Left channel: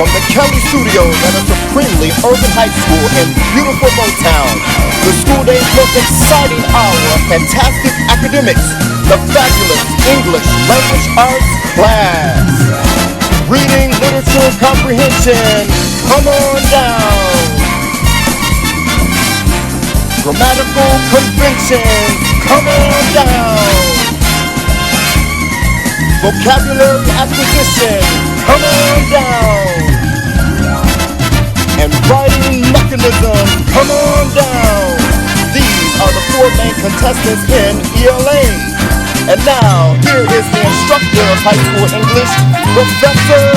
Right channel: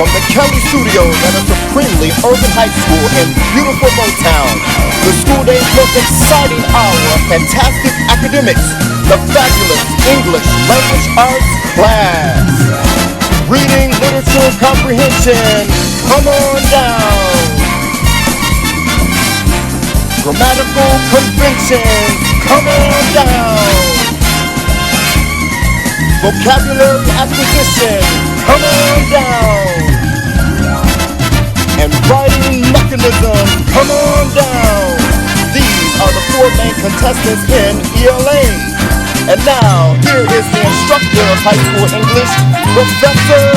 From the Kelly Studios at a supremely urban high school in beautiful Motown, the school day's most exciting hour, fantastic academics, the fabulous English language arts class. Reading, literature, comprehension, come on down. Grammatical convention, come on down. Vocabulary acquisition, come on down. And writing mechanism, come on down. These are the four main contestants in ELA. And now, here is the instructor of high school English, Professor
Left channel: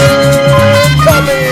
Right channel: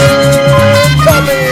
Kelly.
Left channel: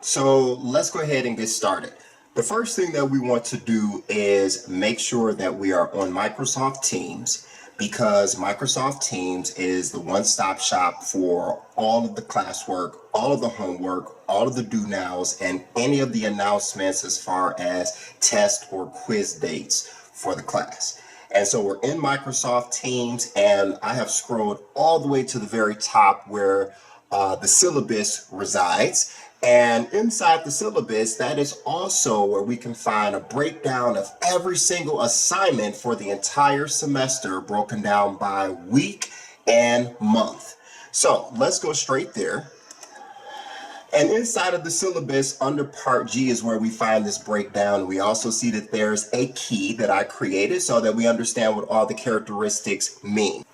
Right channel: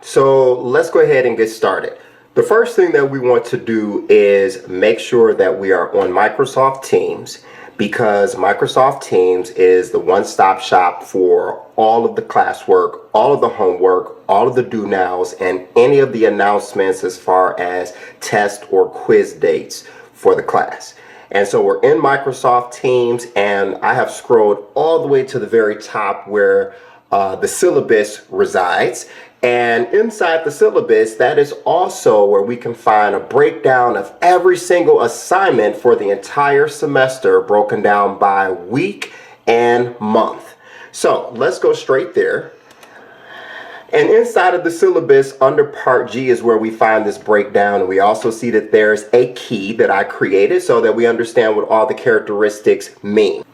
So let's go ahead and get started. The first thing that we want to do is make sure that we are on Microsoft Teams, because Microsoft Teams is the one-stop shop for all of the classwork, all of the homework, all of the do nows, and any of the announcements as far as test or quiz dates for the class. And so we're in Microsoft Teams, and I have scrolled all the way to the very top where the syllabus resides. And inside the syllabus, that is also where we can find a breakdown of every single assignment for the entire semester, broken down by week and month. So let's go straight there. And inside of the syllabus, under Part G is where we find this breakdown. And we also see that there's a key that I created so that we understand what all the characteristics mean.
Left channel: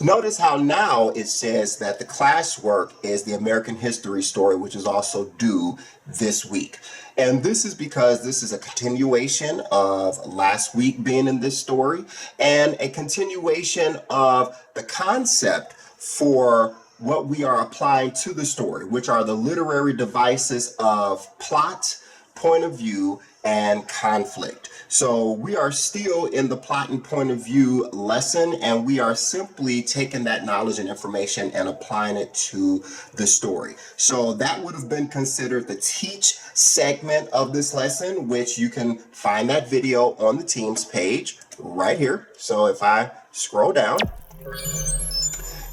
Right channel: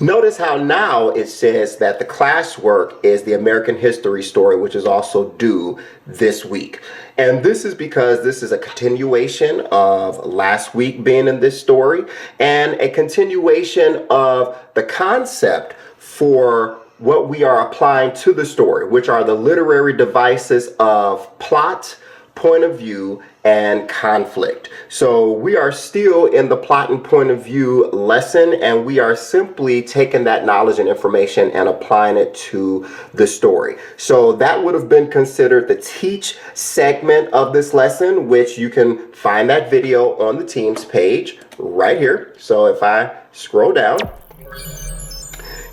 Notice how now it says that the classwork is the American history story, which is also due this week. And this is because this is a continuation of last week being in this story and a continuation of the concept for what we are applying to the story, which are the literary devices of plot, point of view, and conflict. So we are still in the plot and point of view lesson, and we are simply taking that knowledge and information and applying it to the story. So that would have been considered the teach segment of this lesson, which you can find that video on the Teams page right here. So if I scroll down,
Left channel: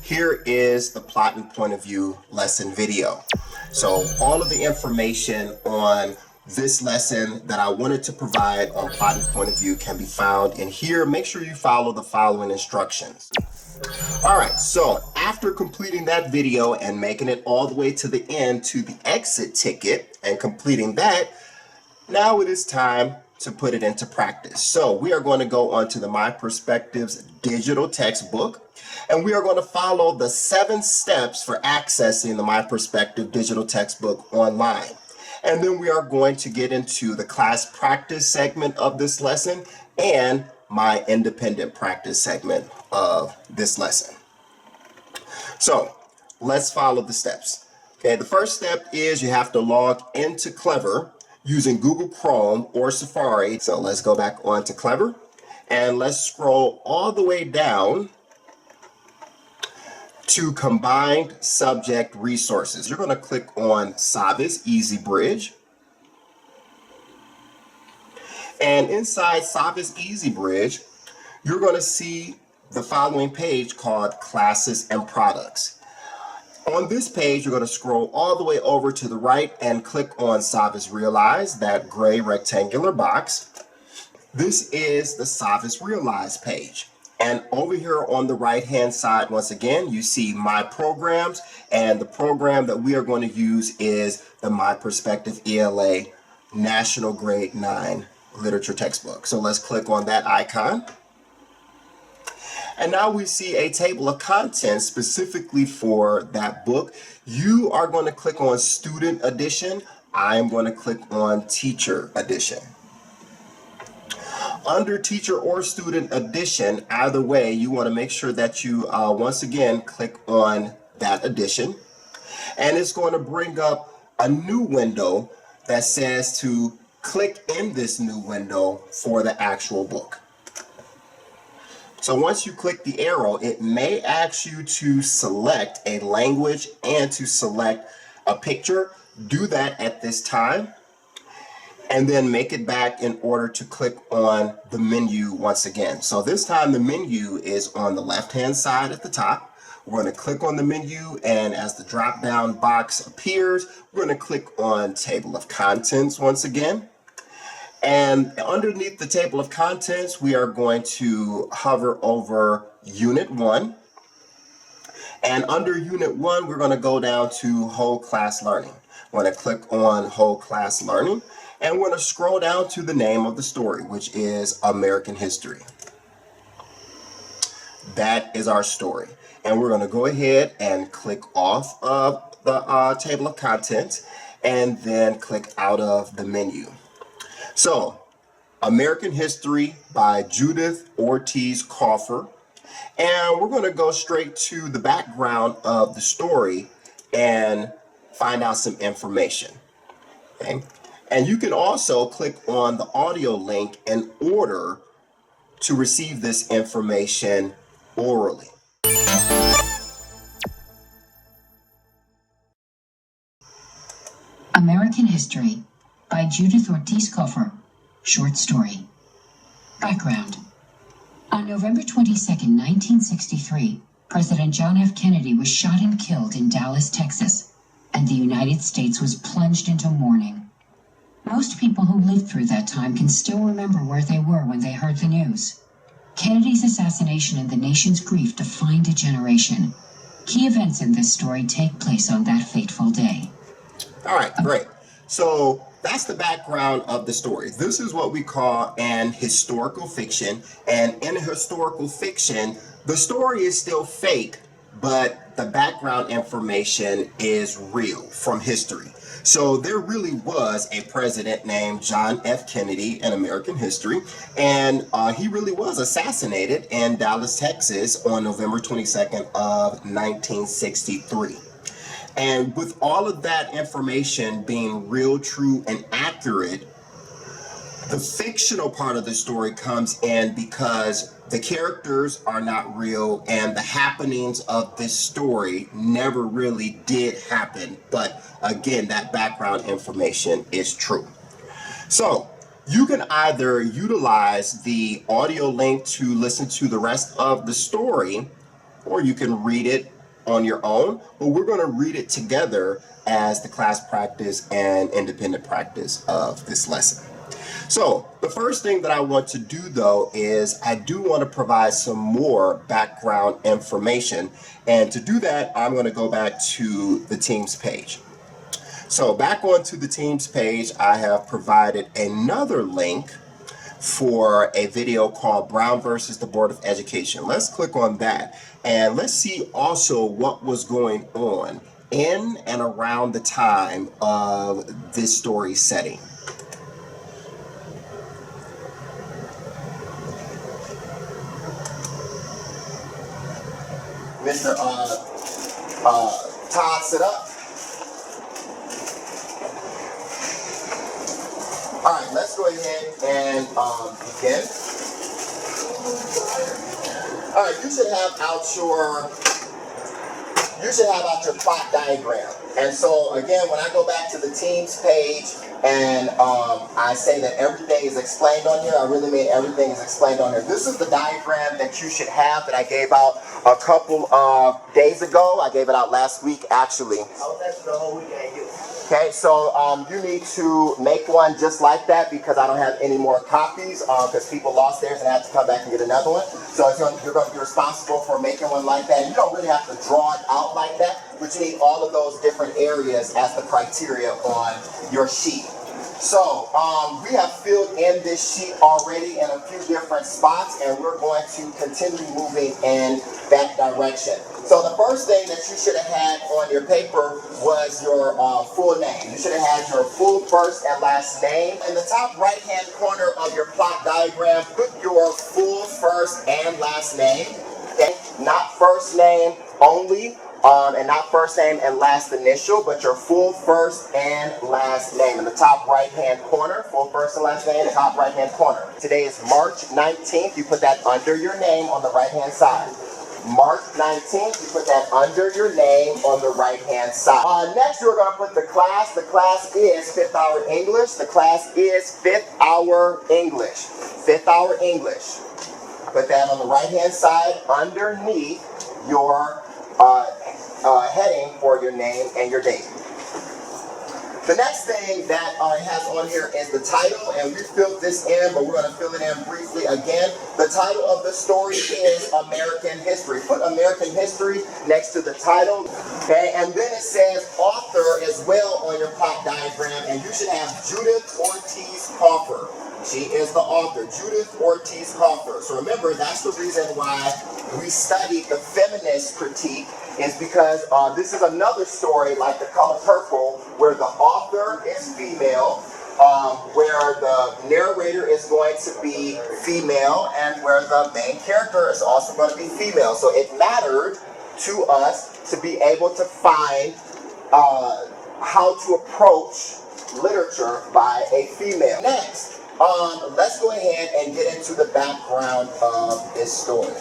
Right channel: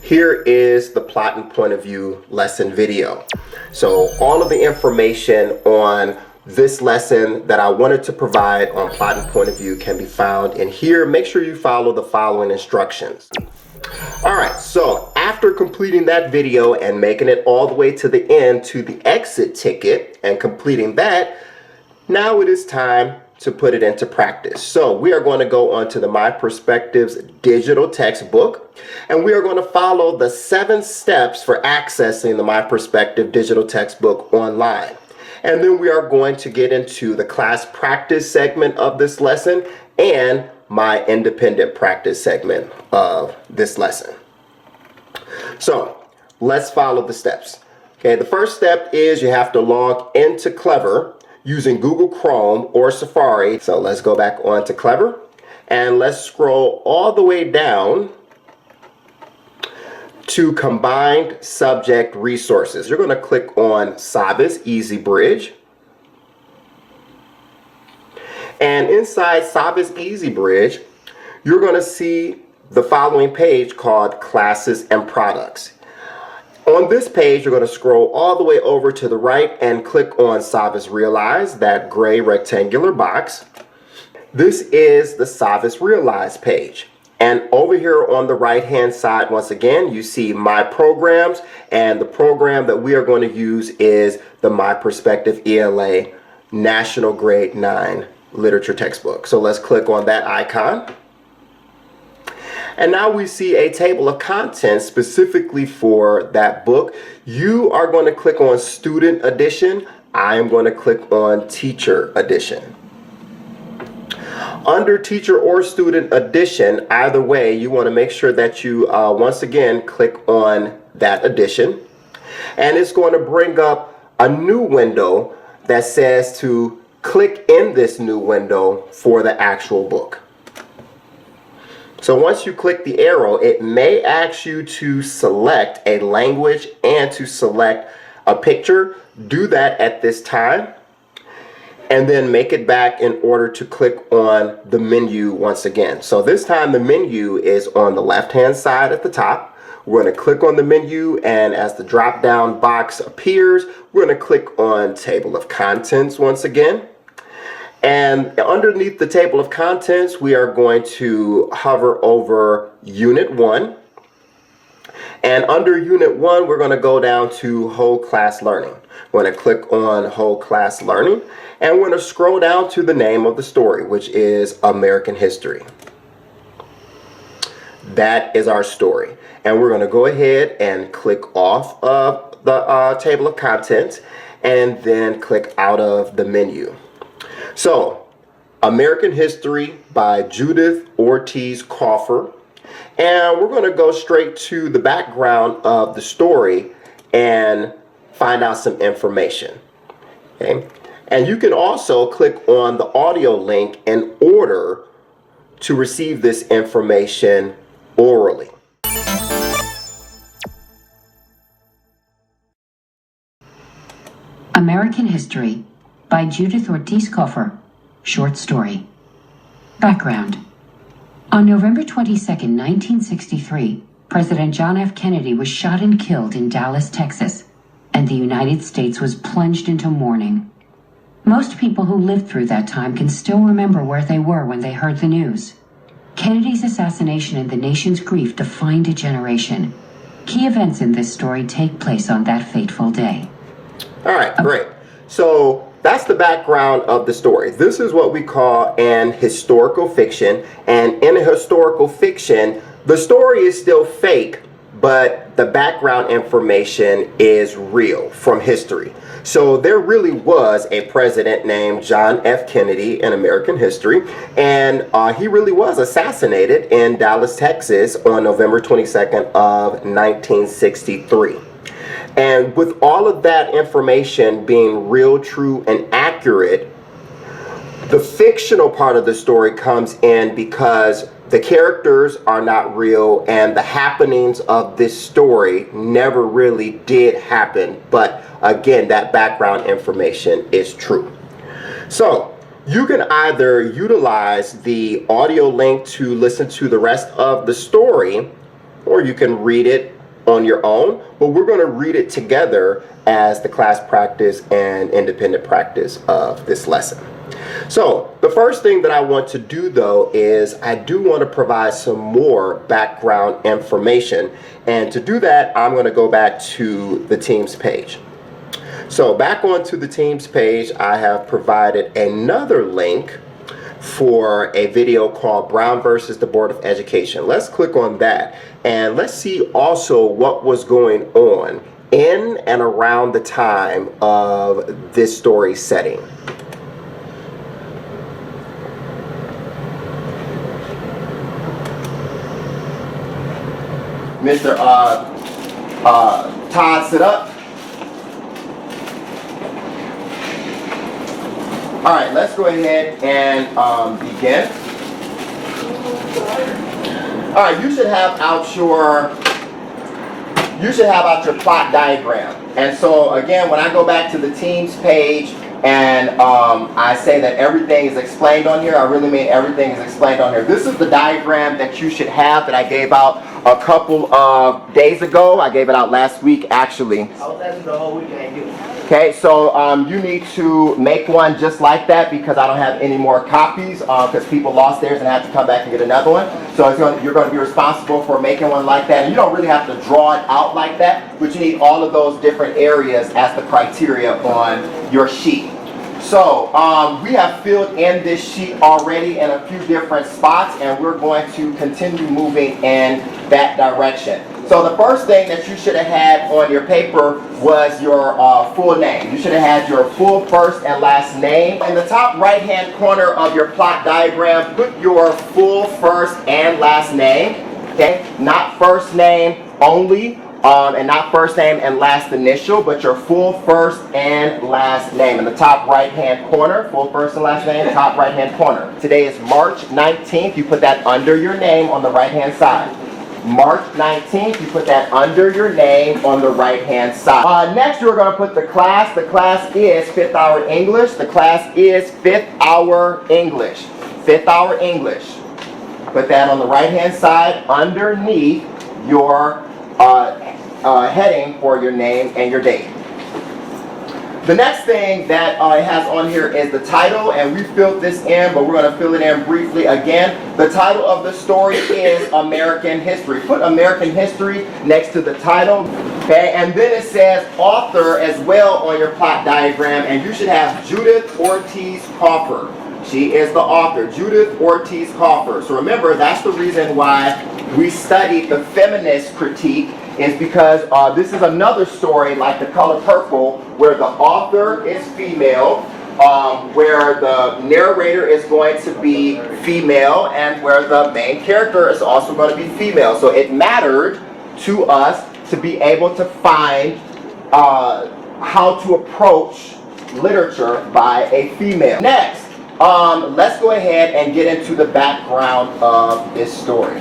here is the plot and point of view lesson video. So all of the information on this lesson that I wanted to provide on plot and point of view can be found in here. Make sure you follow the following instructions. All right, so after completing that video and making it all the way to the end to the exit ticket and completing that, now it is time to put it into practice. So we are going to go on to the My Perspectives digital textbook, and we are going to follow the 7 steps for accessing the My Perspective digital textbook online. And then we are going to get into the class practice segment of this lesson and my independent practice segment of this lesson. So let's follow the steps. Okay, the first step is you have to log into Clever using Google Chrome or Safari. So let's go back onto Clever and let's scroll all the way down to Combined Subject Resources. You're going to click on Savas Easy Bridge. And inside Savas Easy Bridge, you're going to see the following page called Classes and Products. On this page, you're going to scroll all the way over to the right and click on Savas Realize, that gray rectangular box. This is the Savas Realize page. And over here on the right hand side, once again, you see My Programs, and the program that we are going to use is the My Perspective ELA National Grade 9 Literature Textbook. So let's click on that icon. And now we see a table of contents specifically for that book. You are going to click on Student Edition. I am going to click on Teacher Edition. Under Teacher or Student Edition, either way, you want to make sure that you once again click on that edition. And it's going to bring up a new window that says to click in this new window for the actual book. So once you click the arrow, it may ask you to select a language and to select a picture. Do that at this time, and then make it back in order to click on the menu once again. So this time the menu is on the left-hand side at the top. We're going to click on the menu, and as the drop-down box appears, we're going to click on Table of Contents once again. And underneath the Table of Contents, we are going to hover over Unit 1. And under Unit 1, we're going to go down to Whole Class Learning. We're going to click on Whole Class Learning, and we're going to scroll down to the name of the story, which is American History. That is our story. And we're going to go ahead and click off of the Table of Contents and then click out of the menu. So, American History by Judith Ortiz Cofer. And we're going to go straight to the background of the story and find out some information. Okay? And you can also click on the audio link in order to receive this information orally. American History by Judith Ortiz Cofer. Short story. Background. On November 22, 1963, President John F. Kennedy was shot and killed in Dallas, Texas, and the United States was plunged into mourning. Most people who lived through that time can still remember where they were when they heard the news. Kennedy's assassination and the nation's grief defined a generation. Key events in this story take place on that fateful day. All right, great. So that's the background of the story. This is what we call an historical fiction. And in a historical fiction, the story is still fake, but the background information is real from history. So there really was a president named John F. Kennedy in American history, and he really was assassinated in Dallas, Texas on November 22nd of 1963. And with all of that information being real, true, and accurate, the fictional part of the story comes in because the characters are not real and the happenings of this story never really did happen. But again, that background information is true. So you can either utilize the audio link to listen to the rest of the story, or you can read it on your own, but we're going to read it together as the class practice and independent practice of this lesson. So the first thing that I want to do, though, is I do want to provide some more background information. And to do that, I'm going to go back to the Teams page. So back onto the Teams page, I have provided another link for a video called Brown versus the Board of Education. Let's click on that. And let's see also what was going on in and around the time of this story setting. Mr. Todd, sit up. All right, let's go ahead and begin. All right, you should have out your plot diagram. And so again, when I go back to the Teams page and I say that everything is explained on here, I really mean everything is explained on here. This is the diagram that you should have that I gave out a couple of days ago. I gave it out last week, actually. Okay, so you need to make one just like that because I don't have any more copies because people lost theirs and had to come back and get another one. So you're going to be responsible for making one like that. And you don't really have to draw it out like that, but you need all of those different areas as the criteria on your sheet. So we have filled in this sheet already in a few different spots, and we're going to continue moving in that direction. So the first thing that you should have had on your paper was your full name. You should have had your full first and last name. In the top right-hand corner of your plot diagram, put your full first and last name, okay? Not first name only, and not first name and last initial, but your full first and last name. In the top right-hand corner, full first and last name, top right-hand corner. Today is March 19th. You put that under your name on the right-hand side. March 19th, you put that under your name on the right-hand side. Next, you're going to put the class. The class is 5th hour English. The class is 5th hour English. 5th hour English. Put that on the right-hand side underneath your heading for your name and your date. The next thing that it has on here is the title, and we filled this in, but we're going to fill it in briefly again. The title of the story is American History. Put American History next to the title, okay? And then it says author as well on your plot diagram, and you should have Judith Ortiz Cofer. She is the author, Judith Ortiz Cofer. So remember, that's the reason why we studied the feminist critique, is because this is another story like The Color Purple where the author is female, where the narrator is going to be female, and where the main character is also going to be female. So it mattered to us to be able to find how to approach literature by a female. Next, let's go ahead and get into the background of this story.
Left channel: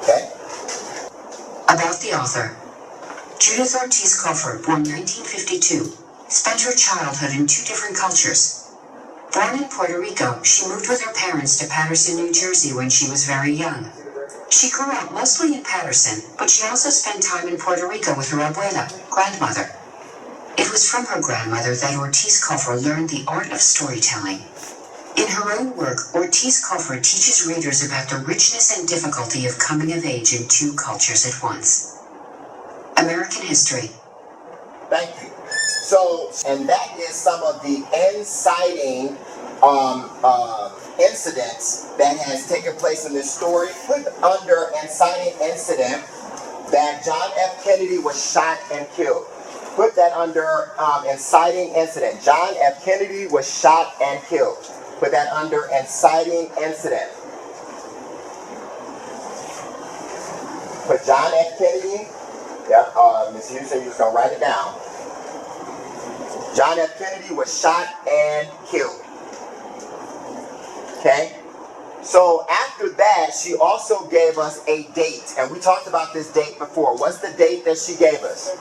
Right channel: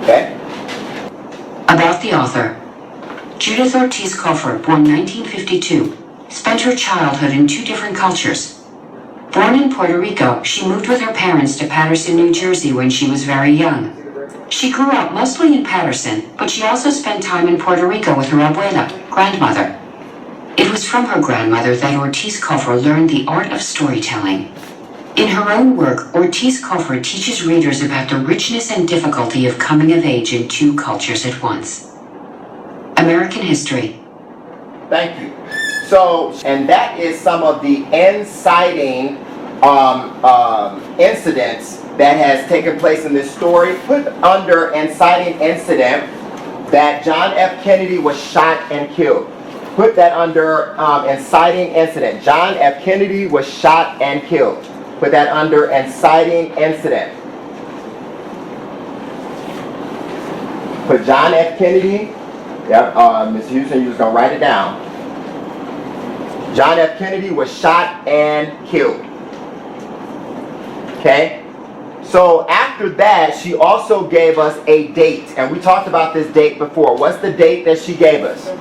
Okay? About the author. Judith Ortiz Cofer, born 1952, spent her childhood in two different cultures. Born in Puerto Rico, she moved with her parents to Paterson, New Jersey when she was very young. She grew up mostly in Paterson, but she also spent time in Puerto Rico with her abuela, grandmother. It was from her grandmother that Ortiz Cofer learned the art of storytelling. In her own work, Ortiz Cofer teaches readers about the richness and difficulty of coming of age in two cultures at once. American History. Thank you. So, and that is some of the inciting incidents that has taken place in this story. Put under inciting incident that John F. Kennedy was shot and killed. Put that under inciting incident. John F. Kennedy was shot and killed. Put that under inciting incident. Put John F. Kennedy. Yep, Ms. Houston, you're just going to write it down. John F. Kennedy was shot and killed. Okay? So after that, she also gave us a date. And we talked about this date before. What's the date that she gave us?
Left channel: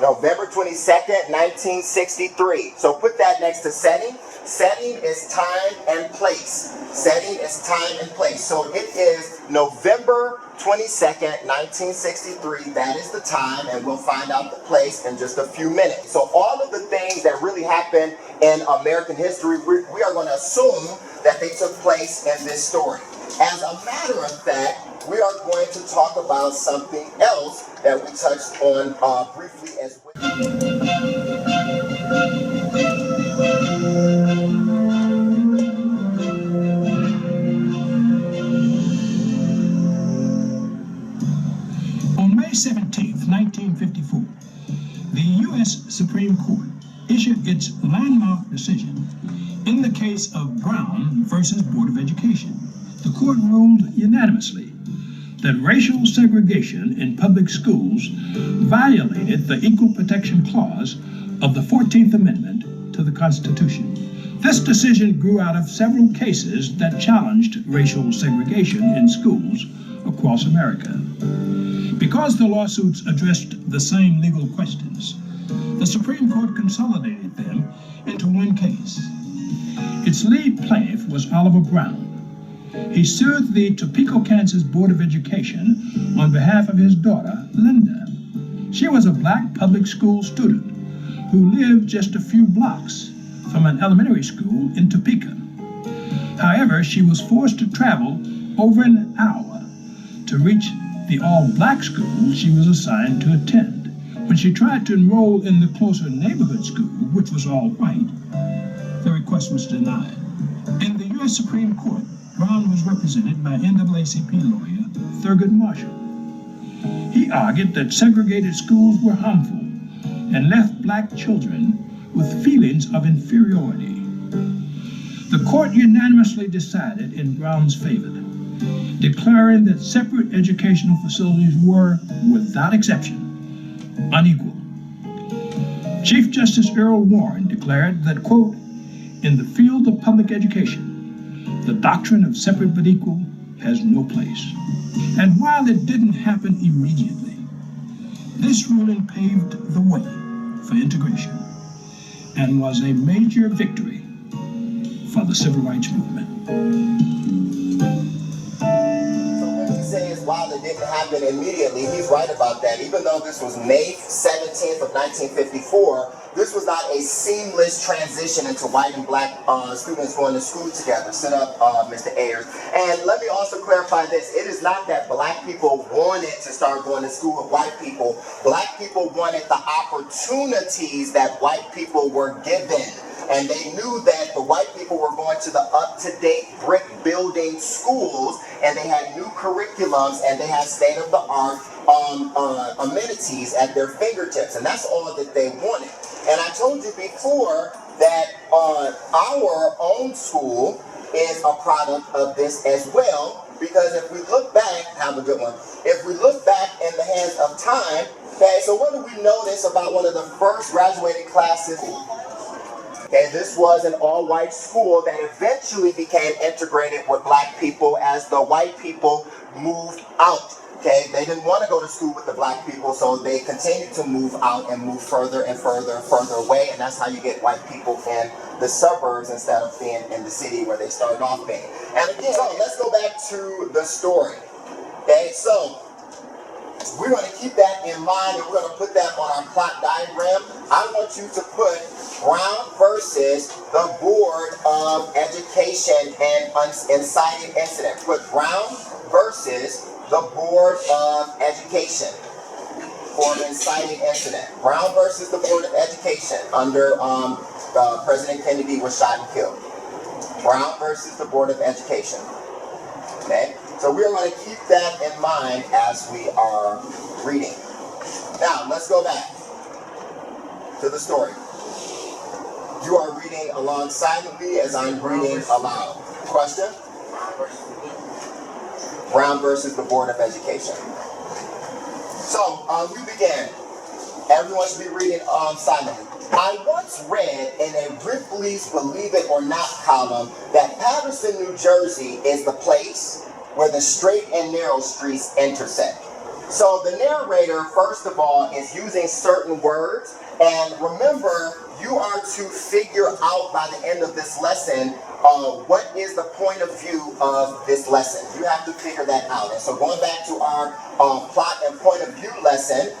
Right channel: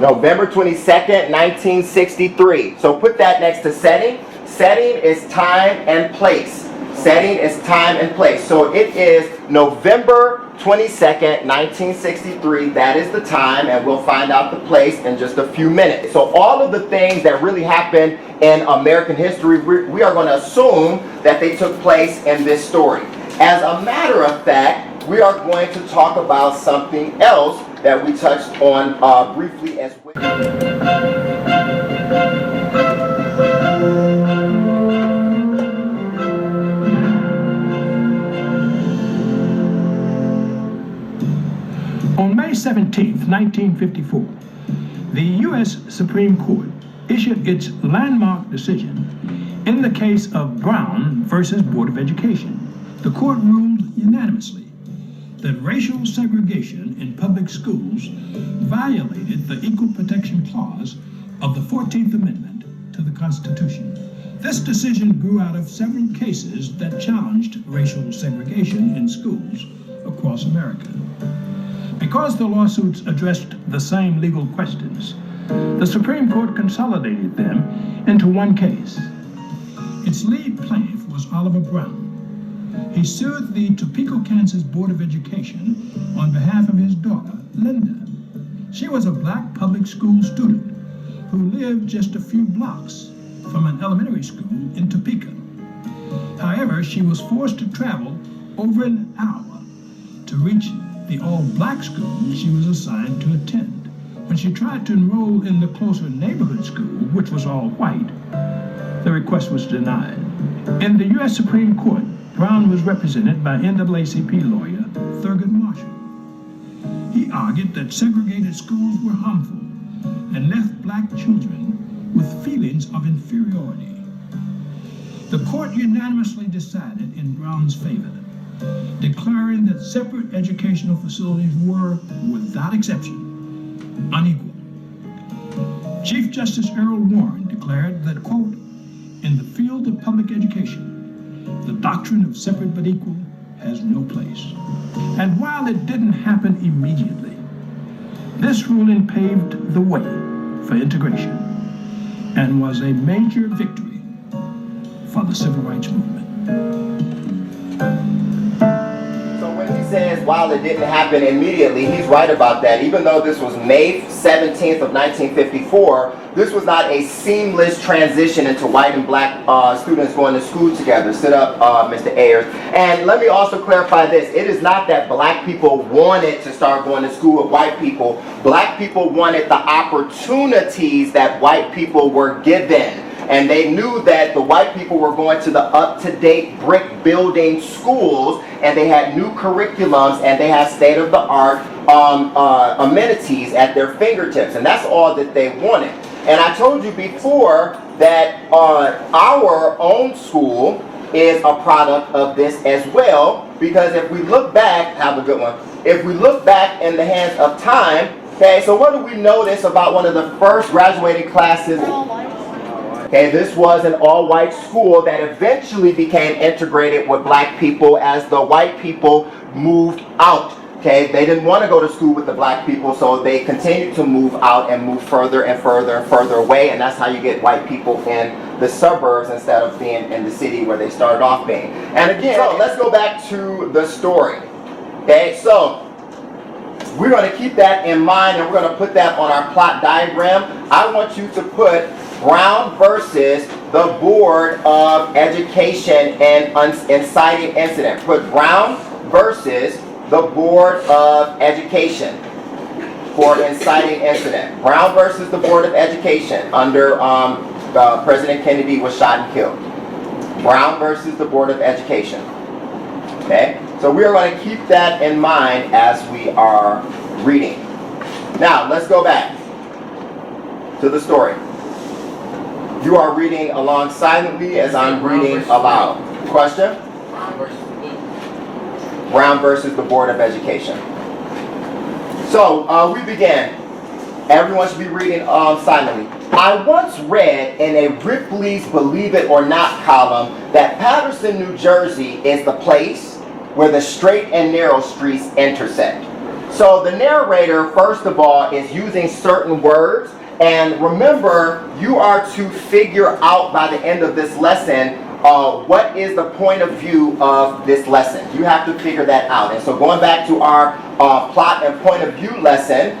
November 22nd, 1963. So put that next to setting. Setting is time and place. Setting is time and place. So it is November 22nd, 1963. That is the time, and we'll find out the place in just a few minutes. So all of the things that really happened in American history, we are going to assume that they took place in this story. As a matter of fact, we are going to talk about something else that we touched on briefly as well. On May 17, 1954, the U.S. Supreme Court issued its landmark decision in the case of Brown versus Board of Education. The court ruled unanimously that racial segregation in public schools violated the Equal Protection Clause of the 14th Amendment to the Constitution. This decision grew out of several cases that challenged racial segregation in schools across America. Because the lawsuits addressed the same legal questions, the Supreme Court consolidated them into one case. Its lead plaintiff was Oliver Brown. He sued the Topeka, Kansas Board of Education on behalf of his daughter, Linda. She was a black public school student who lived just a few blocks from an elementary school in Topeka. However, she was forced to travel over an hour to reach the all-black school she was assigned to attend. When she tried to enroll in the closer neighborhood school, which was all white, the request was denied. In the U.S. Supreme Court, Brown was represented by NAACP lawyer Thurgood Marshall. He argued that segregated schools were harmful and left black children with feelings of inferiority. The court unanimously decided in Brown's favor, declaring that separate educational facilities were, without exception, unequal. Chief Justice Earl Warren declared that, quote, in the field of public education, the doctrine of separate but equal has no place. And while it didn't happen immediately, this ruling paved the way for integration and was a major victory for the civil rights movement. While it didn't happen immediately, he's right about that. Even though this was May 17th of 1954, this was not a seamless transition into white and black students going to school together. Sit up, Mr. Ayers. And let me also clarify this. It is not that black people wanted to start going to school with white people. Black people wanted the opportunities that white people were given. And they knew that the white people were going to the up-to-date brick building schools, and they had new curriculums, and they had state-of-the-art amenities at their fingertips. And that's all that they wanted. And I told you before that our own school is a product of this as well, because if we look back, have a good one, if we look back in the hands of time, okay, so what do we notice about one of the first graduating classes? Okay, this was an all-white school that eventually became integrated with black people as the white people moved out. Okay, they didn't want to go to school with the black people, so they continued to move out and move further and further and further away, and that's how you get white people in the suburbs instead of being in the city where they started off being. And again, so let's go back to the story. Okay, so we're going to keep that in mind, and we're going to put that on our plot diagram. I want you to put Brown versus the Board of Education and inciting incident. Put Brown versus the Board of Education for inciting incident. Brown versus the Board of Education under President Kennedy was shot and killed. Brown versus the Board of Education. Okay, so we are going to keep that in mind as we are reading. Now, let's go back to the story. You are reading along silently as I'm reading aloud. Question? Brown versus the Board of Education. So, we began. Everyone should be reading silently. I once read in a Ripley's Believe It or Not column that Paterson, New Jersey is the place where the straight and narrow streets intersect. So the narrator, first of all, is using certain words. And remember, you are to figure out by the end of this lesson what is the point of view of this lesson. You have to figure that out. And so going back to our plot and point of view lesson,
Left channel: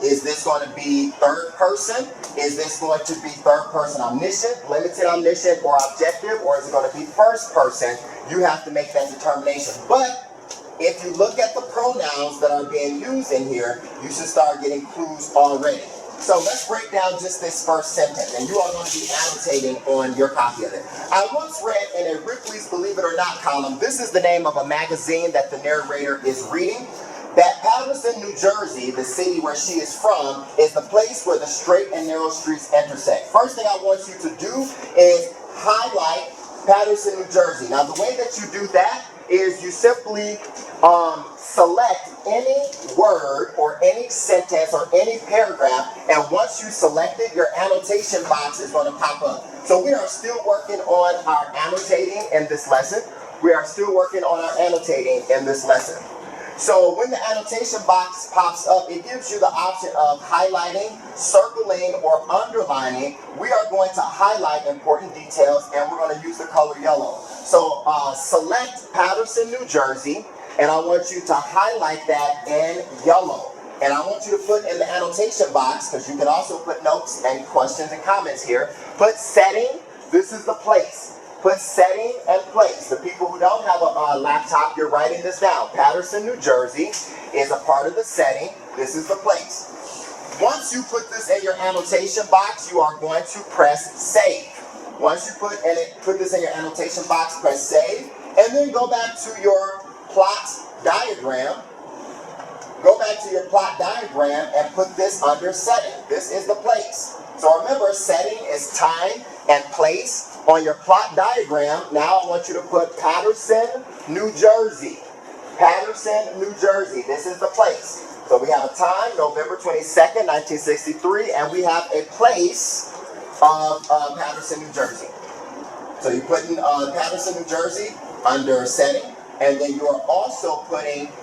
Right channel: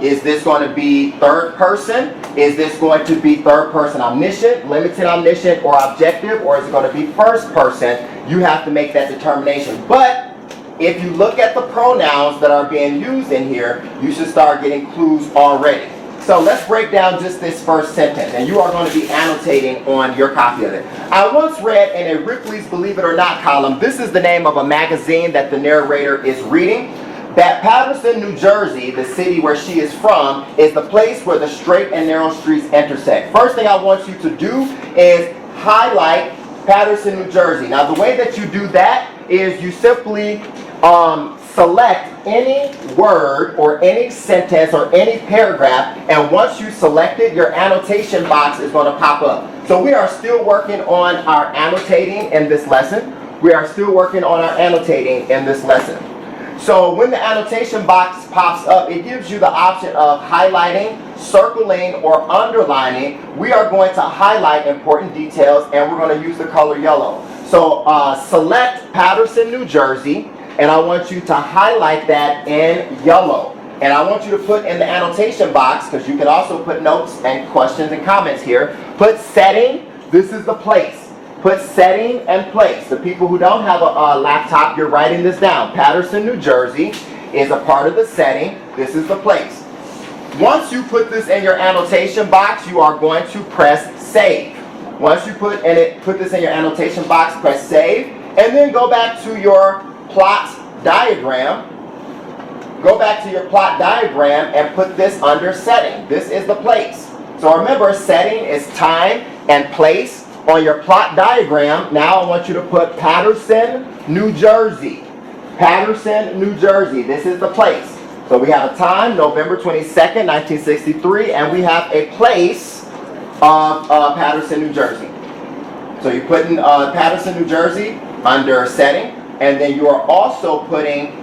is this going to be third person? Is this going to be third person omniscient, limited omniscient, or objective? Or is it going to be first person? You have to make that determination. But if you look at the pronouns that are being used in here, you should start getting clues already. So let's break down just this first sentence, and you are going to be annotating on your copy of it. I once read in a Ripley's Believe It or Not column, this is the name of a magazine that the narrator is reading, that Paterson, New Jersey, the city where she is from, is the place where the straight and narrow streets intersect. First thing I want you to do is highlight Paterson, New Jersey. Now the way that you do that is you simply select any word or any sentence or any paragraph, and once you select it, your annotation box is going to pop up. So we are still working on our annotating in this lesson. We are still working on our annotating in this lesson. So when the annotation box pops up, it gives you the option of highlighting, circling, or underlining. We are going to highlight important details, and we're going to use the color yellow. So select Paterson, New Jersey, and I want you to highlight that in yellow. And I want you to put in the annotation box, because you can also put notes and questions and comments here. Put setting, this is the place. Put setting and place. The people who don't have a laptop, you're writing this down. Paterson, New Jersey is a part of the setting. This is the place. Once you put this in your annotation box, you are going to press save. Once you put this in your annotation box, press save, and then go back to your plot diagram. Go back to your plot diagram and put this under setting. This is the place. So remember, setting is time and place. On your plot diagram, now I want you to put Paterson, New Jersey. Paterson, New Jersey. This is the place. So we have a time, November 22nd, 1963, and we have a place of Paterson, New Jersey. So you put in Paterson, New Jersey under setting, and then you are also putting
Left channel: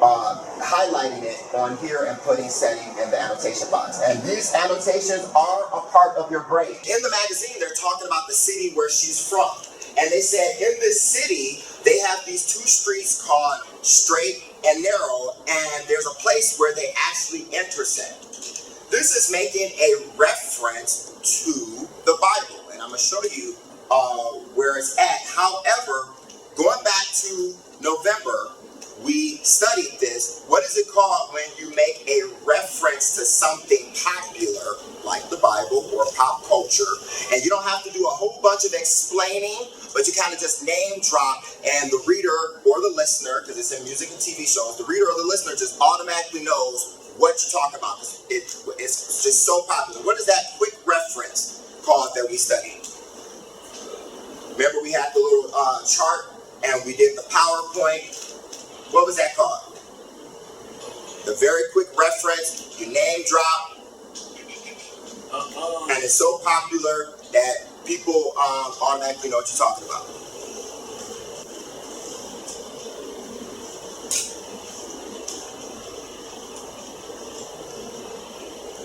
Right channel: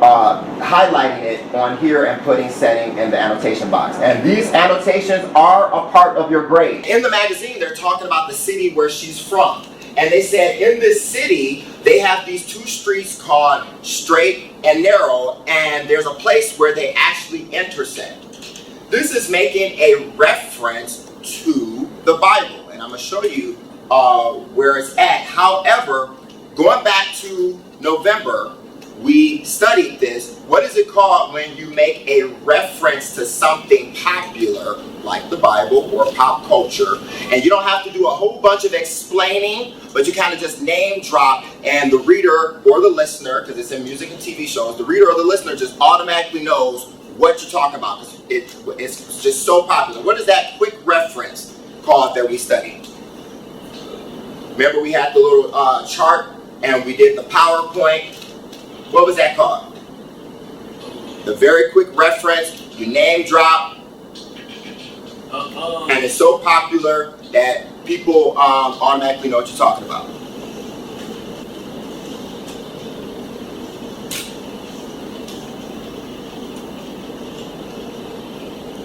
highlighting it on here and putting setting in the annotation box. And these annotations are a part of your grade. In the magazine, they're talking about the city where she's from. And they said in this city, they have these two streets called Straight and Narrow, and there's a place where they actually intersect. This is making a reference to the Bible. And I'm going to show you where it's at. However, going back to November, we studied this. What is it called when you make a reference to something popular, like the Bible or pop culture, and you don't have to do a whole bunch of explaining, but you kind of just name drop, and the reader or the listener, because it's in music and TV shows, the reader or the listener just automatically knows what you're talking about. It's just so popular. What is that quick reference called that we studied? Remember we had the little chart, and we did the PowerPoint. What was that called? The very quick reference, you name drop, and it's so popular that people automatically know what you're talking about.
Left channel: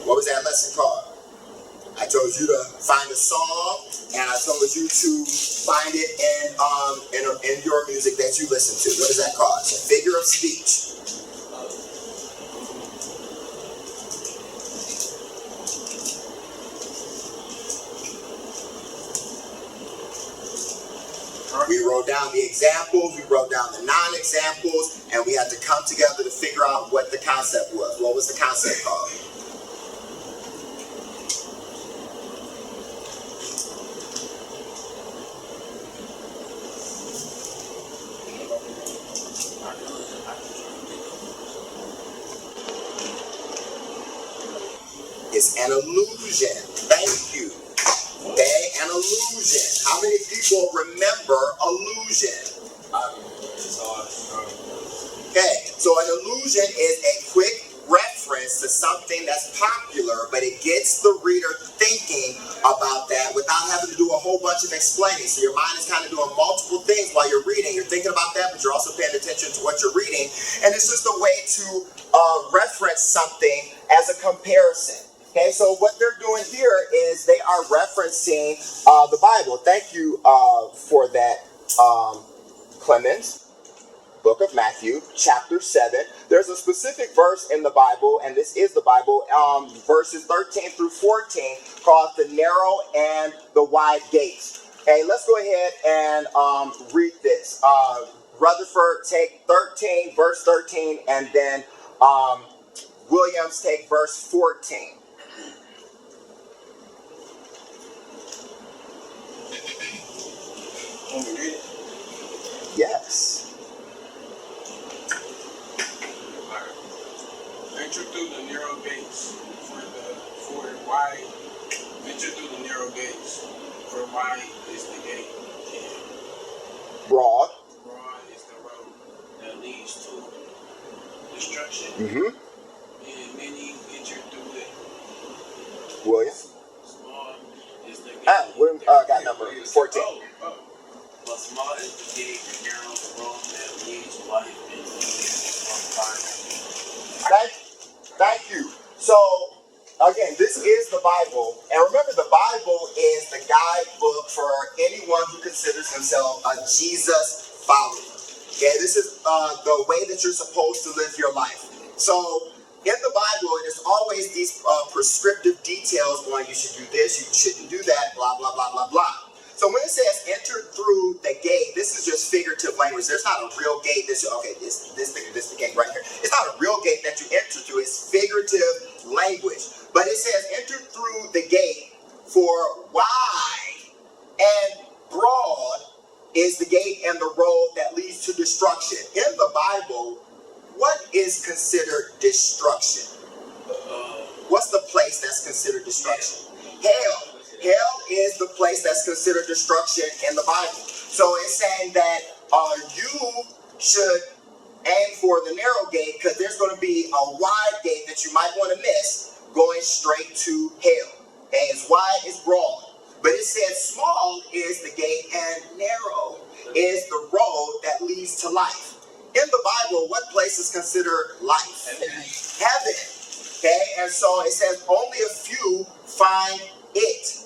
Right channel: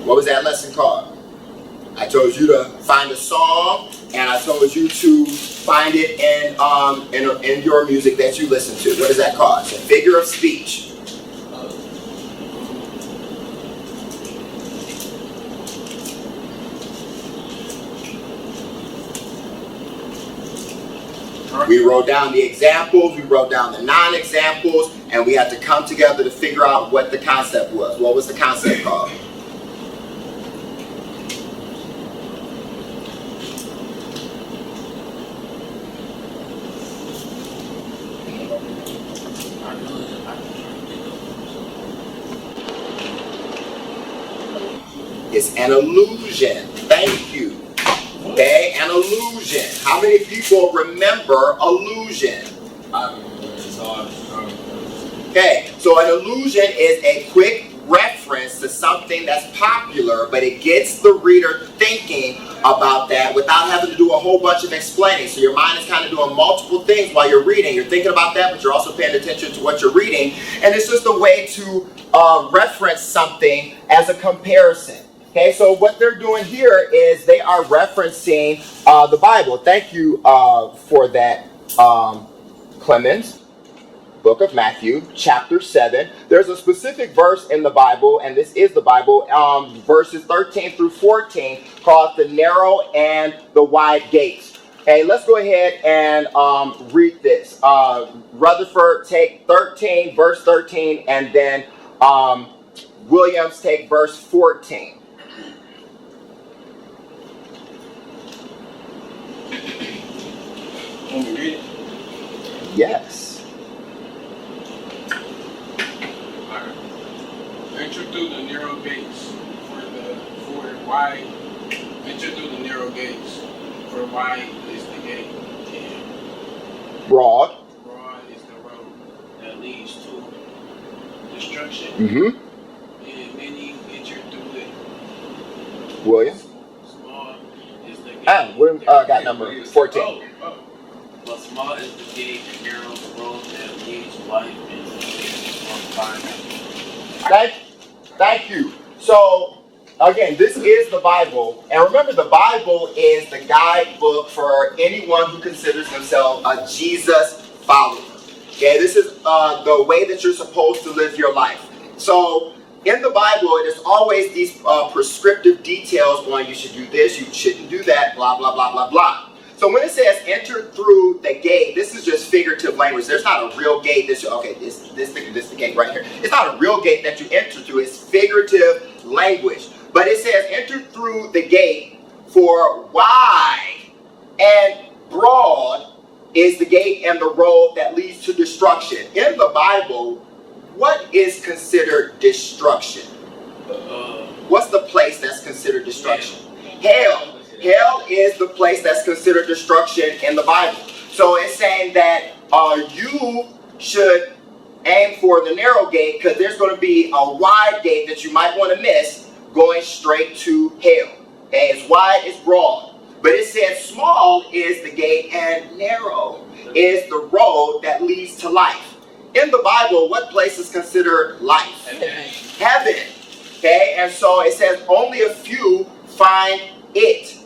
What was that lesson called? I told you to find a song, and I told you to find it in your music that you listen to. What is that called? It's a figure of speech. We wrote down the examples, we wrote down the non-examples, and we had to come together to figure out what the concept was. What was the concept called? It's an illusion. Thank you. Okay, an illusion. How many people remember illusion? Okay, so an illusion is a quick reference to something that's popular, but it gets the reader thinking about that without having to do a whole bunch of explaining. So your mind is kind of doing multiple things while you're reading. You're thinking about that, but you're also paying attention to what you're reading. And it's just a way to reference something as a comparison. Okay, so what they're doing here is they are referencing the Bible. Thank you for that, Clemens. Book of Matthew, chapter 7. There's a specific verse in the Bible, and this is the Bible, verses 13 through 14, called the narrow and the wide gates. Okay, let's go ahead and read this. Rutherford, take 13, verse 13, and then Williams, take verse 14. Yes. Enter through the narrow gates, for wide. Enter through the narrow gates, for wide is the gate, and Broad is the road that leads to destruction. Mm-hmm. And many enter through it. William. Small is the gate. William got number 14. But small is the gate and narrow the road that leads to life, and the Thank you. So, again, this is the Bible. And remember, the Bible is the guidebook for anyone who considers themselves a Jesus follower. Okay, this is the way that you're supposed to live your life. So in the Bible, it is always these prescriptive details on you should do this, you shouldn't do that, blah, blah, blah, blah, blah. So when it says enter through the gate, this is just figurative language. There's not a real gate. This the gate right here. It's not a real gate that you enter through. It's figurative language. But it says enter through the gate, for wide and broad is the gate and the road that leads to destruction. In the Bible, what is considered destruction? What's the place that's considered destruction? Hell. Hell is the place that's considered destruction in the Bible. So it's saying that you should aim for the narrow gate because there's going to be a wide gate that you might want to miss going straight to hell. Okay, it's wide, it's broad. But it says small is the gate and narrow is the road that leads to life. In the Bible, what place is considered life? Heaven. Okay, and so it says only a few find it.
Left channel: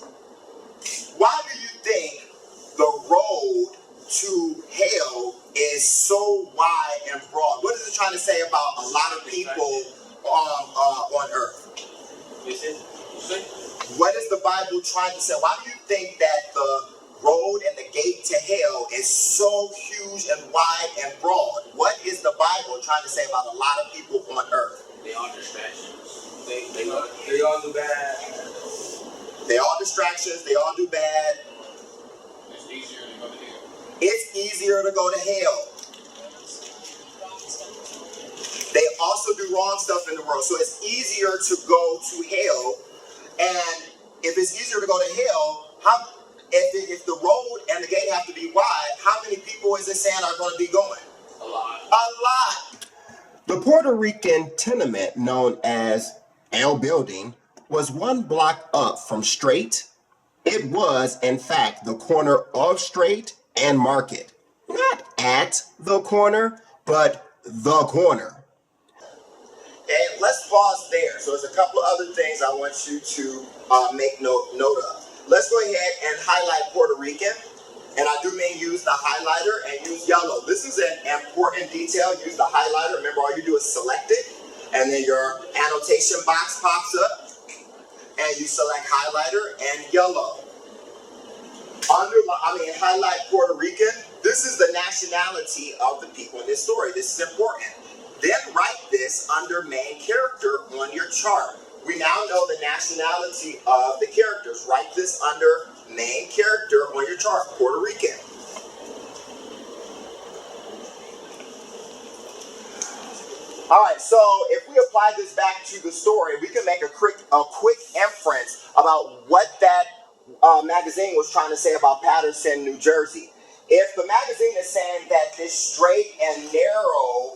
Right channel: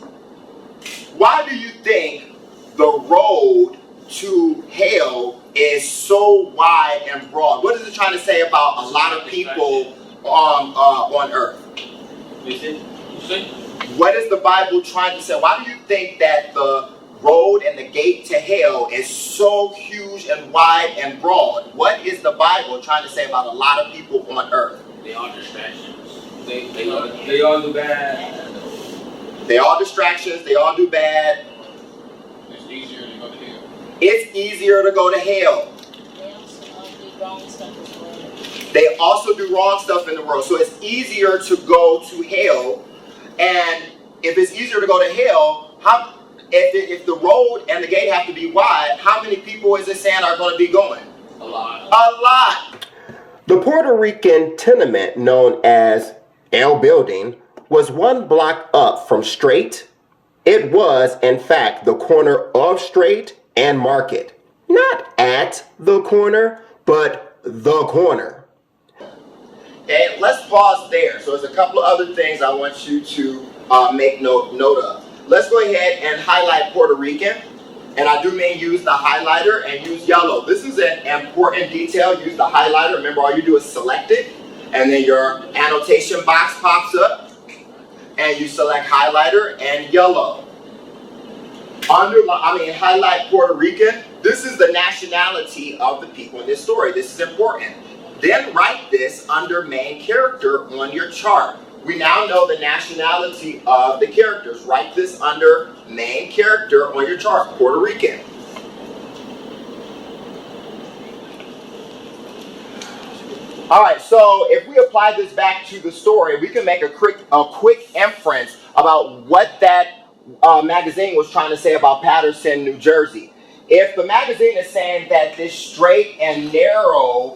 Why do you think the road to hell is so wide and broad? What is it trying to say about a lot of people on earth? What is the Bible trying to say? Why do you think that the road and the gate to hell is so huge and wide and broad? What is the Bible trying to say about a lot of people on earth? They are distractions. They all do bad. They all distractions. They all do bad. It's easier to go to hell. It's easier to go to hell. They also do wrong stuff as well. They also do wrong stuff in the world. So it's easier to go to hell. And if it's easier to go to hell, if the road and the gate have to be wide, how many people is it saying are going to be going? A lot. A lot. The Puerto Rican tenement known as El Building was one block up from Straight. It was, in fact, the corner of Straight and Market. Not at the corner, but the corner. Okay, let's pause there. So there's a couple of other things I want you to make note of. Let's go ahead and highlight Puerto Rican. And I do mean use the highlighter and use yellow. This is an important detail. Use the highlighter. Remember, all you do is select it. And then your annotation box pops up. And you select highlighter and yellow. Highlight Puerto Rican. This is the nationality of the people in this story. This is important. Then write this under main character on your chart. We now know the nationality of the characters. Write this under main character on your chart, Puerto Rican. All right, so if we apply this back to the story, we can make a quick inference about what that magazine was trying to say about Paterson, New Jersey. If the magazine is saying that this straight and narrow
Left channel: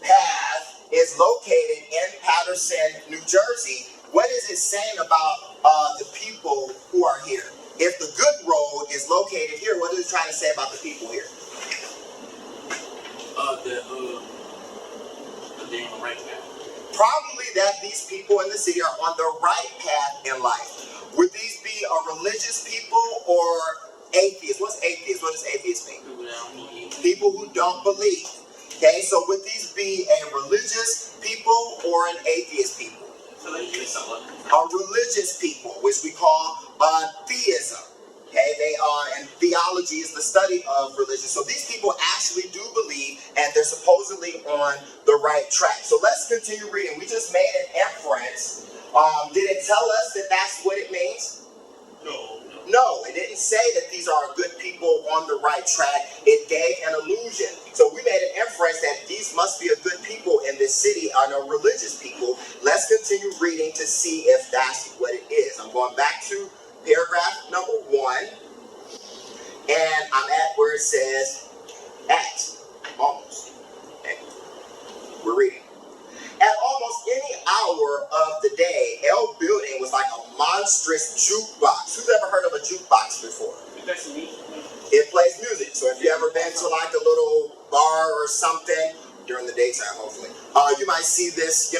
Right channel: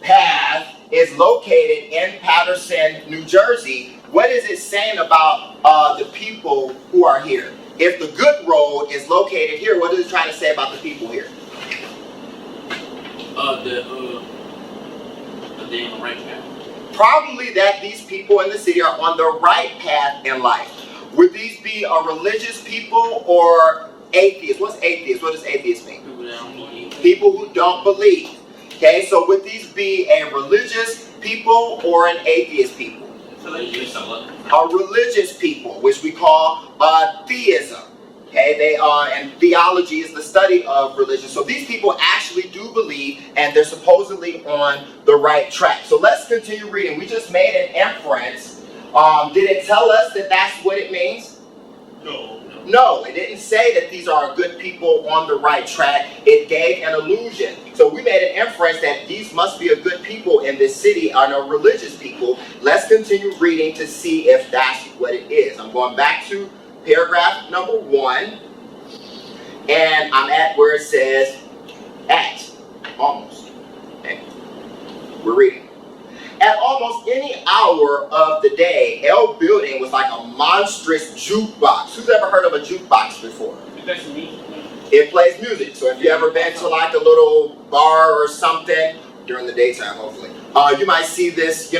path is located in Paterson, New Jersey, what is it saying about the people who are here? If the good road is located here, what is it trying to say about the people here? Probably that these people in the city are on the right path in life. Would these be a religious people or atheists? What's atheist? What does atheist mean? People who don't believe. Okay, so would these be a religious people or an atheist people? A religious people, which we call theism. Okay, and theology is the study of religion. So these people actually do believe, and they're supposedly on the right track. So let's continue reading. We just made an inference. Did it tell us that that's what it means? No, it didn't say that these are good people on the right track. It gave an illusion. So we made an inference that these must be a good people in this city, are no religious people. Let's continue reading to see if that's what it is. I'm going back to paragraph number 1, and I'm at where it says at, almost. Okay. We're reading. At almost any hour of the day, El Building was like a monstrous jukebox. Who's ever heard of a jukebox before? It plays music. So if you ever been to like a little bar or something, during the daytime hopefully, you might see this,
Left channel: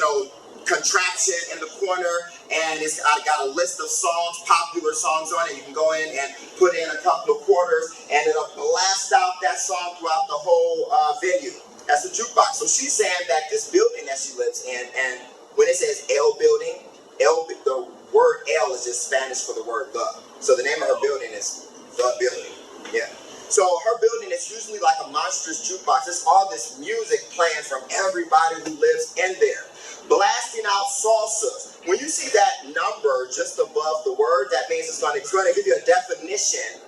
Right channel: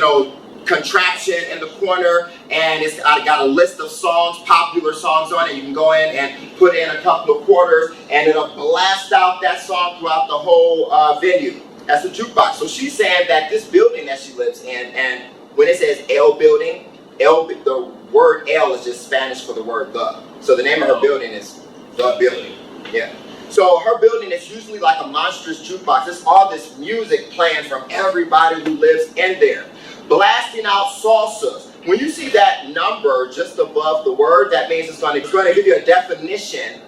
contraption in the corner, and it's got a list of songs, popular songs on it. You can go in and put in a couple of quarters, and it'll blast out that song throughout the whole venue. That's a jukebox. So she's saying that this building that she lives in, and when it says L building, the word L is just Spanish for the word the. So the name of her building is the building. Yeah. So her building is usually like a monstrous jukebox. It's all this music playing from everybody who lives in there, blasting out salsas. When you see that number just above the word, that means it's going to give you a definition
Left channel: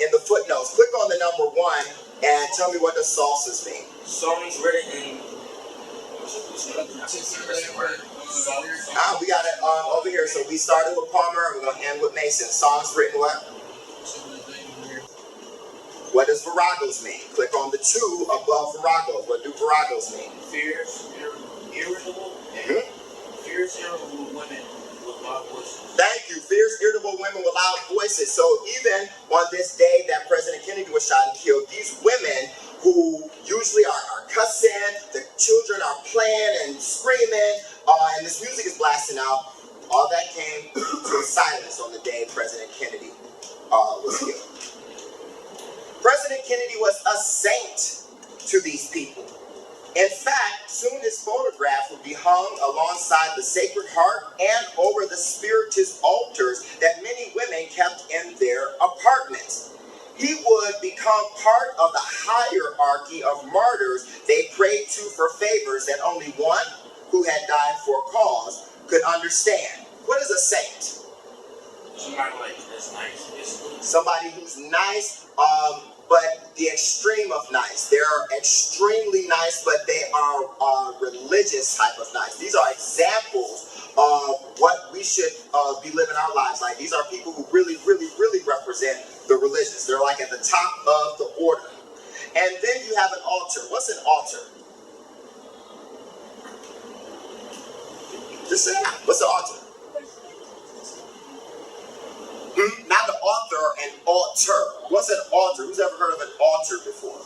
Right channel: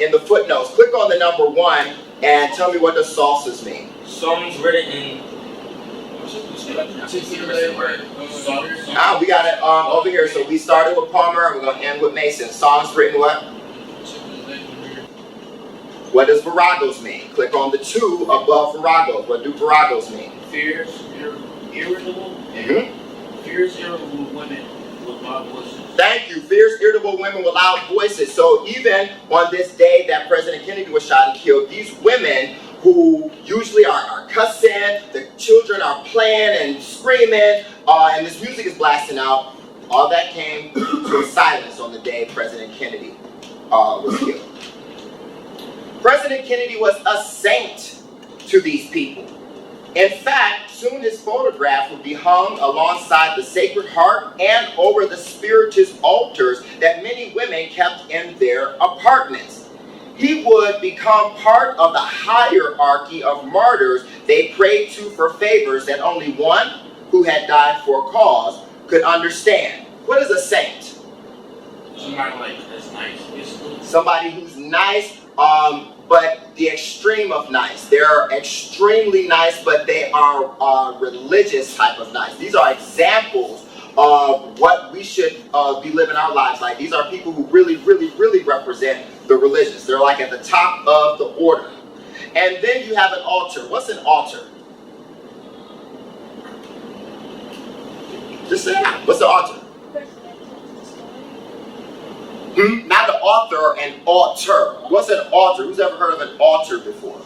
in the footnotes. Click on the number 1 and tell me what the salsas mean. Songs written in particular Now we got it over here. So we started with Palmer and we're going to end with Mason. Songs written what? What does viragos mean? Click on the 2 above viragos. What do viragos mean? Fierce, irritable. Fierce, irritable women with loud voices. Thank you. Fierce, irritable women with loud voices. So even on this day that President Kennedy was shot and killed, these women who usually are cussing, the children are playing and screaming, and this music is blasting out, all that came to a silence on the day President Kennedy was killed. President Kennedy was a saint to these people. In fact, soon his photograph would be hung alongside the Sacred Heart and over the Spiritist altars that many women kept in their apartments. He would become part of the hierarchy of martyrs they prayed to for favors that only one who had died for a cause could understand. What is a saint? Somebody like that's nice, basically. Somebody who's nice, but the extreme of nice. They're extremely nice, but they are religious type of nice. These are examples of what we should be living our lives like. These are people who really, really, really represent the religious. They're like at the top of the order. And then you have an altar. What's an altar? Just say it. What's the altar? Not the author, an altar. What's an altar? Who's ever heard of an altar before?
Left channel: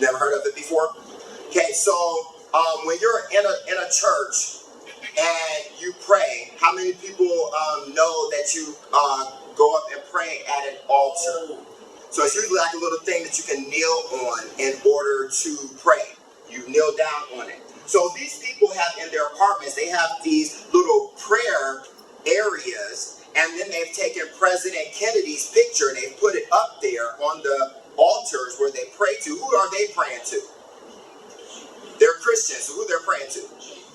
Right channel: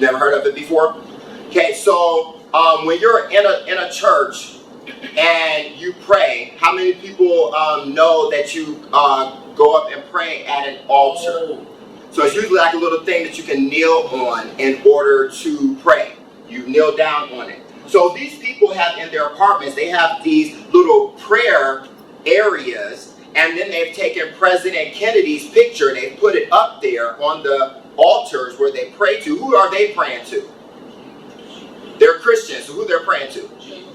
Never heard of it before? Okay, so when you're in a church and you pray, how many people know that you go up and pray at an altar? So it's usually like a little thing that you can kneel on in order to pray. You kneel down on it. So these people have in their apartments, they have these little prayer areas, and then they've taken President Kennedy's picture and they've put it up there on the altars where they pray to. Who are they praying to? They're Christians. So who they're praying to?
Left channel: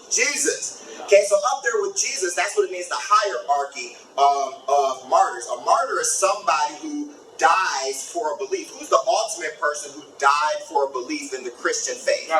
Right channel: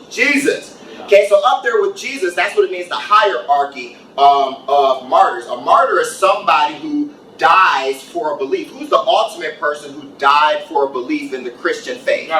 Jesus. Okay, so up there with Jesus, that's what it means, the hierarchy of martyrs. A martyr is somebody who dies for a belief. Who's the ultimate person who died for a belief in the Christian faith?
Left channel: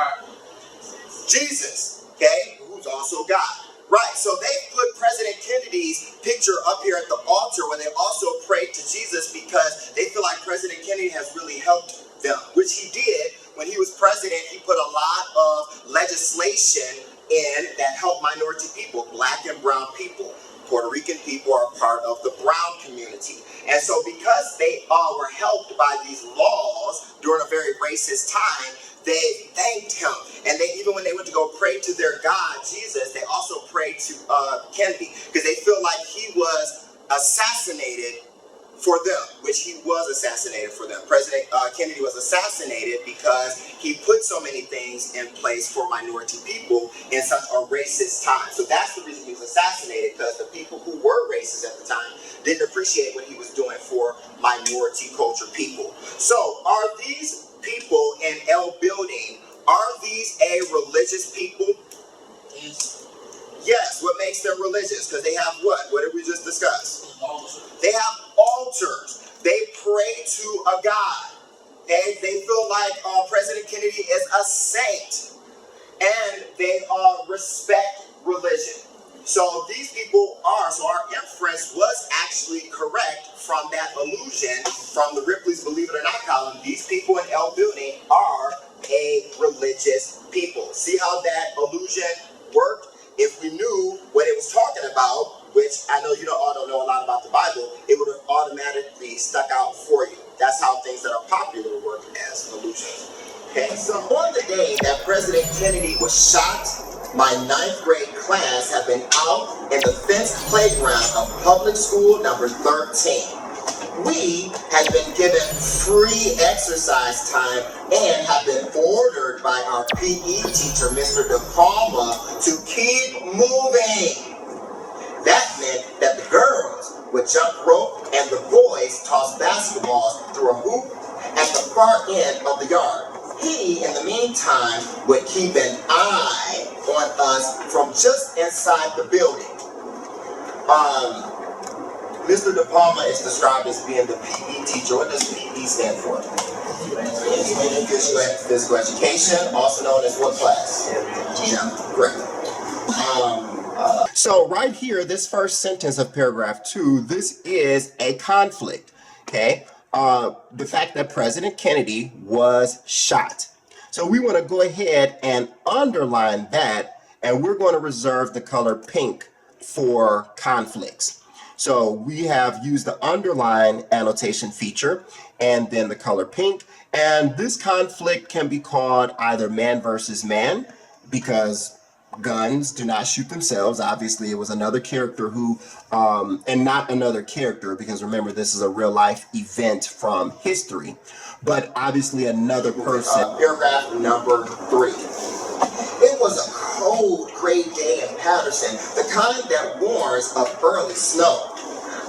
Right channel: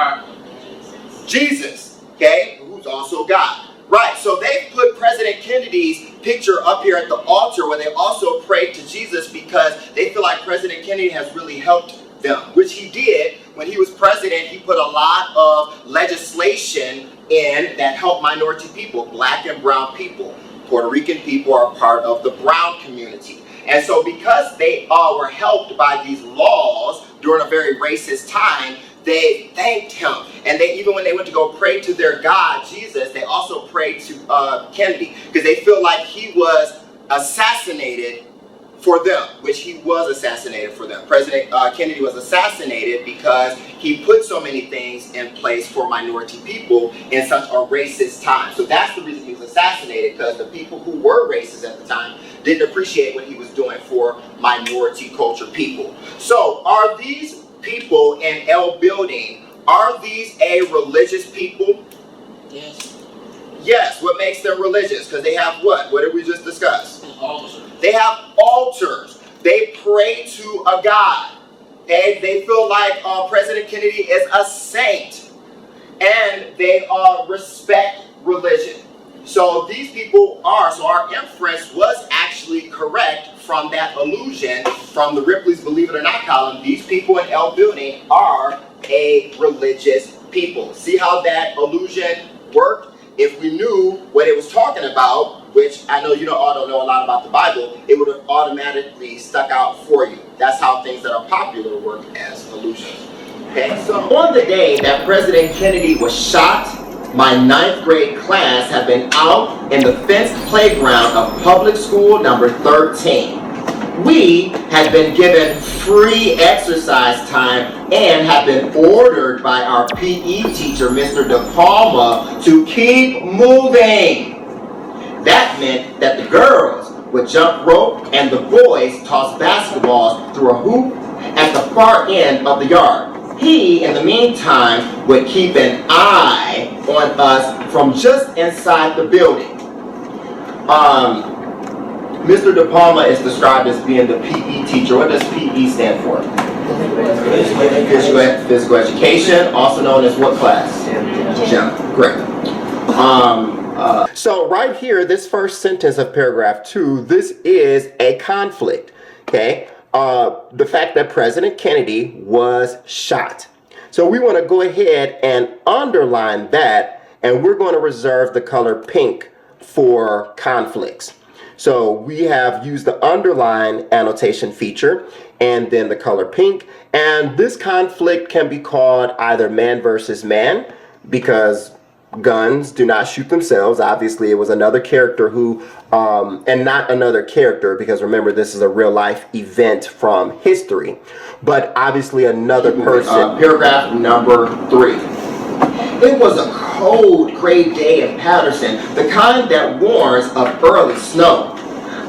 Jesus, okay, who's also God. Right, so they put President Kennedy's picture up here at the altar where they also prayed to Jesus because they feel like President Kennedy has really helped them, which he did. When he was president, he put a lot of legislation in that helped minority people, black and brown people. Puerto Rican people are part of the brown community. And so because they were helped by these laws during a very racist time, they thanked him. And they, even when they went to go pray to their God, Jesus, they also prayed to Kennedy because they feel like he was assassinated for them, which he was assassinated for them. President Kennedy was assassinated because he put so many things in place for minority people in such a racist time. So that's the reason he was assassinated, because the people who were racist at the time didn't appreciate what he was doing for minority culture people. So are these people in L Building, are these a religious people? Yes. Yes. What makes them religious? Because they have what? What did we just discuss? An altar. They have altars. They pray to a God. Okay? They feel like President Kennedy is a saint. And they respect religion. So these people are, so our inference was actually correct from that allusion from the Ripley's Believe It or Not column. These people in L Building are a religious people. See how that allusion worked? If we knew what it was talking about, which I know you all don't know a lot about the Bible, it would have automatically stuck out for you. That's how things that are popular work as allusions. Okay, so on the day that President Kennedy was shot, my 9th grade class had been out in the fenced playground of public school number 13. We have been given free exercise time and have been ordered by our PE teacher, Mr. De Palma, to keep moving. That meant that the girls would jump rope and the boys toss basketballs through a hoop at the far end of the yard. He, in the meantime, would keep an eye on us from just inside the building. Mr. De Palma is described as being the PE teacher. What does PE stand for? Physical education, also known as what class? Gym. Great. So right here, this first sentence of paragraph 2, this is a conflict, okay? The fact that President Kennedy was shot. So we want to go ahead and underline that, and we're going to reserve the color pink for conflicts. So we have used the underline annotation feature and then the color pink. And this conflict can be called either man versus man, because guns do not shoot themselves. Obviously, it was another character who, and not another character, because remember, this is a real life event from history, but obviously another person. Paragraph number 3. It was a cold, gray day in Patterson, the kind that warns of early snow.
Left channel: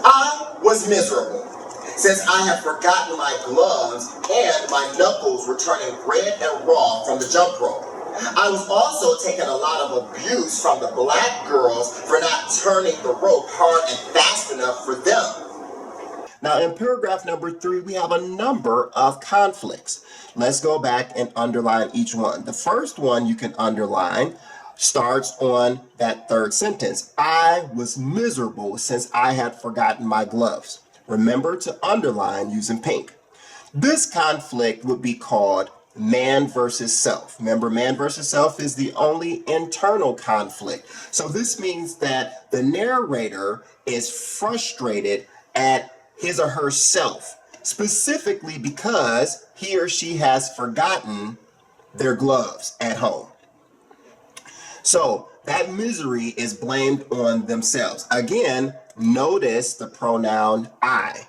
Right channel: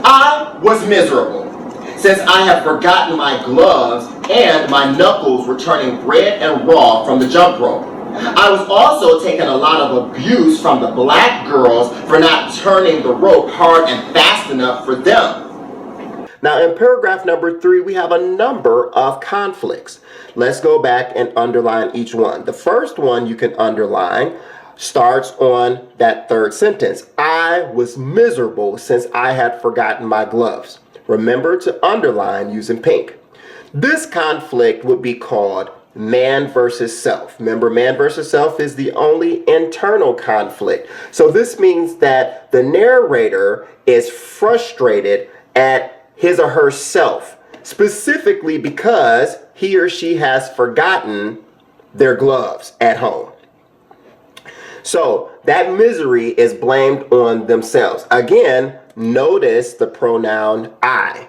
I was miserable, since I had forgotten my gloves and my knuckles were turning red and raw from the jump rope. I was also taking a lot of abuse from the black girls for not turning the rope hard and fast enough for them. Now in paragraph number 3, we have a number of conflicts. Let's go back and underline each one. The first one you can underline starts on that third sentence. I was miserable since I had forgotten my gloves. Remember to underline using pink. This conflict would be called man versus self. Remember, man versus self is the only internal conflict. So this means that the narrator is frustrated at his or herself, specifically because he or she has forgotten their gloves at home. So that misery is blamed on themselves. Again, notice the pronoun I,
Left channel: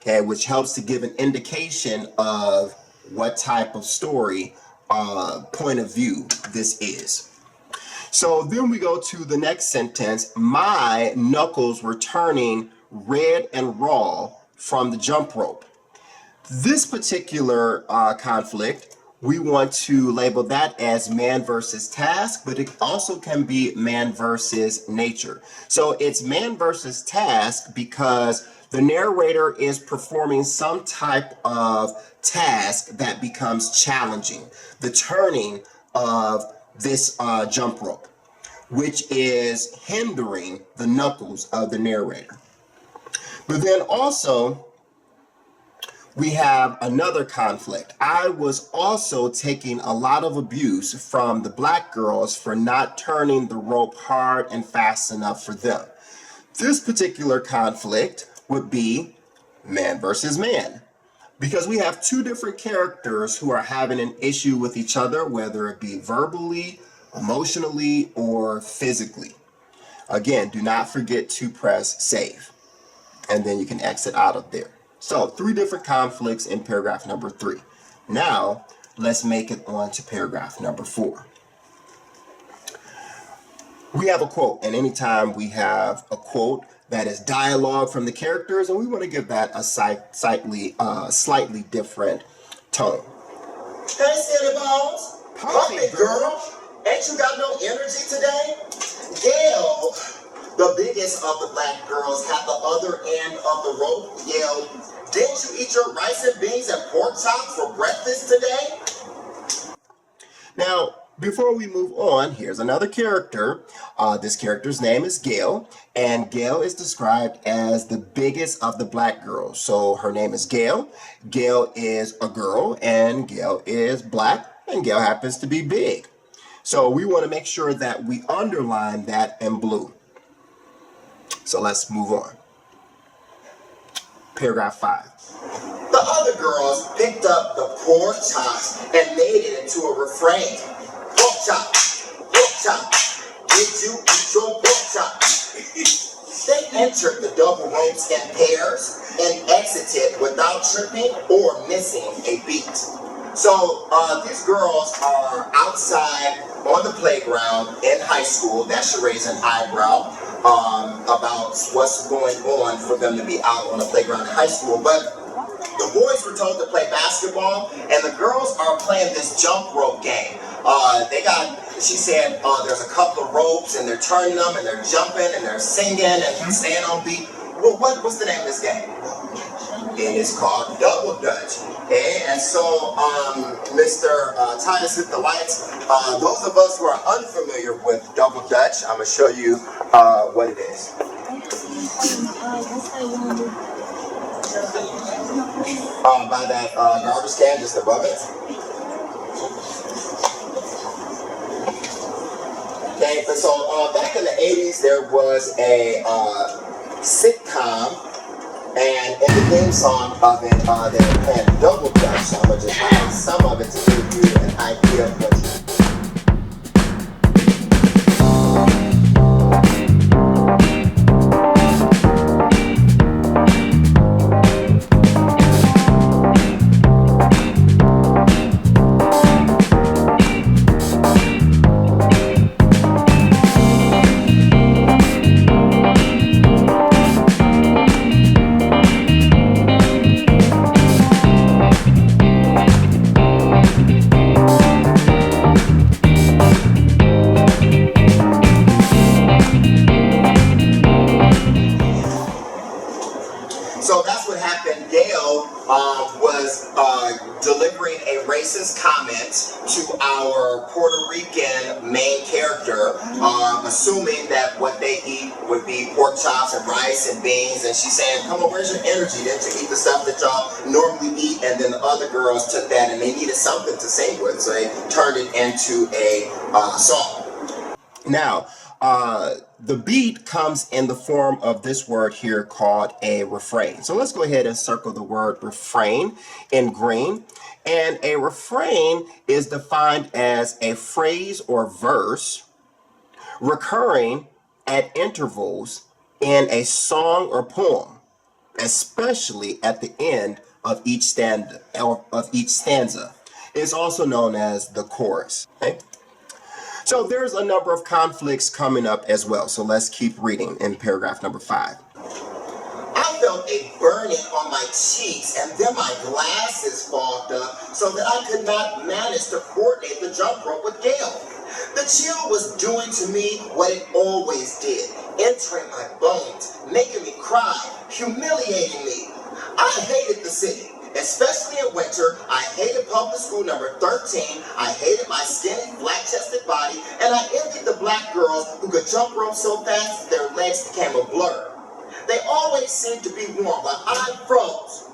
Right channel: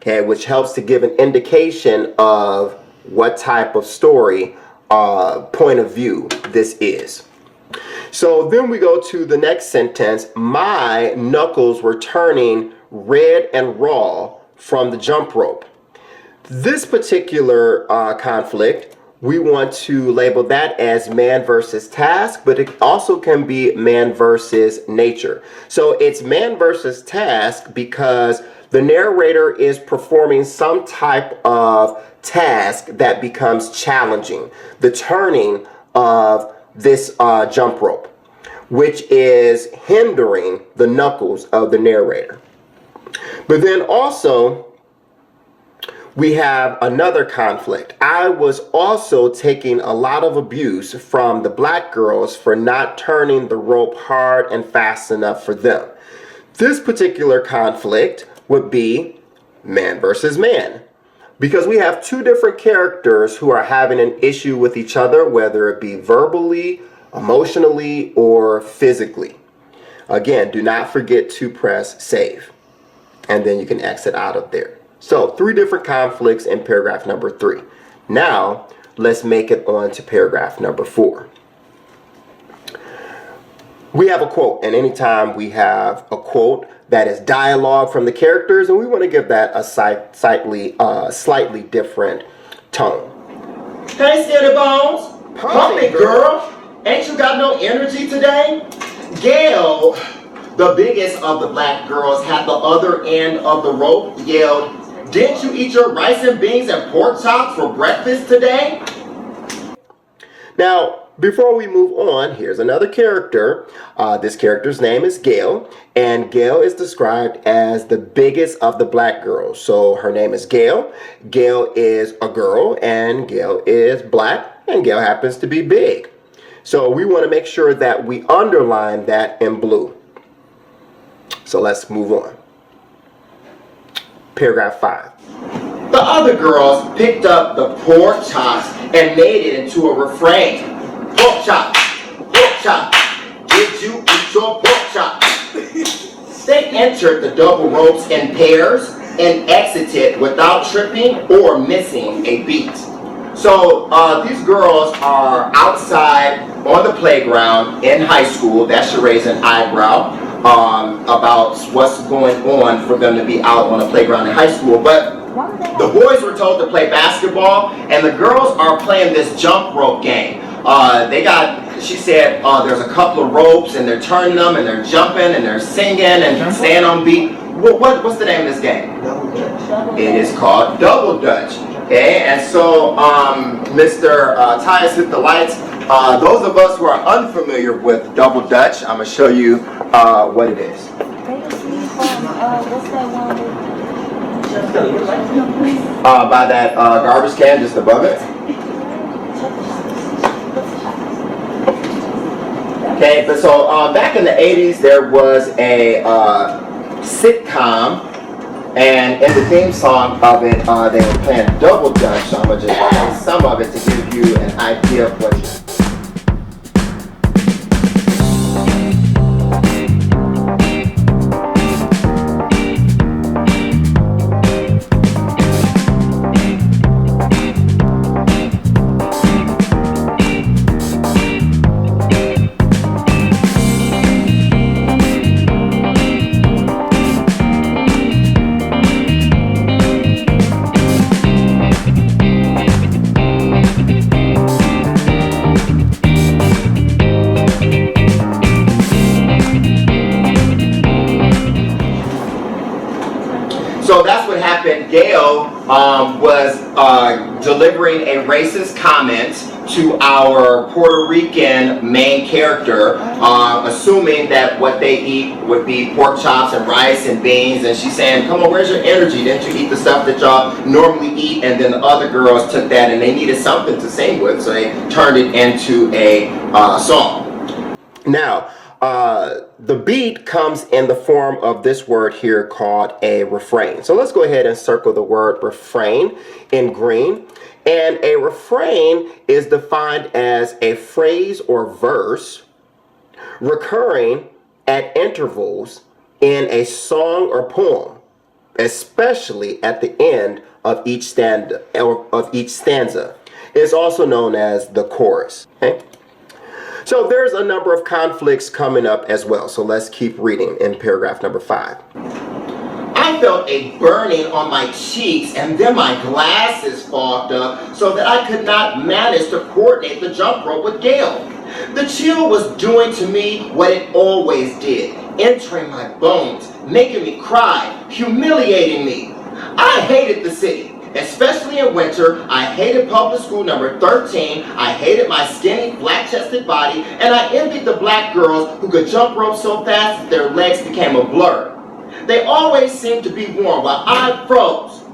okay, which helps to give an indication of what type of story point of view this is. So then we go to the next sentence. My knuckles were turning red and raw from the jump rope. This particular conflict, we want to label that as man versus task, but it also can be man versus nature. So it's man versus task because the narrator is performing some type of task that becomes challenging, the turning of this jump rope, which is hindering the knuckles of the narrator. But then also we have another conflict. I was also taking a lot of abuse from the black girls for not turning the rope hard and fast enough for them. This particular conflict would be man versus man, because we have two different characters who are having an issue with each other, whether it be verbally, emotionally, or physically. Again, do not forget to press save, and then you can exit out of there. So 3 different conflicts in paragraph number 3. Now, let's make it on to paragraph number 4. We have a quote, and anytime we have a quote that is dialogue from the characters, and we want to give that a slightly different tone. Hey, Skinny Bones, pump it, girl. Ain't you got no energy today? Gail, the biggest of the black girls, had the other end of the rope, yelled, didn't you eat your rice and beans and pork chops for breakfast today? Now, before we move on, here's another character. This character's name is Gail, and Gail is described as the biggest of the black girls. So her name is Gail. Gail is a girl, and Gail is black, and Gail happens to be big. So we want to make sure that we underline that in blue. So let's move on. Paragraph 5. The other girls picked up the pork chops and made it into a refrain. Pork chop, pork chop, did you eat your pork chop? They entered the double ropes in pairs, and exit it without tripping or missing a beat. So these girls are outside on the playground in high school. That should raise an eyebrow about what's going on for them to be out on the playground in high school. But the boys were told to play basketball, and the girls are playing this jump rope game. She said there's a couple of ropes, and they're turning them, and they're jumping, and they're singing, and staying on beat. What's the name of this game? Double Dutch. It is called Double Dutch. Okay, and so Mr. Tyus hit the lights. Those of us who are unfamiliar with Double Dutch, I'm going to show you what it is. They just see from, what's that one movie? By that garbage can just above it. Okay, but so back in the 80s, there was a sitcom, and in the theme song of it, they were playing Double Dutch. So I'm going to just play some of it to give you an idea of what's happening. So that's what happened. Gail was delivering a racist comment to our Puerto Rican main character, assuming that what they eat would be pork chops and rice and beans, and she's saying, come on, where's your energy? Didn't you eat the stuff that y'all normally eat? And then the other girls took that and they needed something to sing with, so they turned it into a song. Now, the beat comes in the form of this word here called a refrain. So let's go ahead and circle the word refrain in green. And a refrain is defined as a phrase or verse recurring at intervals in a song or poem, especially at the end of each stanza. It's also known as the chorus. Okay? So there's a number of conflicts coming up as well. So let's keep reading in paragraph number 5. I felt a burning on my cheeks, and then my glasses fogged up so that I could not manage to coordinate the jump rope with Gail. The chill was doing to me what it always did, entering my bones, making me cry, humiliating me. I hated the city. Especially in winter. I hated public school number 13. I hated my skinny, flat-chested body, and I envied the black girls who could jump rope so fast that their legs became a blur. They always seemed to be warm while I froze.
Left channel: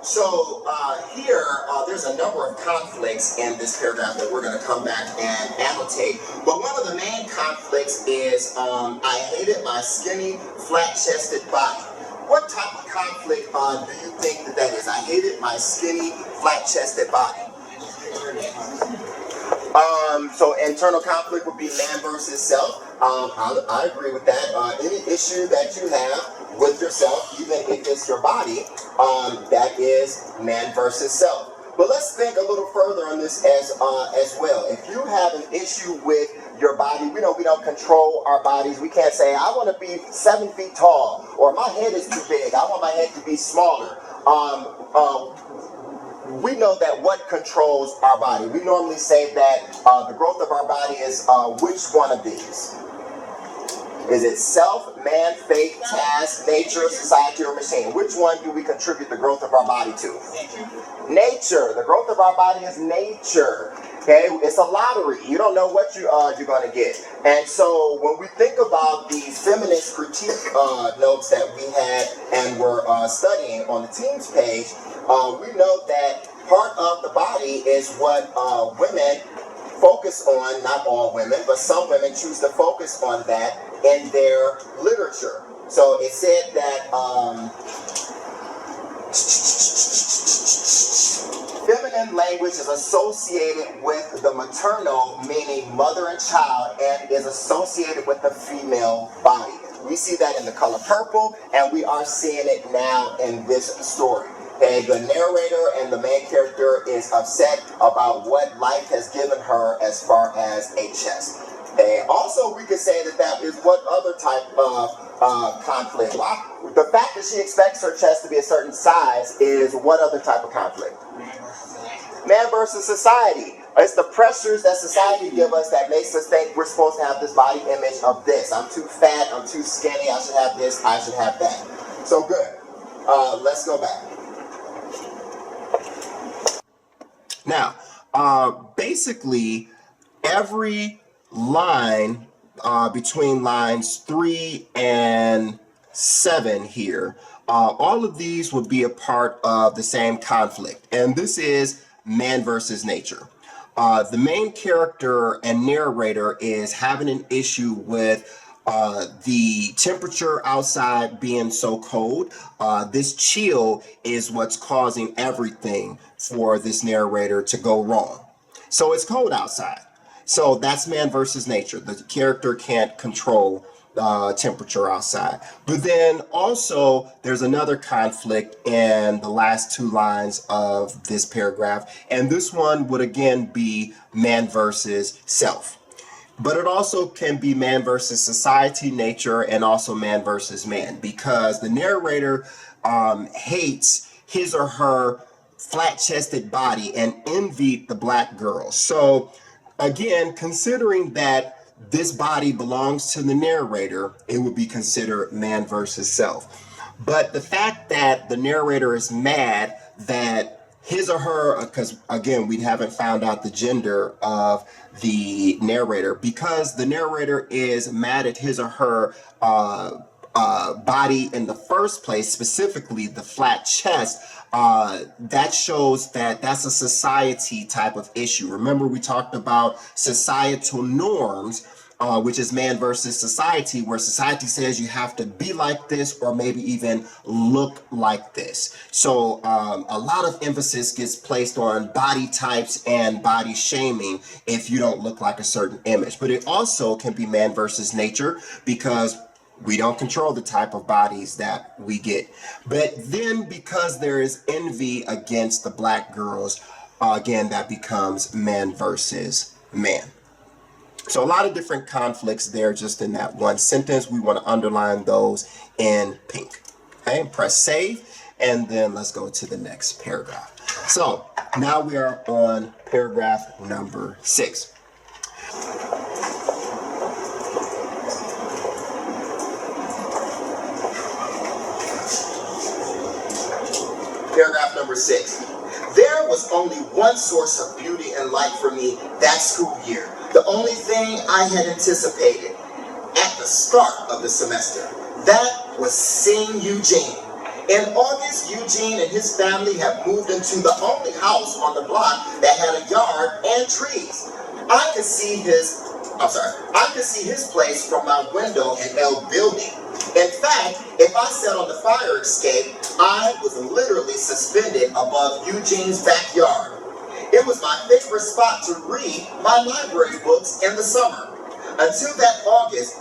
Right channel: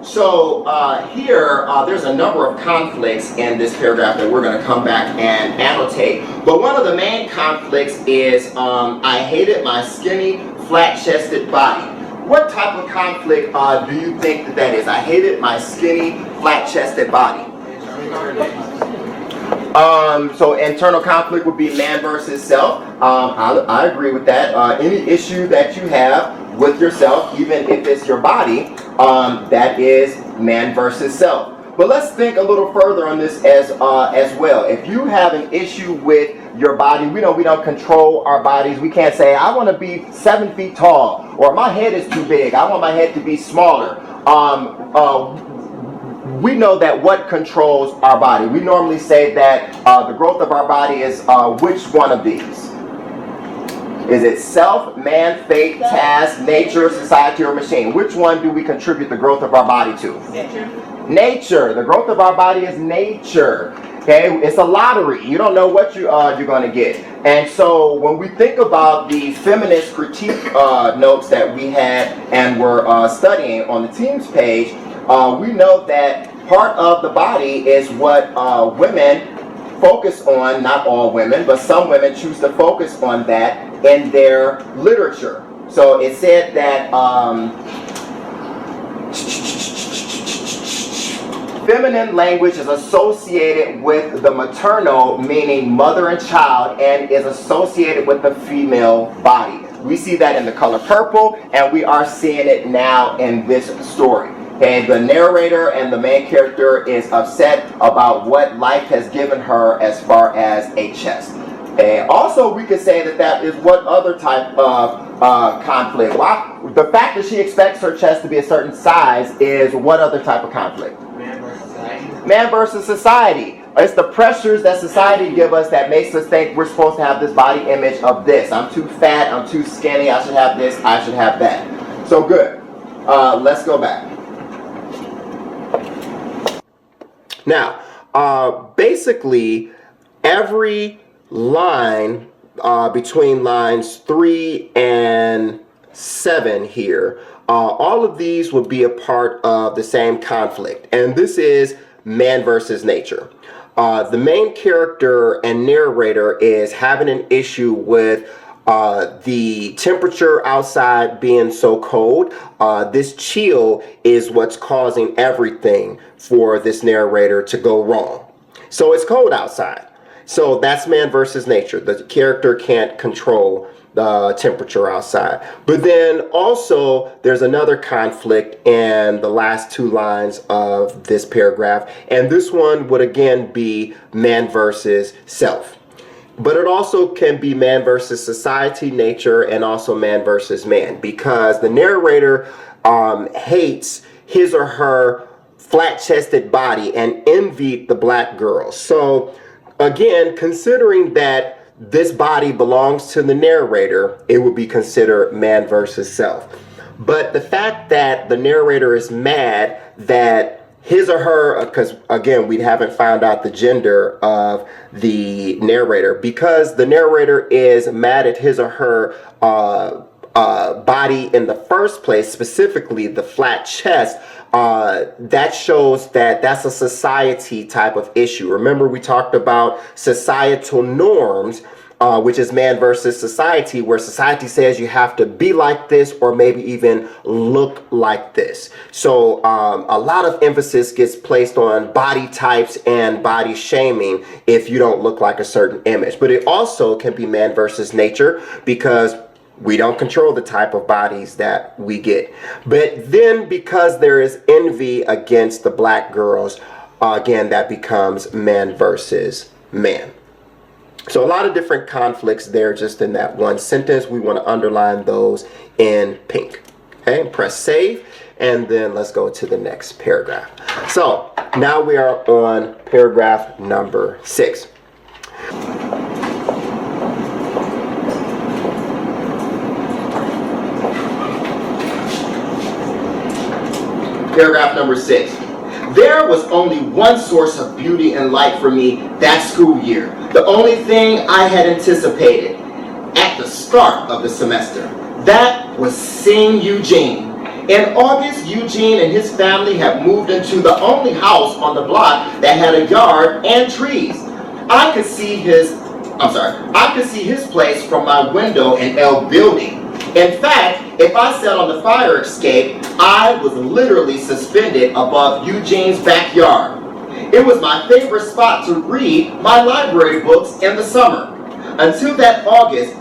So here, there's a number of conflicts in this paragraph that we're going to come back and annotate. But one of the main conflicts is I hated my skinny, flat-chested body. What type of conflict do you think that is? I hated my skinny, flat-chested body. So internal conflict would be man versus self. I agree with that. Any issue that you have with yourself, even if it's your body, that is man versus self. But let's think a little further on this as well. If you have an issue with your body, we know we don't control our bodies. We can't say, I want to be 7 feet tall, or my head is too big. I want my head to be smaller. We know that what controls our body. We normally say that the growth of our body is which one of these? Is it self, man, fate, task, nature, society, or machine? Which one do we contribute the growth of our body to? Nature. Nature. The growth of our body is nature. Okay, it's a lottery. You don't know what you're going to get. And so when we think about the feminist critique notes that we had and were studying on the Teams page, we know that part of the body is what women focus on. Not all women, but some women choose to focus on that in their literature. So it said that feminine language is associated with the maternal, meaning mother and child, and is associated with the female body. We see that in the color purple, and we are seeing it now in this story. And the narrator and the main character is upset about what life has given her as far as a chest. And also we could say that that is what other type of conflict. Why? The fact that she expects her chest to be a certain size is what other type of conflict? Man versus society. Man versus society. It's the pressures that society give us that makes us think we're supposed to have this body image of this. I'm too fat, I'm too skinny, I should have this, I should have that. So good. Let's go back. Now, basically, every line between lines 3 and 7 here, all of these would be a part of the same conflict. And this is man versus nature. The main character and narrator is having an issue with the temperature outside being so cold. This chill is what's causing everything for this narrator to go wrong. So it's cold outside. So that's man versus nature. The character can't control the temperature outside. But then also there's another conflict in the last 2 lines of this paragraph. And this one would again be man versus self. But it also can be man versus society, nature, and also man versus man, because the narrator hates his or her flat-chested body and envied the black girl. So again, considering that this body belongs to the narrator, it would be considered man versus self. But the fact that the narrator is mad that his or her, because again, we haven't found out the gender of the narrator, because the narrator is mad at his or her body in the first place, specifically the flat chest, that shows that that's a society type of issue. Remember, we talked about societal norms, which is man versus society, where society says you have to be like this or maybe even look like this. So a lot of emphasis gets placed on body types and body shaming if you don't look like a certain image. But it also can be man versus nature, because we don't control the type of bodies that we get. But then because there is envy against the black girls, again, that becomes man versus man. So a lot of different conflicts there just in that one sentence. We want to underline those in pink. Okay, press save, and then let's go to the next paragraph. So now we are on paragraph number 6. Paragraph number 6. There was only one source of beauty and light for me that school year. The only thing I had anticipated at the start of the semester. That was seeing Eugene. In August, Eugene and his family had moved into the only house on the block that had a yard and trees. I could see his place from my window in L building. In fact, if I sat on the fire escape, I was literally suspended above Eugene's backyard. It was my favorite spot to read my library books in the summer. Until that August,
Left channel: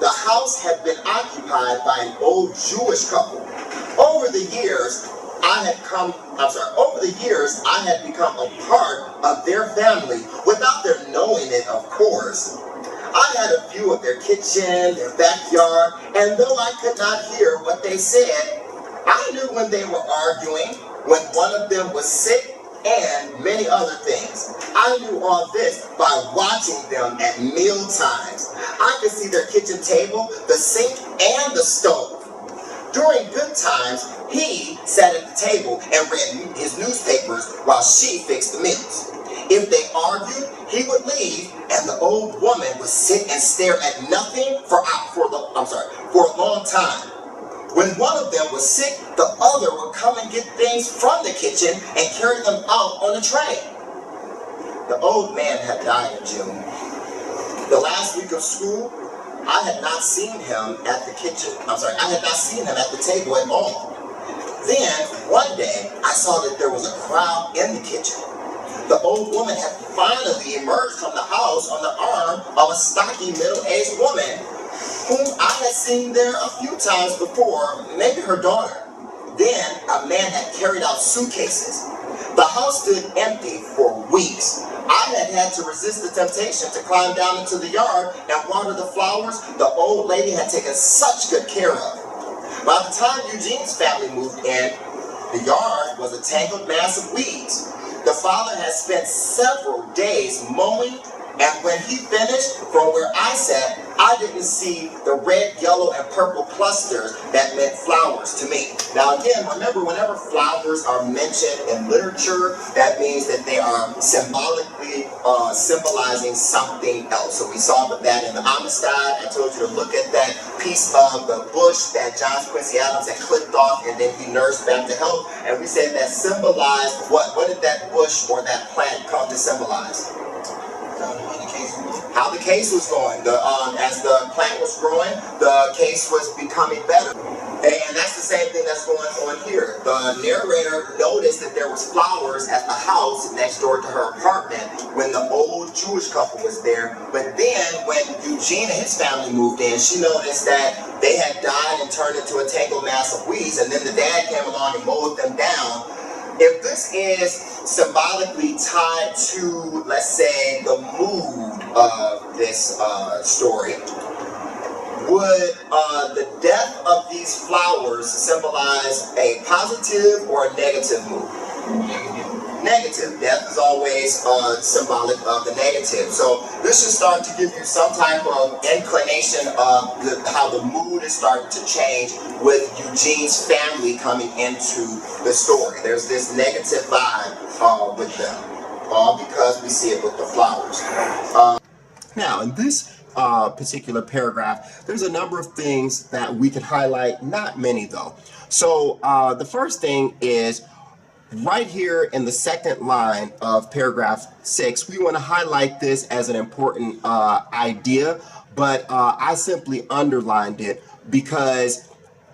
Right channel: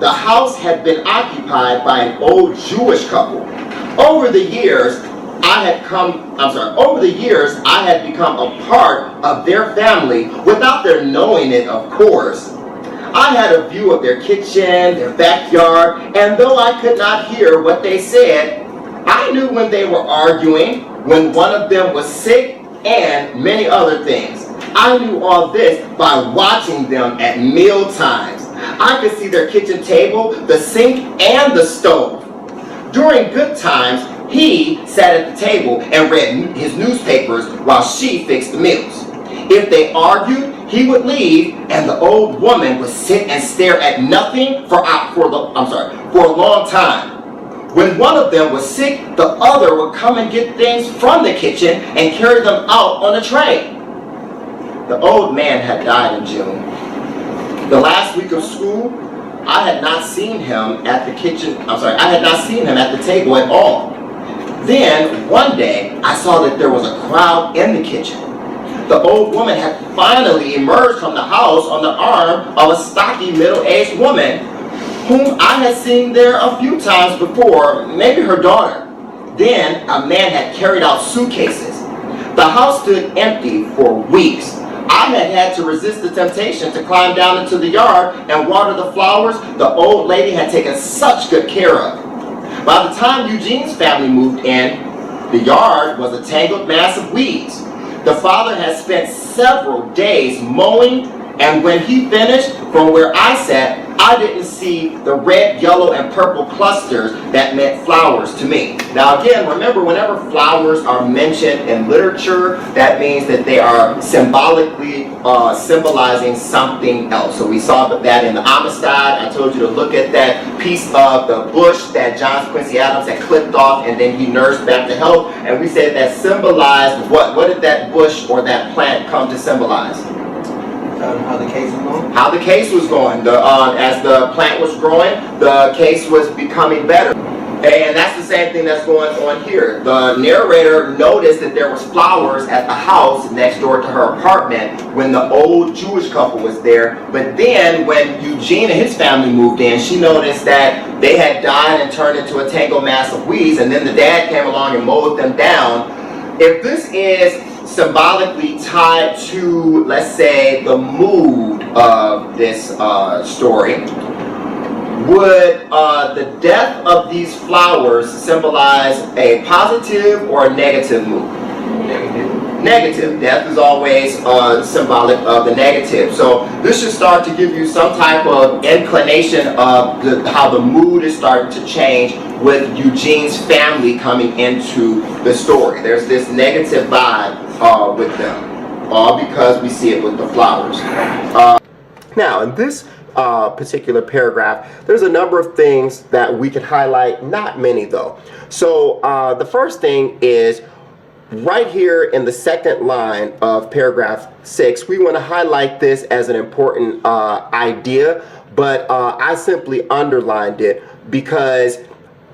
the house had been occupied by an old Jewish couple. Over the years, I had become a part of their family without their knowing it, of course. I had a view of their kitchen, their backyard, and though I could not hear what they said, I knew when they were arguing, when one of them was sick, and many other things. I knew all this by watching them at meal times. I could see their kitchen table, the sink, and the stove. During good times, he sat at the table and read his newspapers while she fixed the meals. If they argued, he would leave, and the old woman would sit and stare at nothing for a long time. When one of them was sick, the other would come and get things from the kitchen and carry them out on a tray. The old man had died in June. The last week of school, I had not seen him at the table at all. Then, one day, I saw that there was a crowd in the kitchen. The old woman had finally emerged from the house on the arm of a stocky middle-aged woman whom I had seen there a few times before, maybe her daughter. Then a man had carried out suitcases. The house stood empty for weeks. I had to resist the temptation to climb down into the yard and water the flowers the old lady had taken such good care of. By the time Eugene's family moved in, the yard was a tangled mass of weeds. The father had spent several days mowing, and when he finished, from where I sat, I didn't see the red, yellow, and purple clusters that meant flowers to me. Now again, remember, whenever flowers are mentioned in literature, that means that they are symbolically symbolizing something else. So we saw that in the Amistad. I told you to look at that piece of the bush that John Quincy Adams had clipped off and then he nursed back to health. And we said that symbolized what? What did that bush or that plant come to symbolize? How the case was going? How the case was going. As the plant was growing, the case was becoming better. And that's the same thing that's going on here. The narrator noticed that there was flowers at the house next door to her apartment when the old Jewish couple was there. But then when Eugene and his family moved in, she noticed that they had died and turned into a tangled mass of weeds, and then the dad came along and mowed them down. If this is symbolically tied to, let's say, the mood of this story, would the death of these flowers symbolize a positive or a negative mood? Negative. Death is always symbolic of the negative. So this should start to give you some type of inclination of how the mood is starting to change with Eugene's family coming into the story. There's this negative vibe with them, all because we see it with the flowers. Now, in this particular paragraph, there's a number of things that we can highlight, not many though. So the first thing is right here in the second line of paragraph 6, we want to highlight this as an important idea, but I simply underlined it because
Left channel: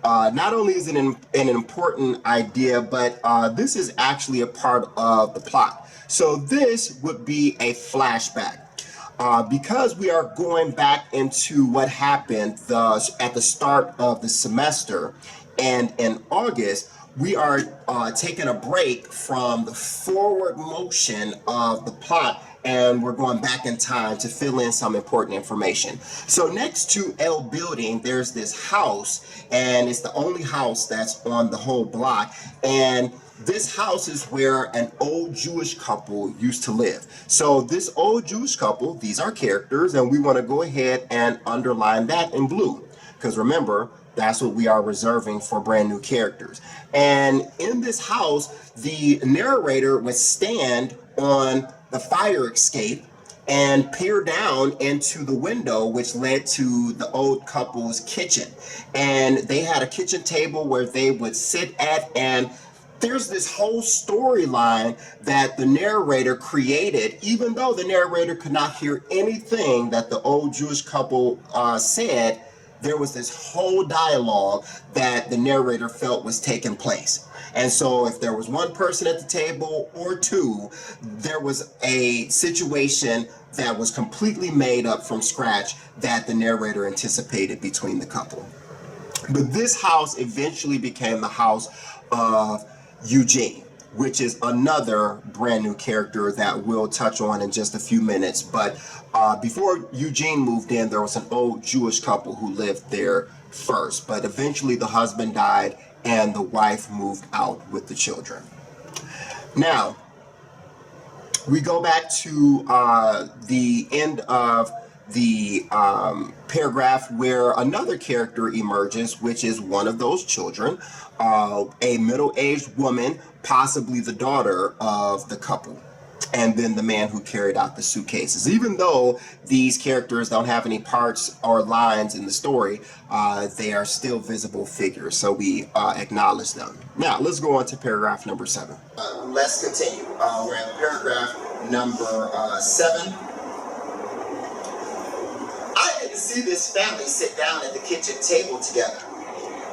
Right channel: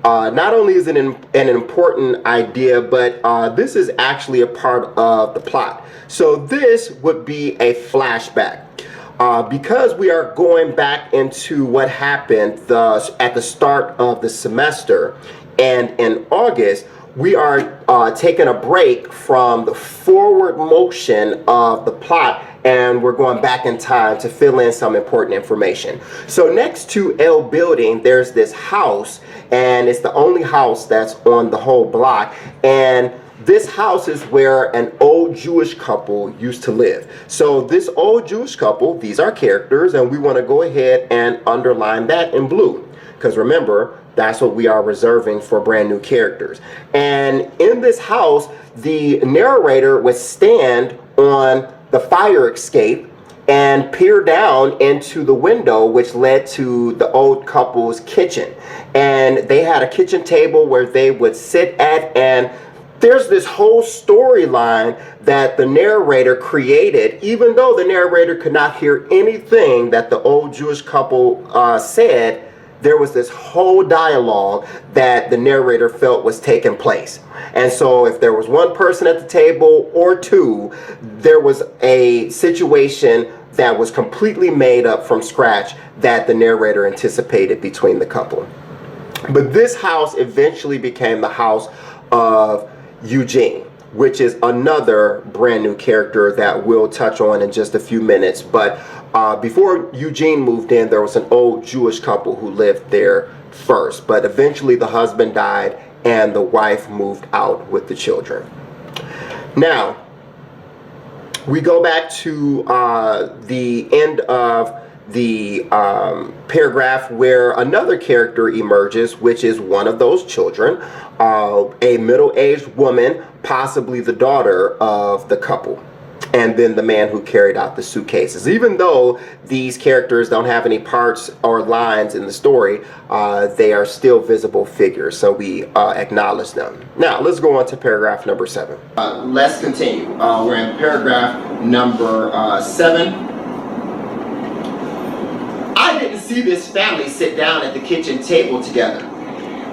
not only is it an important idea, but this is actually a part of the plot. So this would be a flashback. Because we are going back into what happened at the start of the semester, and in August, we are taking a break from the forward motion of the plot, and we're going back in time to fill in some important information. So next to L building, there's this house, and it's the only house that's on the whole block, and this house is where an old Jewish couple used to live. So this old Jewish couple, these are characters, and we want to go ahead and underline that in blue. Because remember, that's what we are reserving for brand new characters. And in this house, the narrator would stand on the fire escape and peer down into the window, which led to the old couple's kitchen. And they had a kitchen table where they would sit at, and there's this whole storyline that the narrator created, even though the narrator could not hear anything that the old Jewish couple said. There was this whole dialogue that the narrator felt was taking place. And so if there was one person at the table or two, there was a situation that was completely made up from scratch that the narrator anticipated between the couple. But this house eventually became the house of Eugene, which is another brand new character that we'll touch on in just a few minutes. But before Eugene moved in, there was an old Jewish couple who lived there first. But eventually the husband died and the wife moved out with the children. Now, we go back to the end of the paragraph where another character emerges, which is one of those children, a middle-aged woman, possibly the daughter of the couple, and then the man who carried out the suitcases. Even though these characters don't have any parts or lines in the story, they are still visible figures, so we acknowledge them. Now, let's go on to paragraph number 7. Let's continue. We're in paragraph number 7. I didn't see this family sit down at the kitchen table together.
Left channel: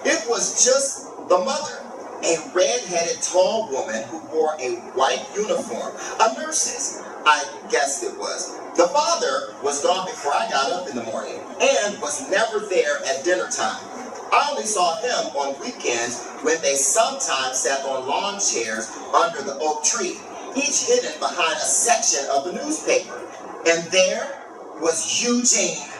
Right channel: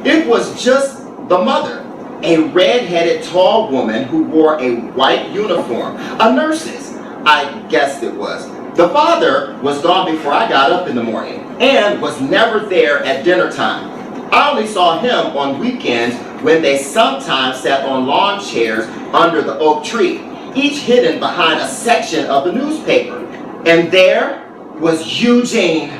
It was just the mother, a red-headed tall woman who wore a white uniform, a nurse's, I guessed it was. The father was gone before I got up in the morning and was never there at dinner time. I only saw him on weekends when they sometimes sat on lawn chairs under the oak tree, each hidden behind a section of the newspaper. And there was Eugene.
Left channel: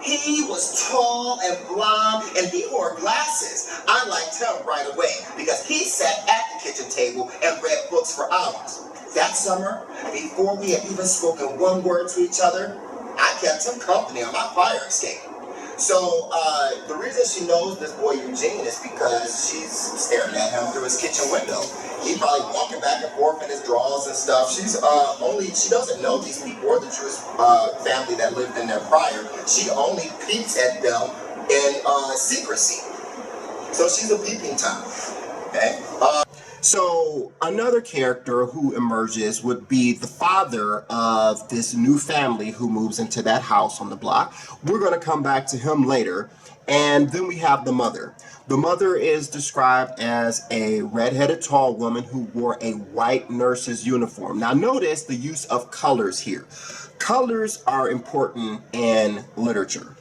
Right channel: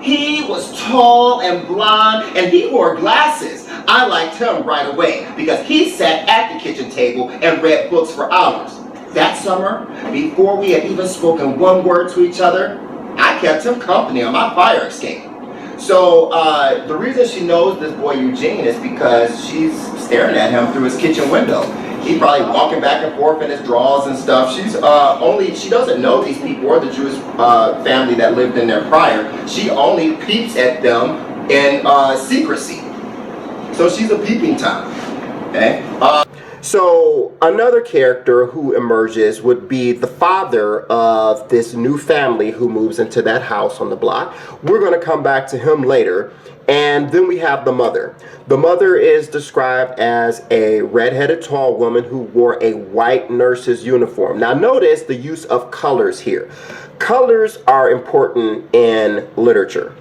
He was tall and blond, and he wore glasses. I liked him right away because he sat at the kitchen table and read books for hours. That summer, before we had even spoken one word to each other, I kept him company on my fire escape. So the reason she knows this boy Eugene is because she's staring at him through his kitchen window. He's probably walking back and forth in his drawers and stuff. She doesn't know these people or the Jewish family that lived in there prior. She only peeps at them in secrecy. So she's a peeping Tom. Okay? So another character who emerges would be the father of this new family who moves into that house on the block. We're going to come back to him later. And then we have the mother. The mother is described as a redheaded tall woman who wore a white nurse's uniform. Now notice the use of colors here. Colors are important in literature.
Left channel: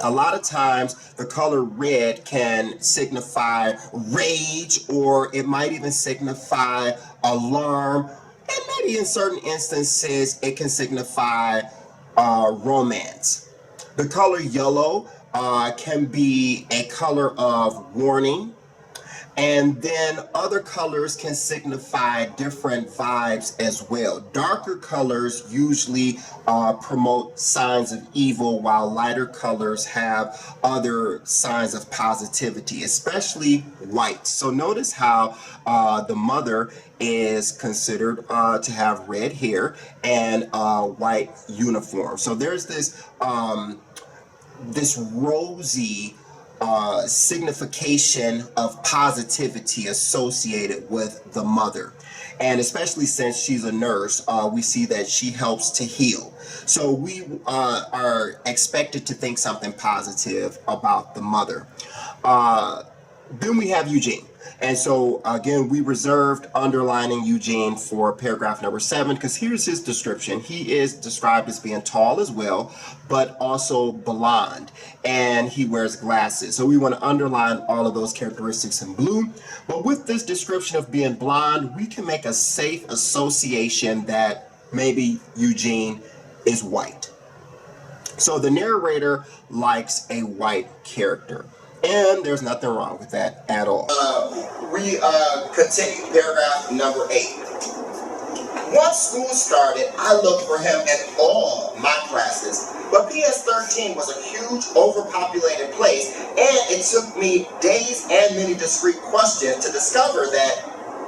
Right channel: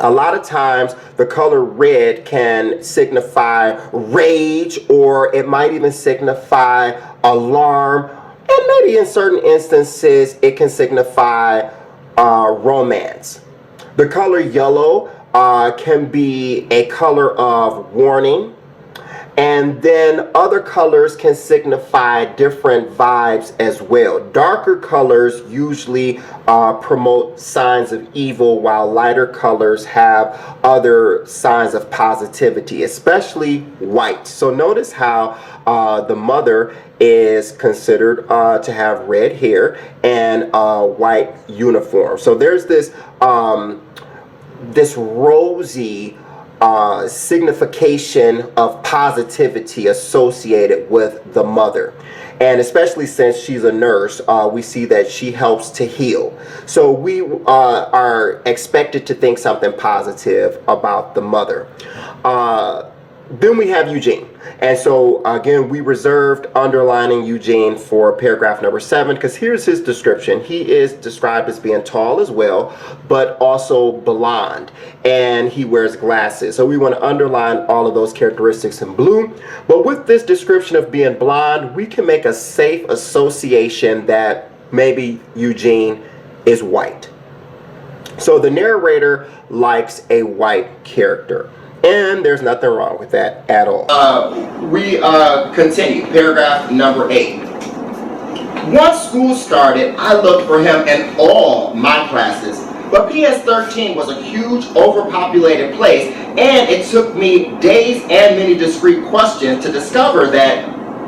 A lot of times the color red can signify rage, or it might even signify alarm, and maybe in certain instances it can signify romance. The color yellow can be a color of warning, and then other colors can signify different vibes as well. Darker colors usually promote signs of evil, while lighter colors have other signs of positivity, especially white. So notice how the mother is considered to have red hair and a white uniform. So there's this rosy signification of positivity associated with the mother. And especially since she's a nurse, we see that she helps to heal. So we are expected to think something positive about the mother. Then we have Eugene. And so again, we reserved underlining Eugene for paragraph number 7, because here's his description. He is described as being tall as well, but also blonde, and he wears glasses. So we want to underline all of those characteristics in blue. But with this description of being blonde, we can make a safe association that maybe Eugene is white. So the narrator likes a white character. And there's nothing wrong with that at all. We continue, paragraph number 8. Once school started, I looked for him in all my classes. But PS13 was a huge, overpopulated place, and it took me days and many discrete questions to discover that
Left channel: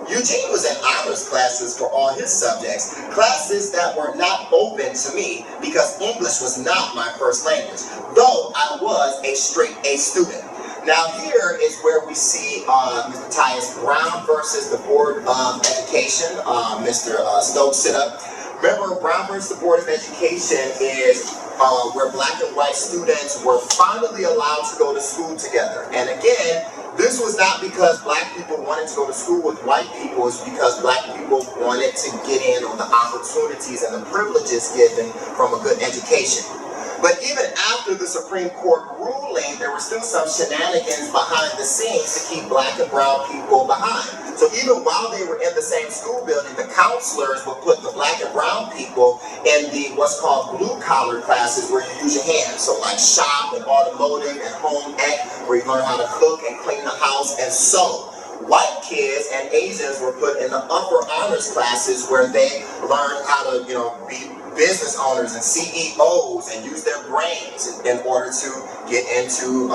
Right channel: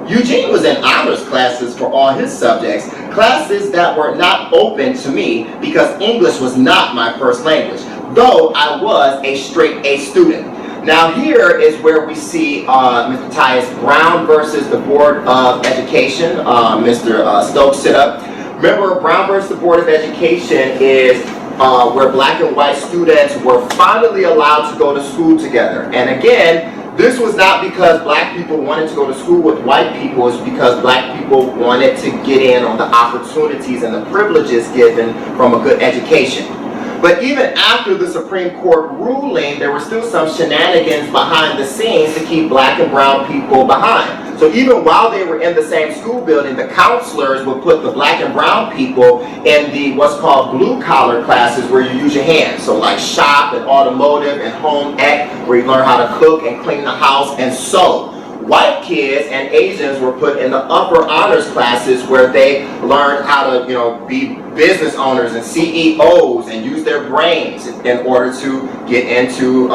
Eugene was in honors classes for all his subjects, classes that were not open to me because English was not my first language, though I was a straight A student. Now here is where we see Mr. Tyus Brown versus the Board of Education. Mr. Stokes, sit up. Remember, Brown versus the Board of Education is where black and white students were finally allowed to go to school together. And again, this was not because black people wanted to go to school with white people, it's because black people wanted to get in on the opportunities and the privileges given from a good education. But even after the Supreme Court ruling, there were still some shenanigans behind the scenes to keep black and brown people behind. So even while they were in the same school building, the counselors would put the black and brown people in the what's called blue collar classes where you use your hands. So like shop and automotive and home ec, where you learn how to cook and clean the house and sew. White kids and Asians were put in the upper honors classes where they learned how to, be business owners and CEOs and use their brains in order to get into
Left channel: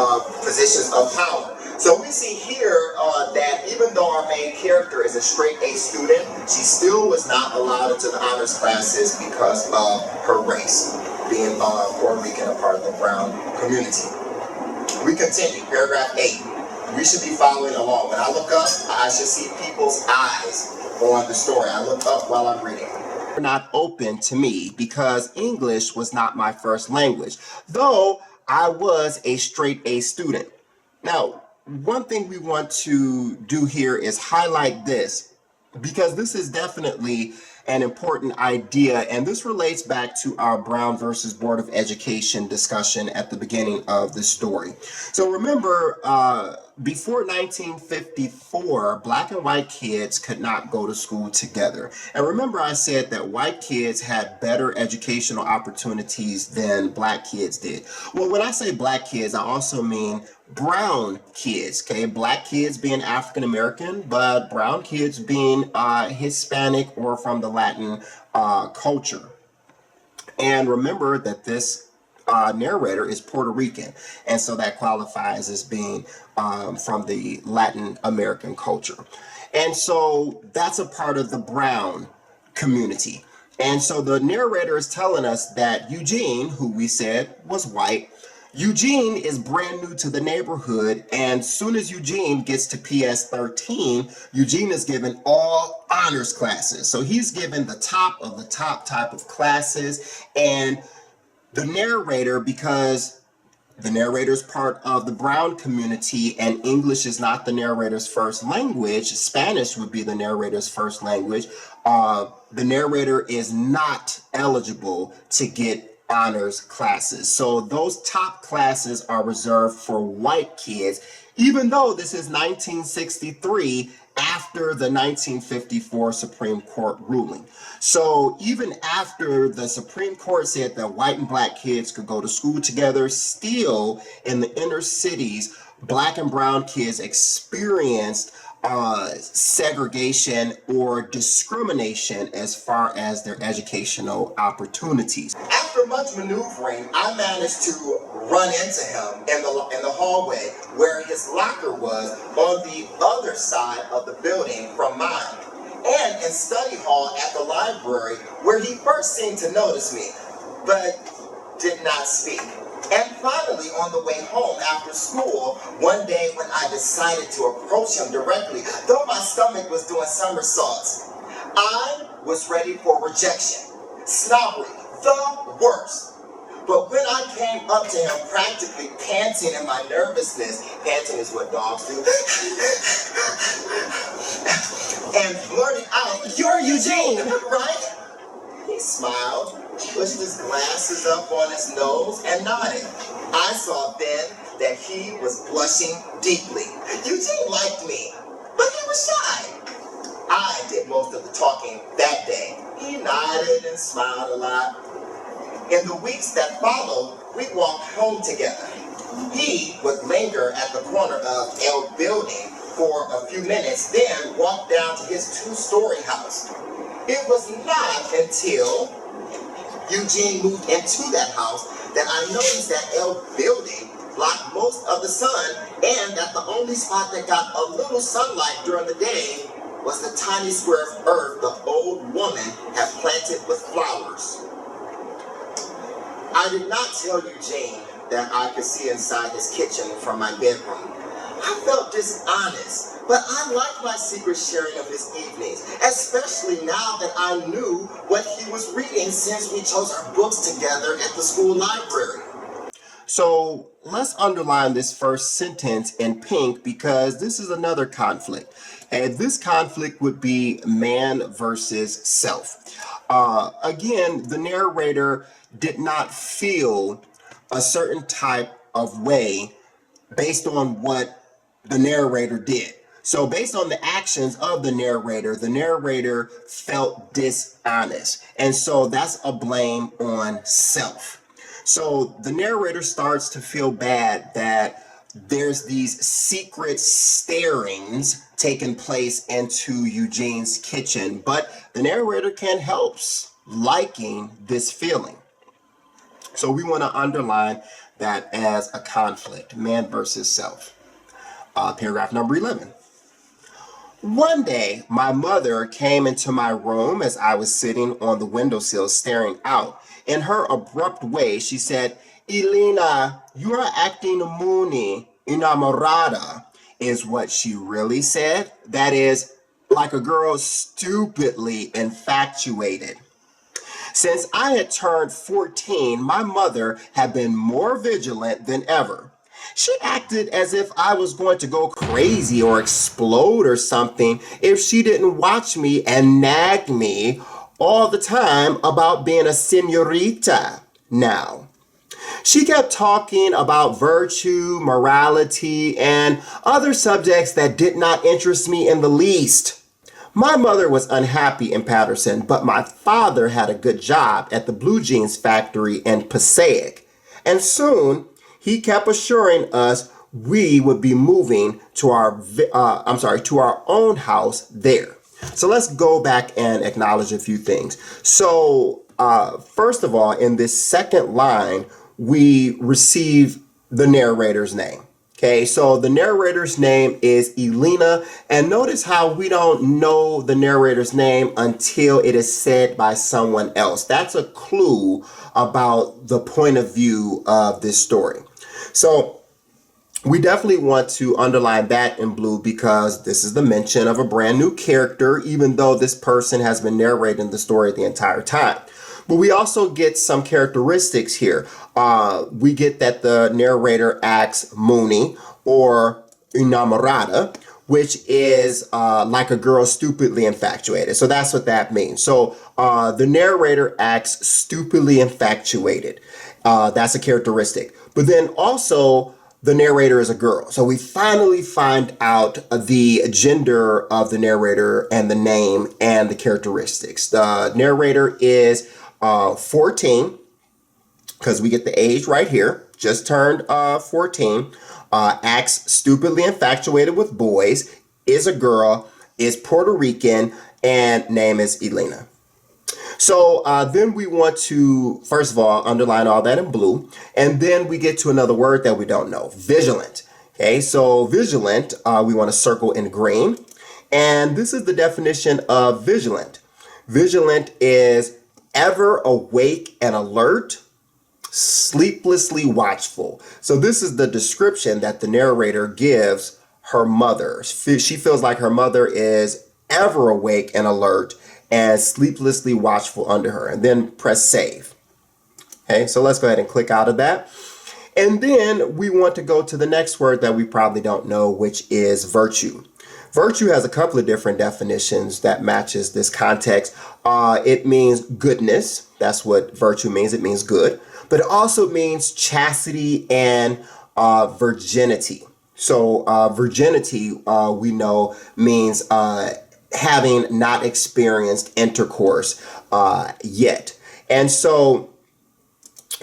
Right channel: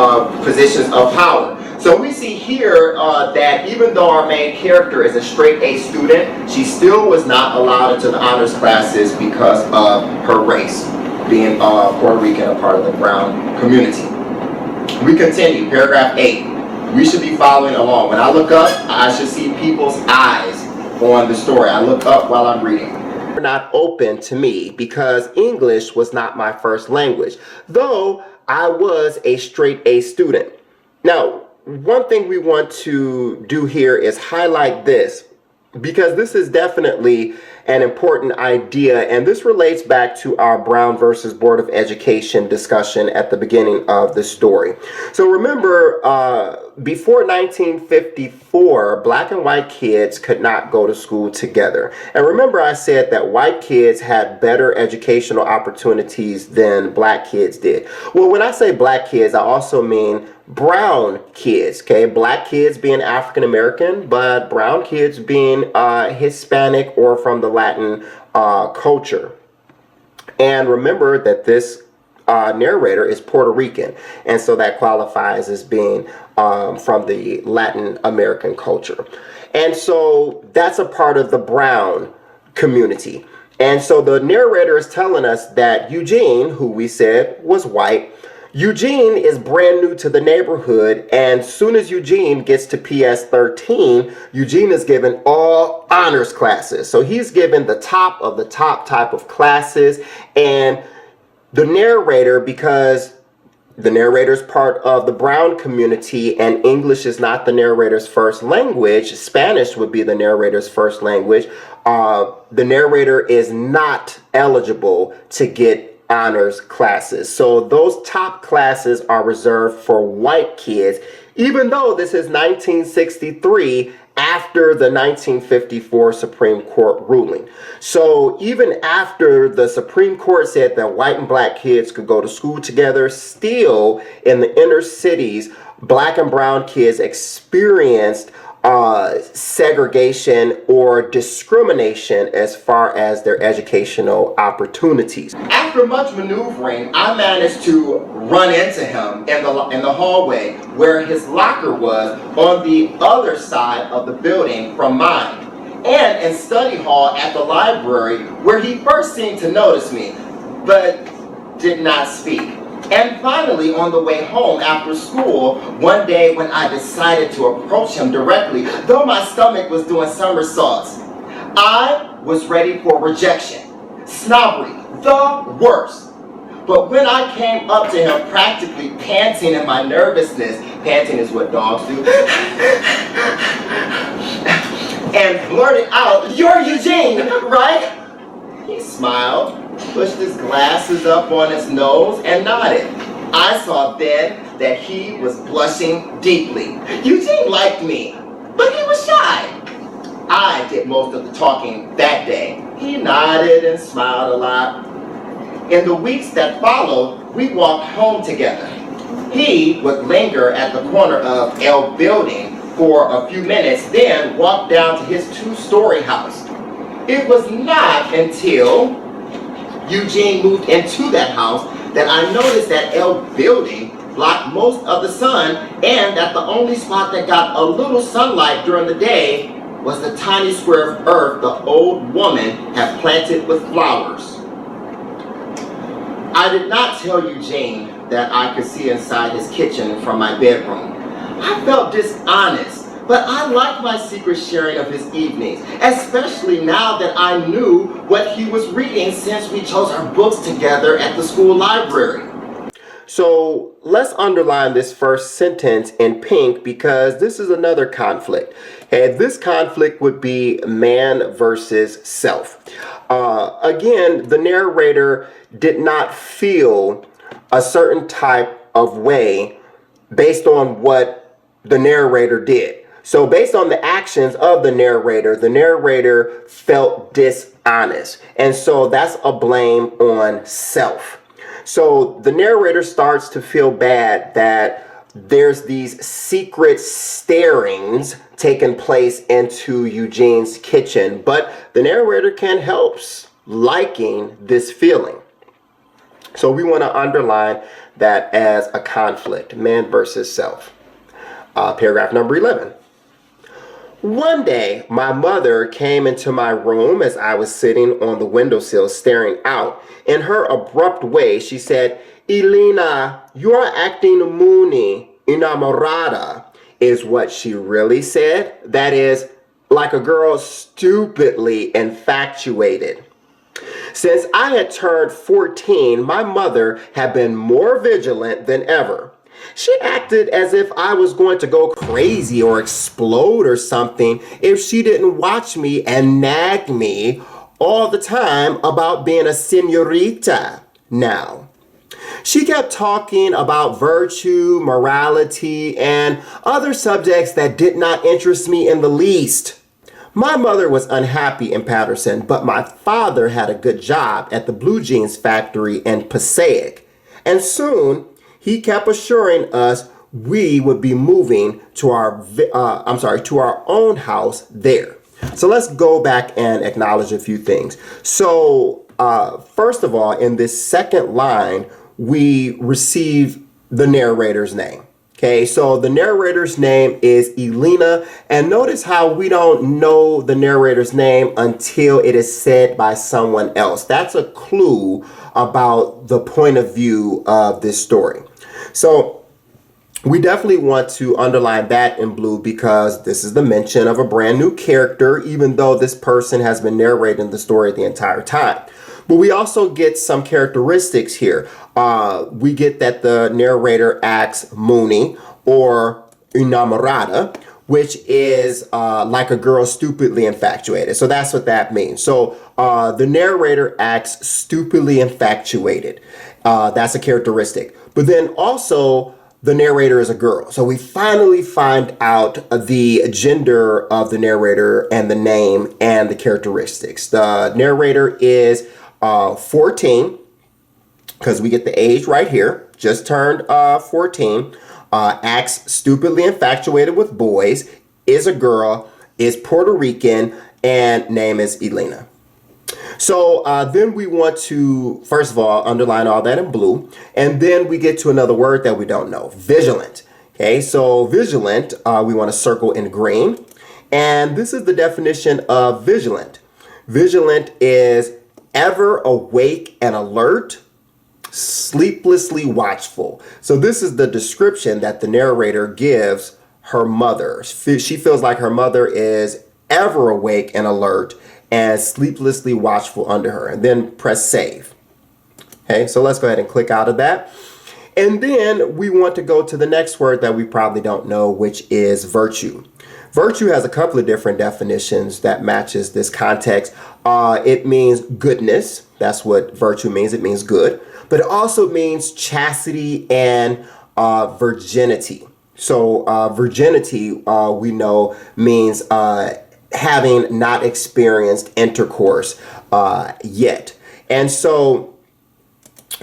positions of power. So we see here that even though our main character is a straight A student, she still was not allowed into the honors classes because of her race, being Puerto Rican, a part of the brown community. We continue, paragraph 8. We should be following along. When I look up, I should see people's eyes on the story. I look up while I'm reading. Were not open to me because English was not my first language, though I was a straight A student. Now, one thing we want to do here is highlight this, because this is definitely an important idea, and this relates back to our Brown versus Board of Education discussion at the beginning of the story. So remember, before 1954, black and white kids could not go to school together. And remember, I said that white kids had better educational opportunities than black kids did. Well, when I say black kids, I also mean brown kids, okay? Black kids being African American, but brown kids being Hispanic or from the Latin culture. And remember that this narrator is Puerto Rican, and so that qualifies as being from the Latin American culture. And so that's a part of the brown community. And so the narrator is telling us that Eugene, who we said was white, Eugene is brand new to the neighborhood, and soon as Eugene gets to PS 13, Eugene is given all honors classes. So he's given the top of the top type of classes, and the narrator, because the narrator is part of the brown community and English is not the narrator's first language, Spanish would be the narrator's first language, the narrator is not eligible to get honors classes. So those top classes are reserved for white kids, even though this is 1963 after the 1954 Supreme Court ruling. So even after the Supreme Court said that white and black kids could go to school together, still in the inner cities, black and brown kids experienced segregation or discrimination as far as their educational opportunities. After much maneuvering, I managed to run into him in the hallway where his locker was on the other side of the building from mine, and in study hall at the library where he first seemed to notice me, but did not speak. And finally, on the way home after school, one day when I decided to approach him directly, though my stomach was doing somersaults, I was ready for rejection. Snobbery, the worst. But when I came up to him practically panting in my nervousness, panting is what dogs do, and blurted out, "You're Eugene, right?" He smiled, pushed his glasses up on his nose, and nodded. I saw then that he was blushing deeply. Eugene liked me, but he was shy. I did most of the talking that day. He nodded and smiled a lot. In the weeks that followed, we walked home together. He would linger at the corner of L Building for a few minutes, then walk down to his two-story house. It was not until Eugene moved into that house that I noticed that L Building blocked most of the sun, and that the only spot that got a little sunlight during the day was the tiny square of earth the old woman had planted with flowers. I did not tell Eugene that I could see inside his kitchen from my bedroom. I felt dishonest, but I liked my secret sharing of his evenings, especially now that I knew what he was reading since we chose our books together at the school library. So let's underline this first sentence in pink because this is another conflict. And this conflict would be man versus self. Again, the narrator did not feel a certain type of way based on what the narrator did. So based on the actions of the narrator felt dishonest. And so that's a blame on self. So the narrator starts to feel bad that there's these secret starings taking place into Eugene's kitchen, but the narrator can't help liking this feeling. So we want to underline that as a conflict, man versus self. Paragraph number 11. One day, my mother came into my room as I was sitting on the windowsill staring out. In her abrupt way, she said, "Elena, you are acting muy enamorada," is what she really said. That is, like a girl stupidly infatuated. Since I had turned 14, my mother had been more vigilant than ever. She acted as if I was going to go crazy or explode or something if she didn't watch me and nag me all the time about being a señorita now. She kept talking about virtue, morality, and other subjects that did not interest me in the least. My mother was unhappy in Patterson, but my father had a good job at the blue jeans factory in Passaic. And soon, he kept assuring us we would be moving to our own house there. So let's go back and acknowledge a few things. So first of all, in this second line, we receive the narrator's name. Okay, so the narrator's name is Elena, and notice how we don't know the narrator's name until it is said by someone else. That's a clue about the point of view of this story. So we definitely want to underline that in blue because this is the mention of a brand new character, even though this person has been narrating the story the entire time. But we also get some characteristics here. We get that the narrator acts moony or enamorada, which is like a girl stupidly infatuated. So that's what that means. So the narrator acts stupidly infatuated. That's a characteristic. But then also the narrator is a girl. So we finally find out the gender of the narrator and the name and the characteristics. The narrator is 14, because we get the age right here, just turned 14, acts stupidly infatuated with boys, is a girl, is Puerto Rican, and name is Elena. So then we want to, first of all, underline all that in blue, and then we get to another word that we don't know, vigilant. Okay, so vigilant, we want to circle in green, and this is the definition of vigilant. Vigilant is ever awake and alert, sleeplessly watchful. So this is the description that the narrator gives her mother. She feels like her mother is ever awake and alert and sleeplessly watchful under her. And then press save. Okay, so let's go ahead and click out of that. And then we want to go to the next word that we probably don't know, which is virtue. Virtue has a couple of different definitions that matches this context. It means goodness. That's what virtue means. It means good. But it also means chastity and virginity. So virginity, we know, means having not experienced intercourse yet. And so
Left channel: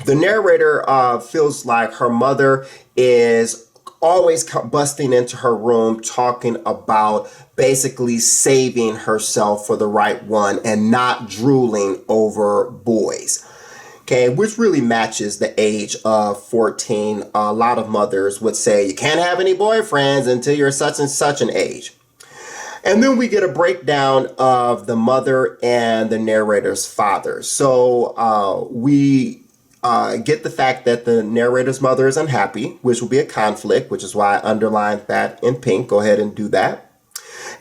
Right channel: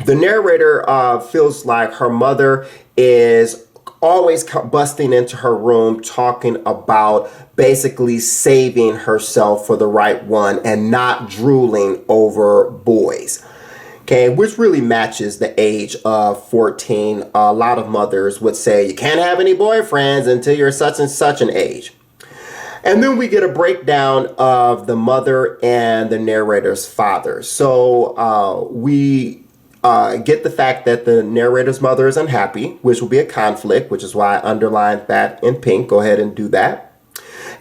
the narrator feels like her mother is always busting into her room talking about basically saving herself for the right one and not drooling over boys. Okay, which really matches the age of 14. A lot of mothers would say you can't have any boyfriends until you're such and such an age. And then we get a breakdown of the mother and the narrator's father. So we get the fact that the narrator's mother is unhappy, which will be a conflict, which is why I underlined that in pink. Go ahead and do that.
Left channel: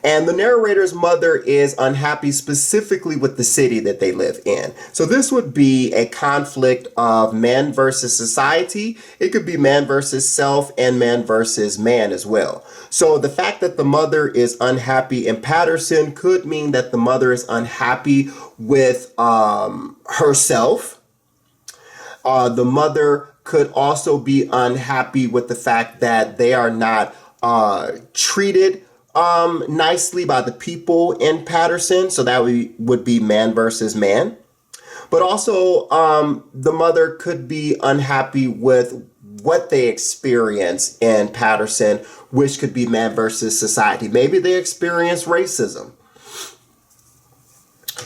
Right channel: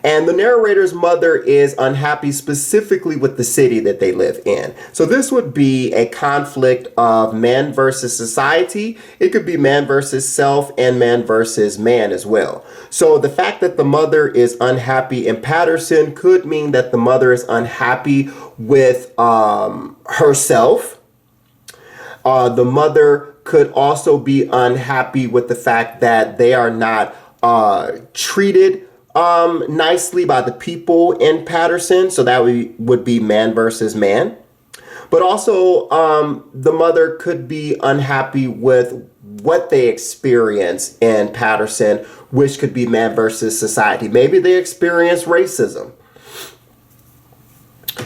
And the narrator's mother is unhappy specifically with the city that they live in. So this would be a conflict of man versus society. It could be man versus self and man versus man as well. So the fact that the mother is unhappy in Patterson could mean that the mother is unhappy with herself. The mother could also be unhappy with the fact that they are not treated nicely by the people in Patterson. So that would be man versus man. But also the mother could be unhappy with what they experience in Patterson, which could be man versus society. Maybe they experience racism.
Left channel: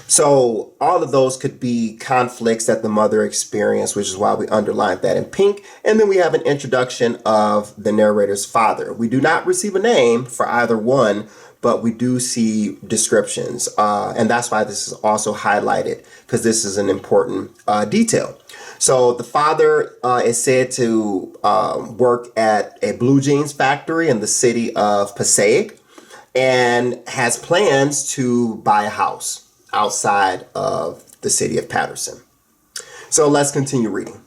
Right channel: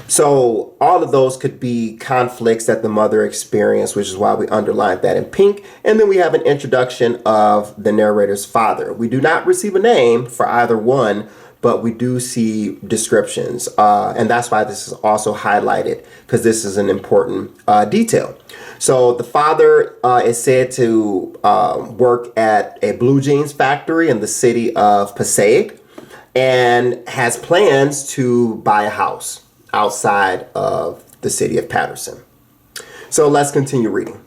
So all of those could be conflicts that the mother experienced, which is why we underlined that in pink. And then we have an introduction of the narrator's father. We do not receive a name for either one, but we do see descriptions. And that's why this is also highlighted, because this is an important detail. So the father is said to work at a blue jeans factory in the city of Passaic and has plans to buy a house outside of the city of Patterson. So let's continue reading.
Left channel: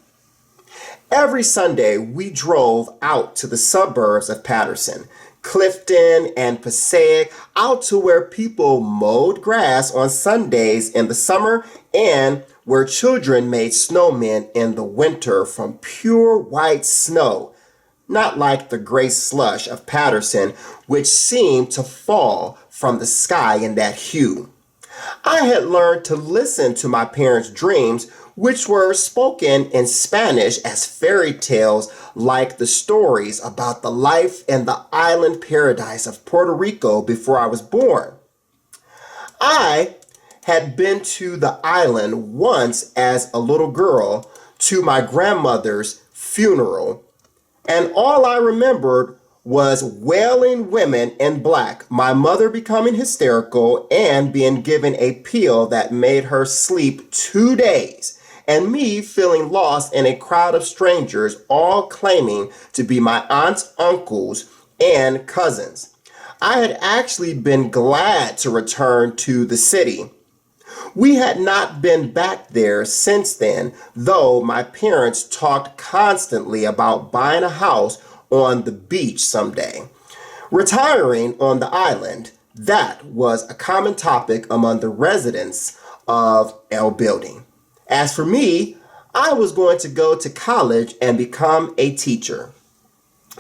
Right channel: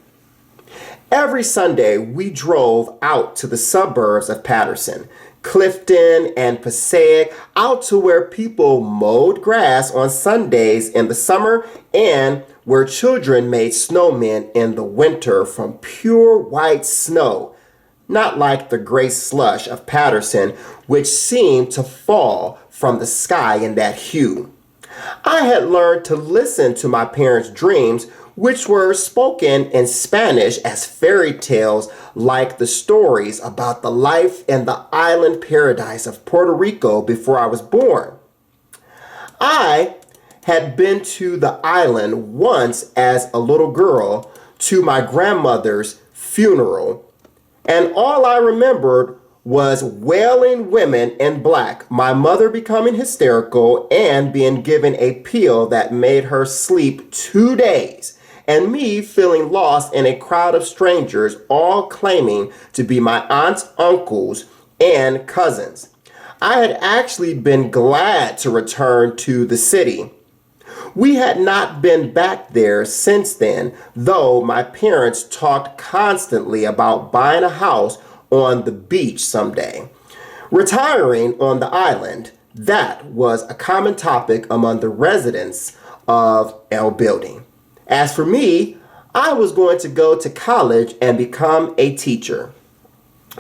Every Sunday, we drove out to the suburbs of Patterson, Clifton and Passaic, out to where people mowed grass on Sundays in the summer and where children made snowmen in the winter from pure white snow, not like the gray slush of Patterson, which seemed to fall from the sky in that hue. I had learned to listen to my parents' dreams, which were spoken in Spanish as fairy tales like the stories about the life in the island paradise of Puerto Rico before I was born. I had been to the island once as a little girl to my grandmother's funeral, and all I remembered was wailing women in black, my mother becoming hysterical and being given a pill that made her sleep 2 days, and me feeling lost in a crowd of strangers, all claiming to be my aunts, uncles, and cousins. I had actually been glad to return to the city. We had not been back there since then, though my parents talked constantly about buying a house on the beach someday. Retiring on the island, that was a common topic among the residents of L Building. As for me, I was going to go to college and become a teacher.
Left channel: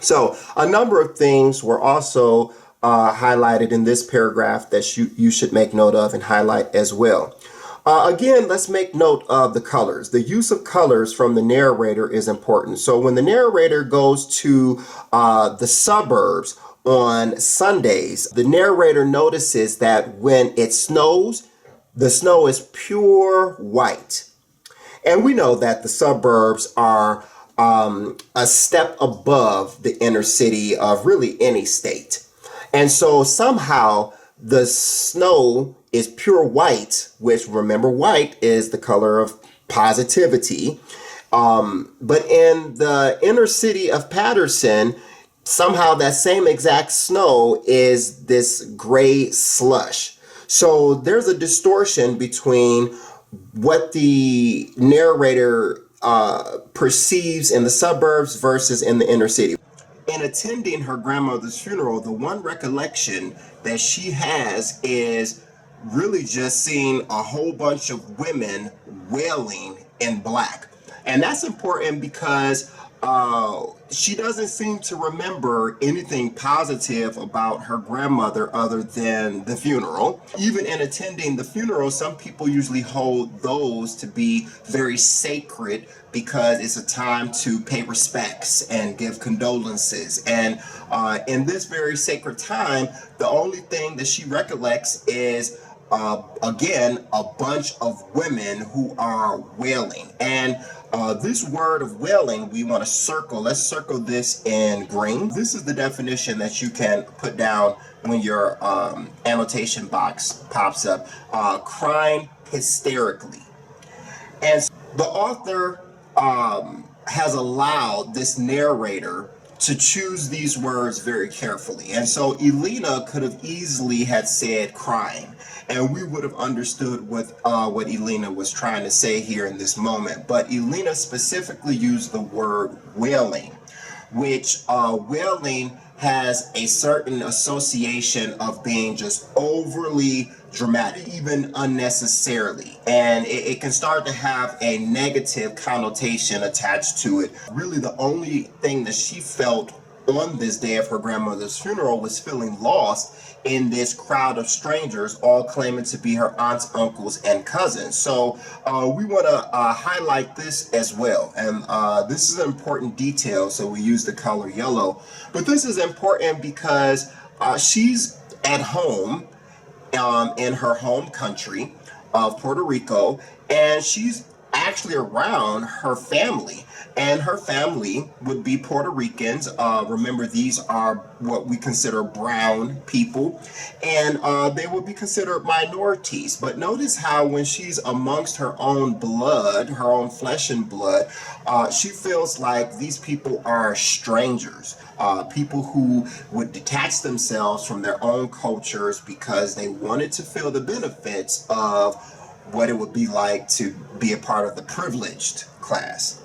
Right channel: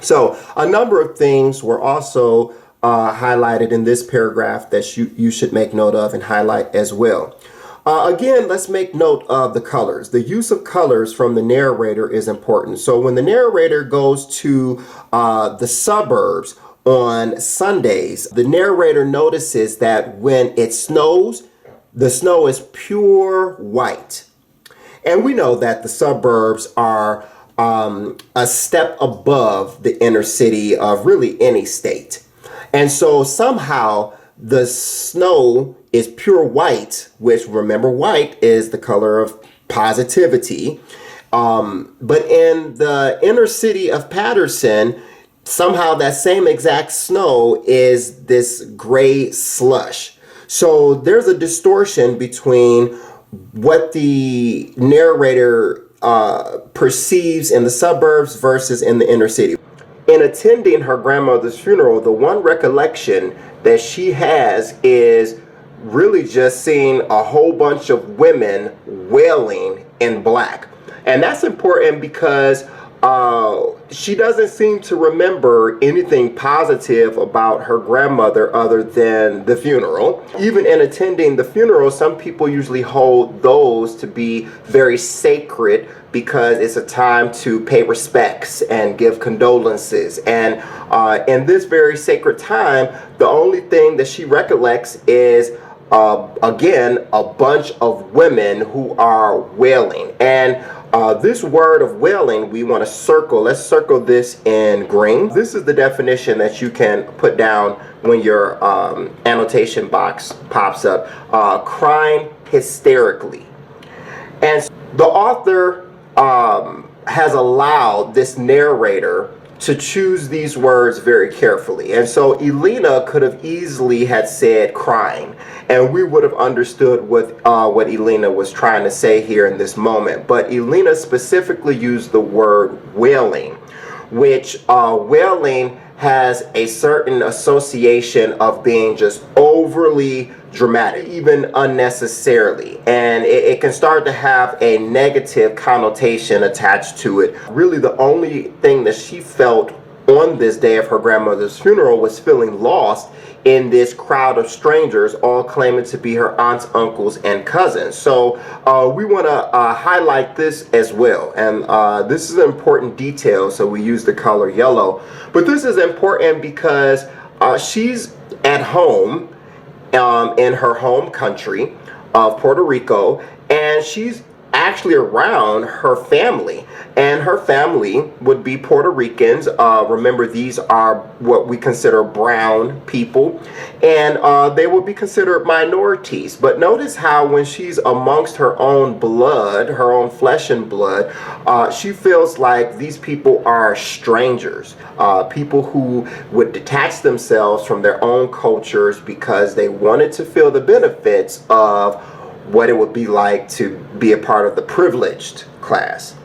So a number of things were also highlighted in this paragraph that you should make note of and highlight as well. Again, let's make note of the colors. The use of colors from the narrator is important. So when the narrator goes to the suburbs on Sundays, the narrator notices that when it snows, the snow is pure white. And we know that the suburbs are a step above the inner city of really any state. And so somehow the snow is pure white, which, remember, white is the color of positivity. But in the inner city of Patterson, somehow that same exact snow is this gray slush. So there's a distortion between what the narrator perceives in the suburbs versus in the inner city. In attending her grandmother's funeral, the one recollection that she has is really just seeing a whole bunch of women wailing in black. And that's important because she doesn't seem to remember anything positive about her grandmother other than the funeral. Even in attending the funeral, some people usually hold those to be very sacred because it's a time to pay respects and give condolences. And in this very sacred time, the only thing that she recollects is again, a bunch of women who are wailing. And this word of wailing, we want to circle. Let's circle this in green. This is the definition that you can put down when your annotation box pops up. Crying hysterically. And the author has allowed this narrator to choose these words very carefully. And so Elena could have easily had said crying, and we would have understood what Elena was trying to say here in this moment. But Elena specifically used the word wailing, which wailing has a certain association of being just overly dramatic, even unnecessarily. And it can start to have a negative connotation attached to it. Really, the only thing that she felt on this day of her grandmother's funeral was feeling lost in this crowd of strangers, all claiming to be her aunts, uncles, and cousins. So we want to highlight this as well. And this is an important detail, so we use the color yellow. But this is important because she's at home in her home country of Puerto Rico, and she's actually around her family. And her family would be Puerto Ricans. Remember, these are what we consider brown people, and they would be considered minorities. But notice how when she's amongst her own blood, her own flesh and blood, she feels like these people are strangers, people who would detach themselves from their own cultures because they wanted to feel the benefits of what it would be like to be a part of the privileged class.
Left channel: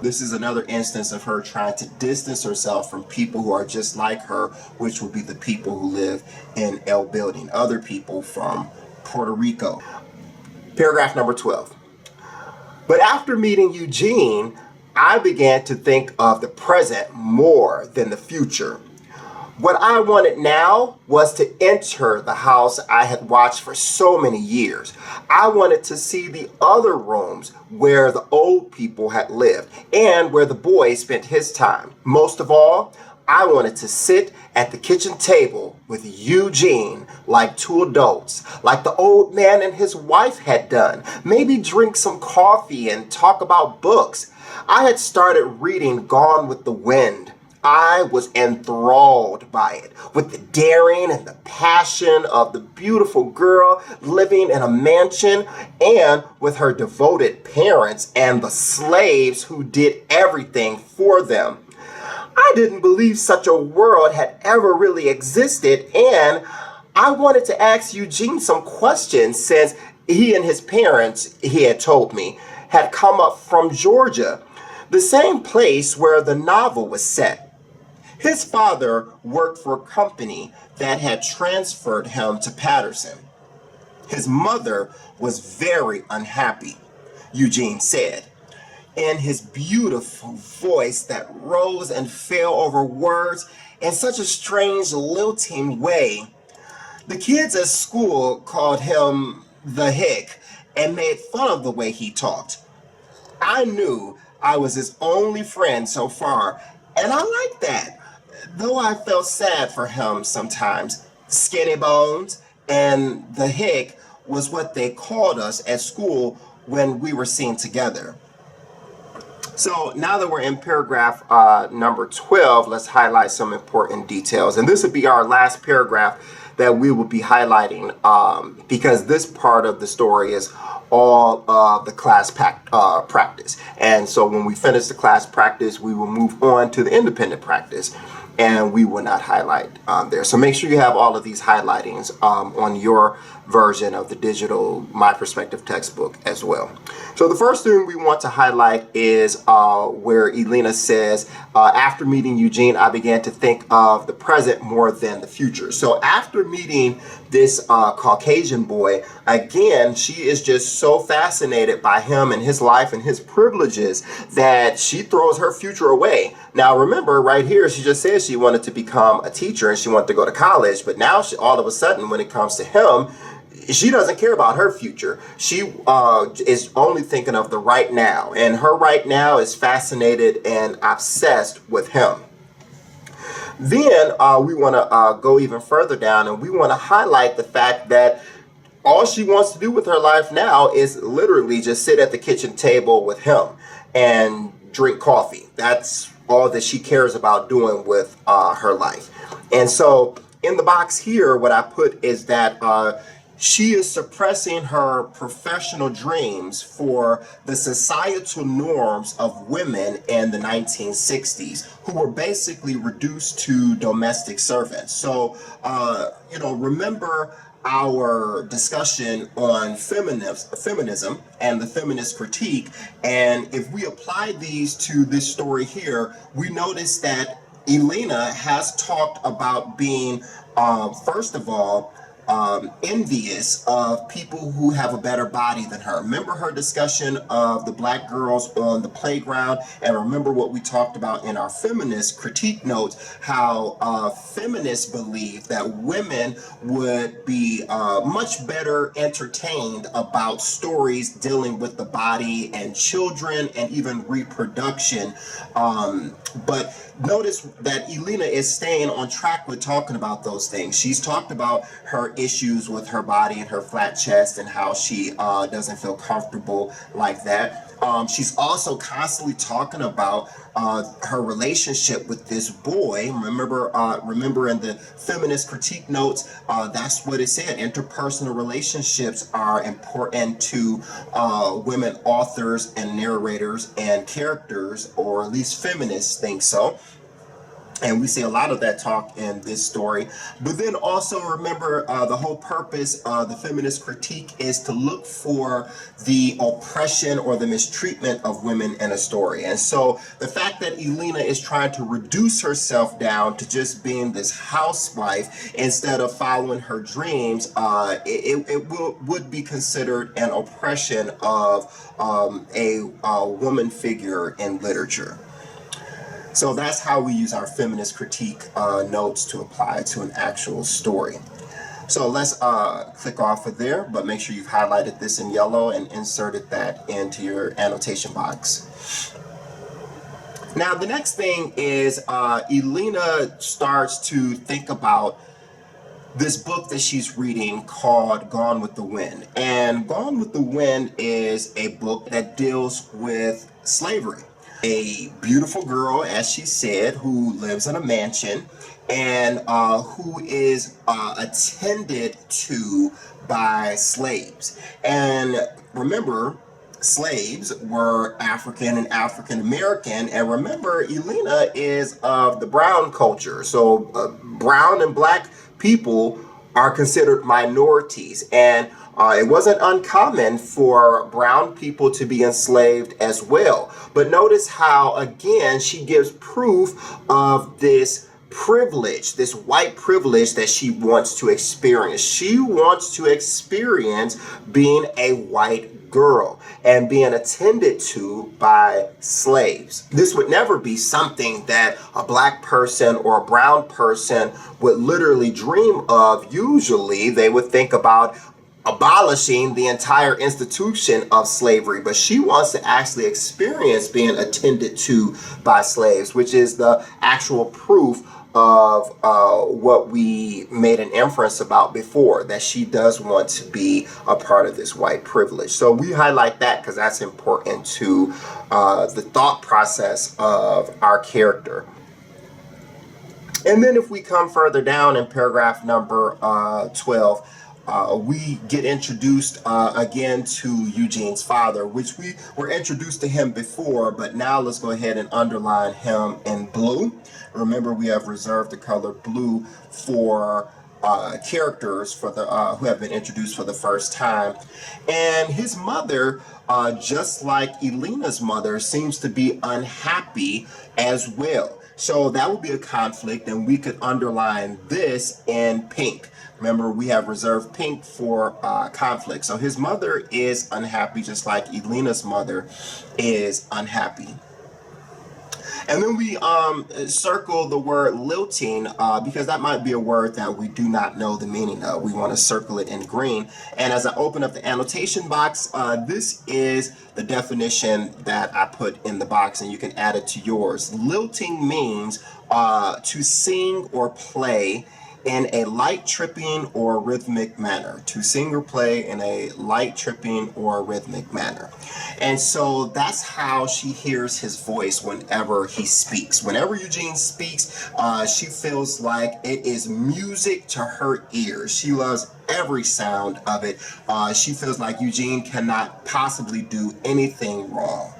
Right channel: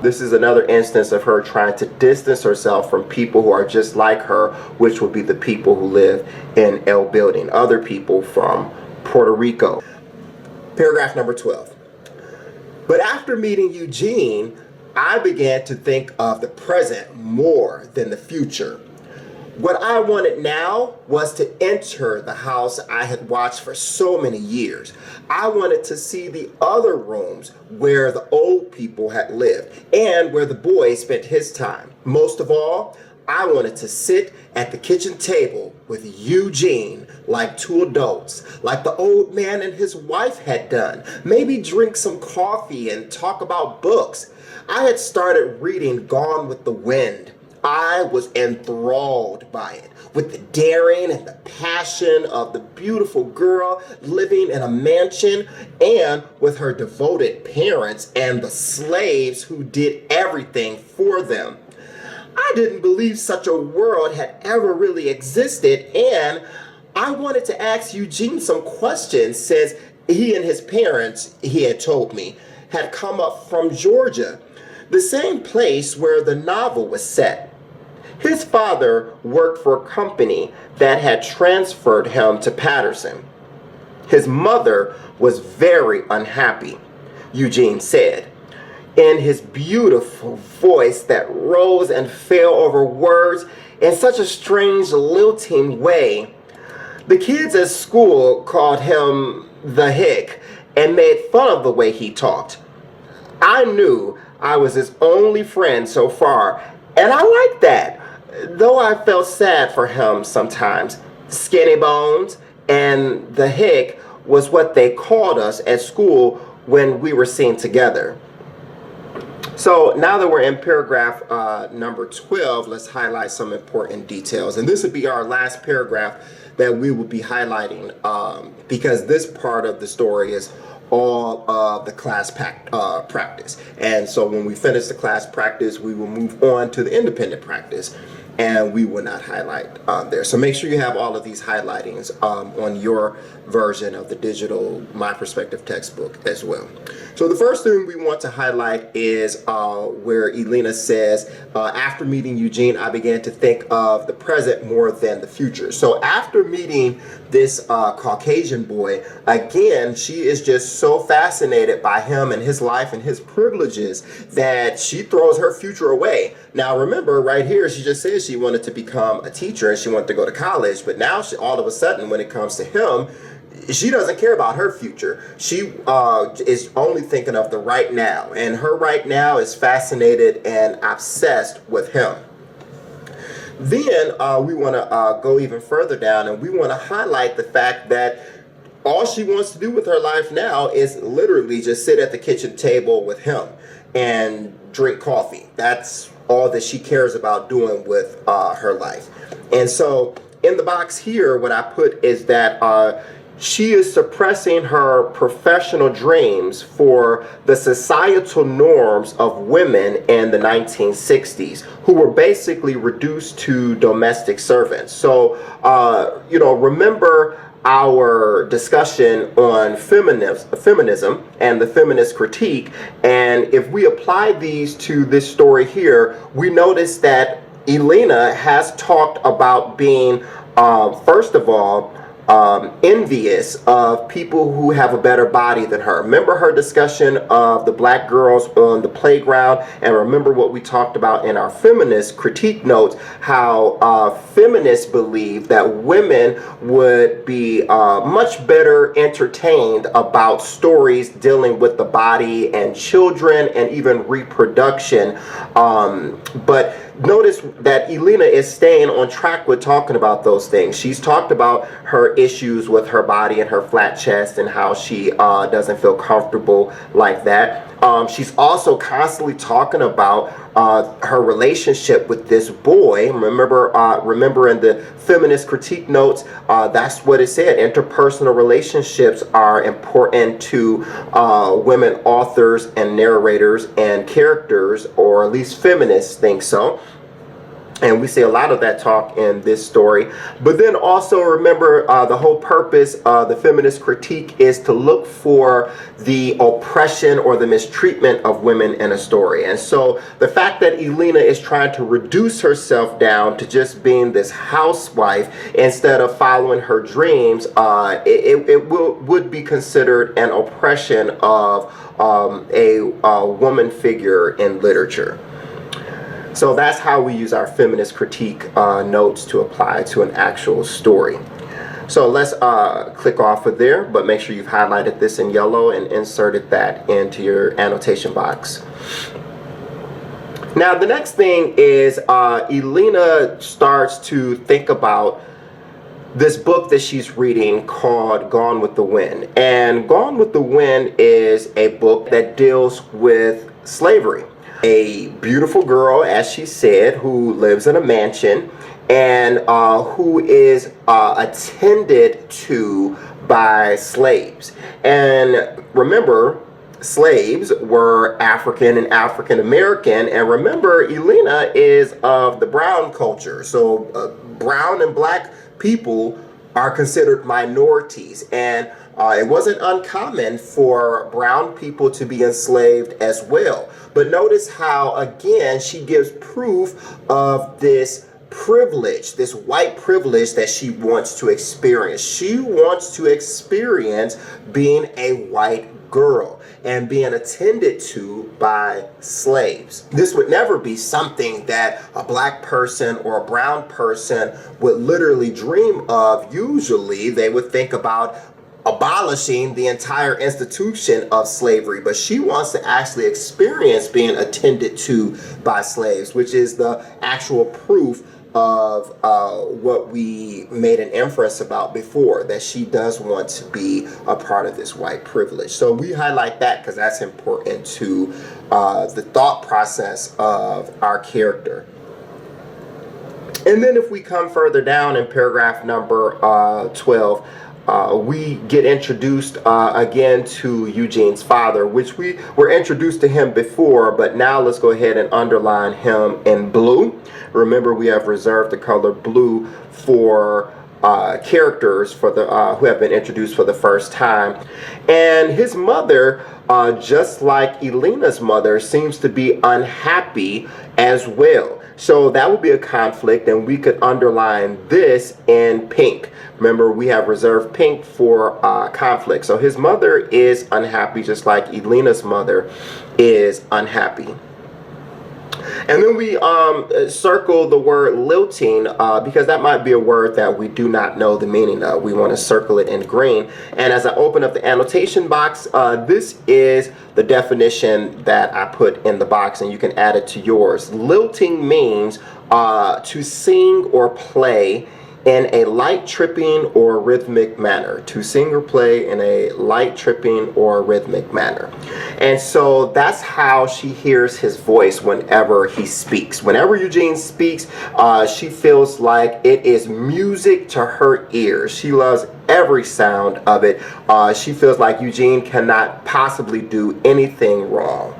This is another instance of her trying to distance herself from people who are just like her, which would be the people who live in El Building, other people from Puerto Rico. Paragraph number 12. But after meeting Eugene, I began to think of the present more than the future. What I wanted now was to enter the house I had watched for so many years. I wanted to see the other rooms where the old people had lived and where the boy spent his time. Most of all, I wanted to sit at the kitchen table with Eugene like two adults, like the old man and his wife had done. Maybe drink some coffee and talk about books. I had started reading Gone with the Wind. I was enthralled by it, with the daring and the passion of the beautiful girl living in a mansion, and with her devoted parents and the slaves who did everything for them. I didn't believe such a world had ever really existed, and I wanted to ask Eugene some questions since he and his parents, he had told me, had come up from Georgia, the same place where the novel was set. His father worked for a company that had transferred him to Patterson. His mother was very unhappy, Eugene said, in his beautiful voice that rose and fell over words in such a strange lilting way. The kids at school called him the hick and made fun of the way he talked. I knew I was his only friend so far, and I liked that. Though I felt sad for him sometimes. Skinny Bones and the hick was what they called us at school when we were seen together. So now that we're in paragraph number 12, let's highlight some important details. And this would be our last paragraph that we will be highlighting because this part of the story is all of the class practice. And so when we finish the class practice, we will move on to the independent practice. And we will not highlight there. So make sure you have all of these highlightings on your version of the digital My Perspective textbook as well. So the first thing we want to highlight is where Elena says, after meeting Eugene, I began to think of the present more than the future. So after meeting this Caucasian boy, again, she is just so fascinated by him and his life and his privileges that she throws her future away. Now, remember right here, she just said she wanted to become a teacher and she wanted to go to college. But now all of a sudden, when it comes to him, she doesn't care about her future. She is only thinking of the right now. And her right now is fascinated and obsessed with him. Then we want to go even further down and we want to highlight the fact that all she wants to do with her life now is literally just sit at the kitchen table with him and drink coffee. That's all that she cares about doing with her life. And so in the box here, what I put is that she is suppressing her professional dreams for the societal norms of women in the 1960s who were basically reduced to domestic servants. So, remember our discussion on feminism and the feminist critique. And if we apply these to this story here, we notice that Elena has talked about being, first of all, envious of people who have a better body than her. Remember her discussion of the black girls on the playground, and remember what we talked about in our feminist critique notes, how feminists believe that women would be much better entertained about stories dealing with the body and children and even reproduction. But notice that Elena is staying on track with talking about those things. She's talked about her issues with her body and her flat chest and how she doesn't feel comfortable like that. She's also constantly talking about her relationship with this boy. Remember in the feminist critique notes, that's what it said. Interpersonal relationships are important to women authors and narrators and characters, or at least feminists think so. And we see a lot of that talk in this story. But then also remember, the whole purpose of the feminist critique is to look for the oppression or the mistreatment of women in a story. And so the fact that Elena is trying to reduce herself down to just being this housewife instead of following her dreams, it would be considered an oppression of a woman figure in literature. So that's how we use our feminist critique notes to apply to an actual story. So let's click off of there, but make sure you've highlighted this in yellow and inserted that into your annotation box. Now, the next thing is Elena starts to think about this book that she's reading called Gone with the Wind. And Gone with the Wind is a book that deals with slavery. A beautiful girl, as she said, who lives in a mansion and who is attended to by slaves. And remember, slaves were African and African American. And remember, Elena is of the brown culture. So brown and black people are considered minorities. And it wasn't uncommon for brown people to be enslaved as well. But notice how, again, she gives proof of this privilege, this white privilege that she wants to experience. She wants to experience being a white girl and being attended to by slaves. This would never be something that a black person or a brown person would literally dream of. Usually they would think about abolishing the entire institution of slavery, but she wants to actually experience being attended to by slaves, which is the actual proof of what we made an inference about before, that she does want to be a part of this white privilege. So we highlight that because that's important to the thought process of our character. And then if we come further down in paragraph number 12, we get introduced again to Eugene's father, which we were introduced to him before, but now let's go ahead and underline him in blue. Remember, we have reserved the color blue for characters for the who have been introduced for the first time. And his mother, just like Elena's mother, seems to be unhappy as well. So that would be a conflict, and we could underline this in pink. Remember, we have reserved pink for conflict. So his mother is unhappy, just like Elena's mother is unhappy. And then we circle the word lilting because that might be a word that we do not know the meaning of. We want to circle it in green. And as I open up the annotation box, this is the definition that I put in the box, and you can add it to yours. Lilting means to sing or play in a light tripping or rhythmic manner. To sing or play in a light tripping or rhythmic manner. And so that's how she hears his voice whenever he speaks. Whenever Eugene speaks, she feels like it is music to her ears. She loves every sound of it. She feels like Eugene cannot possibly do anything wrong.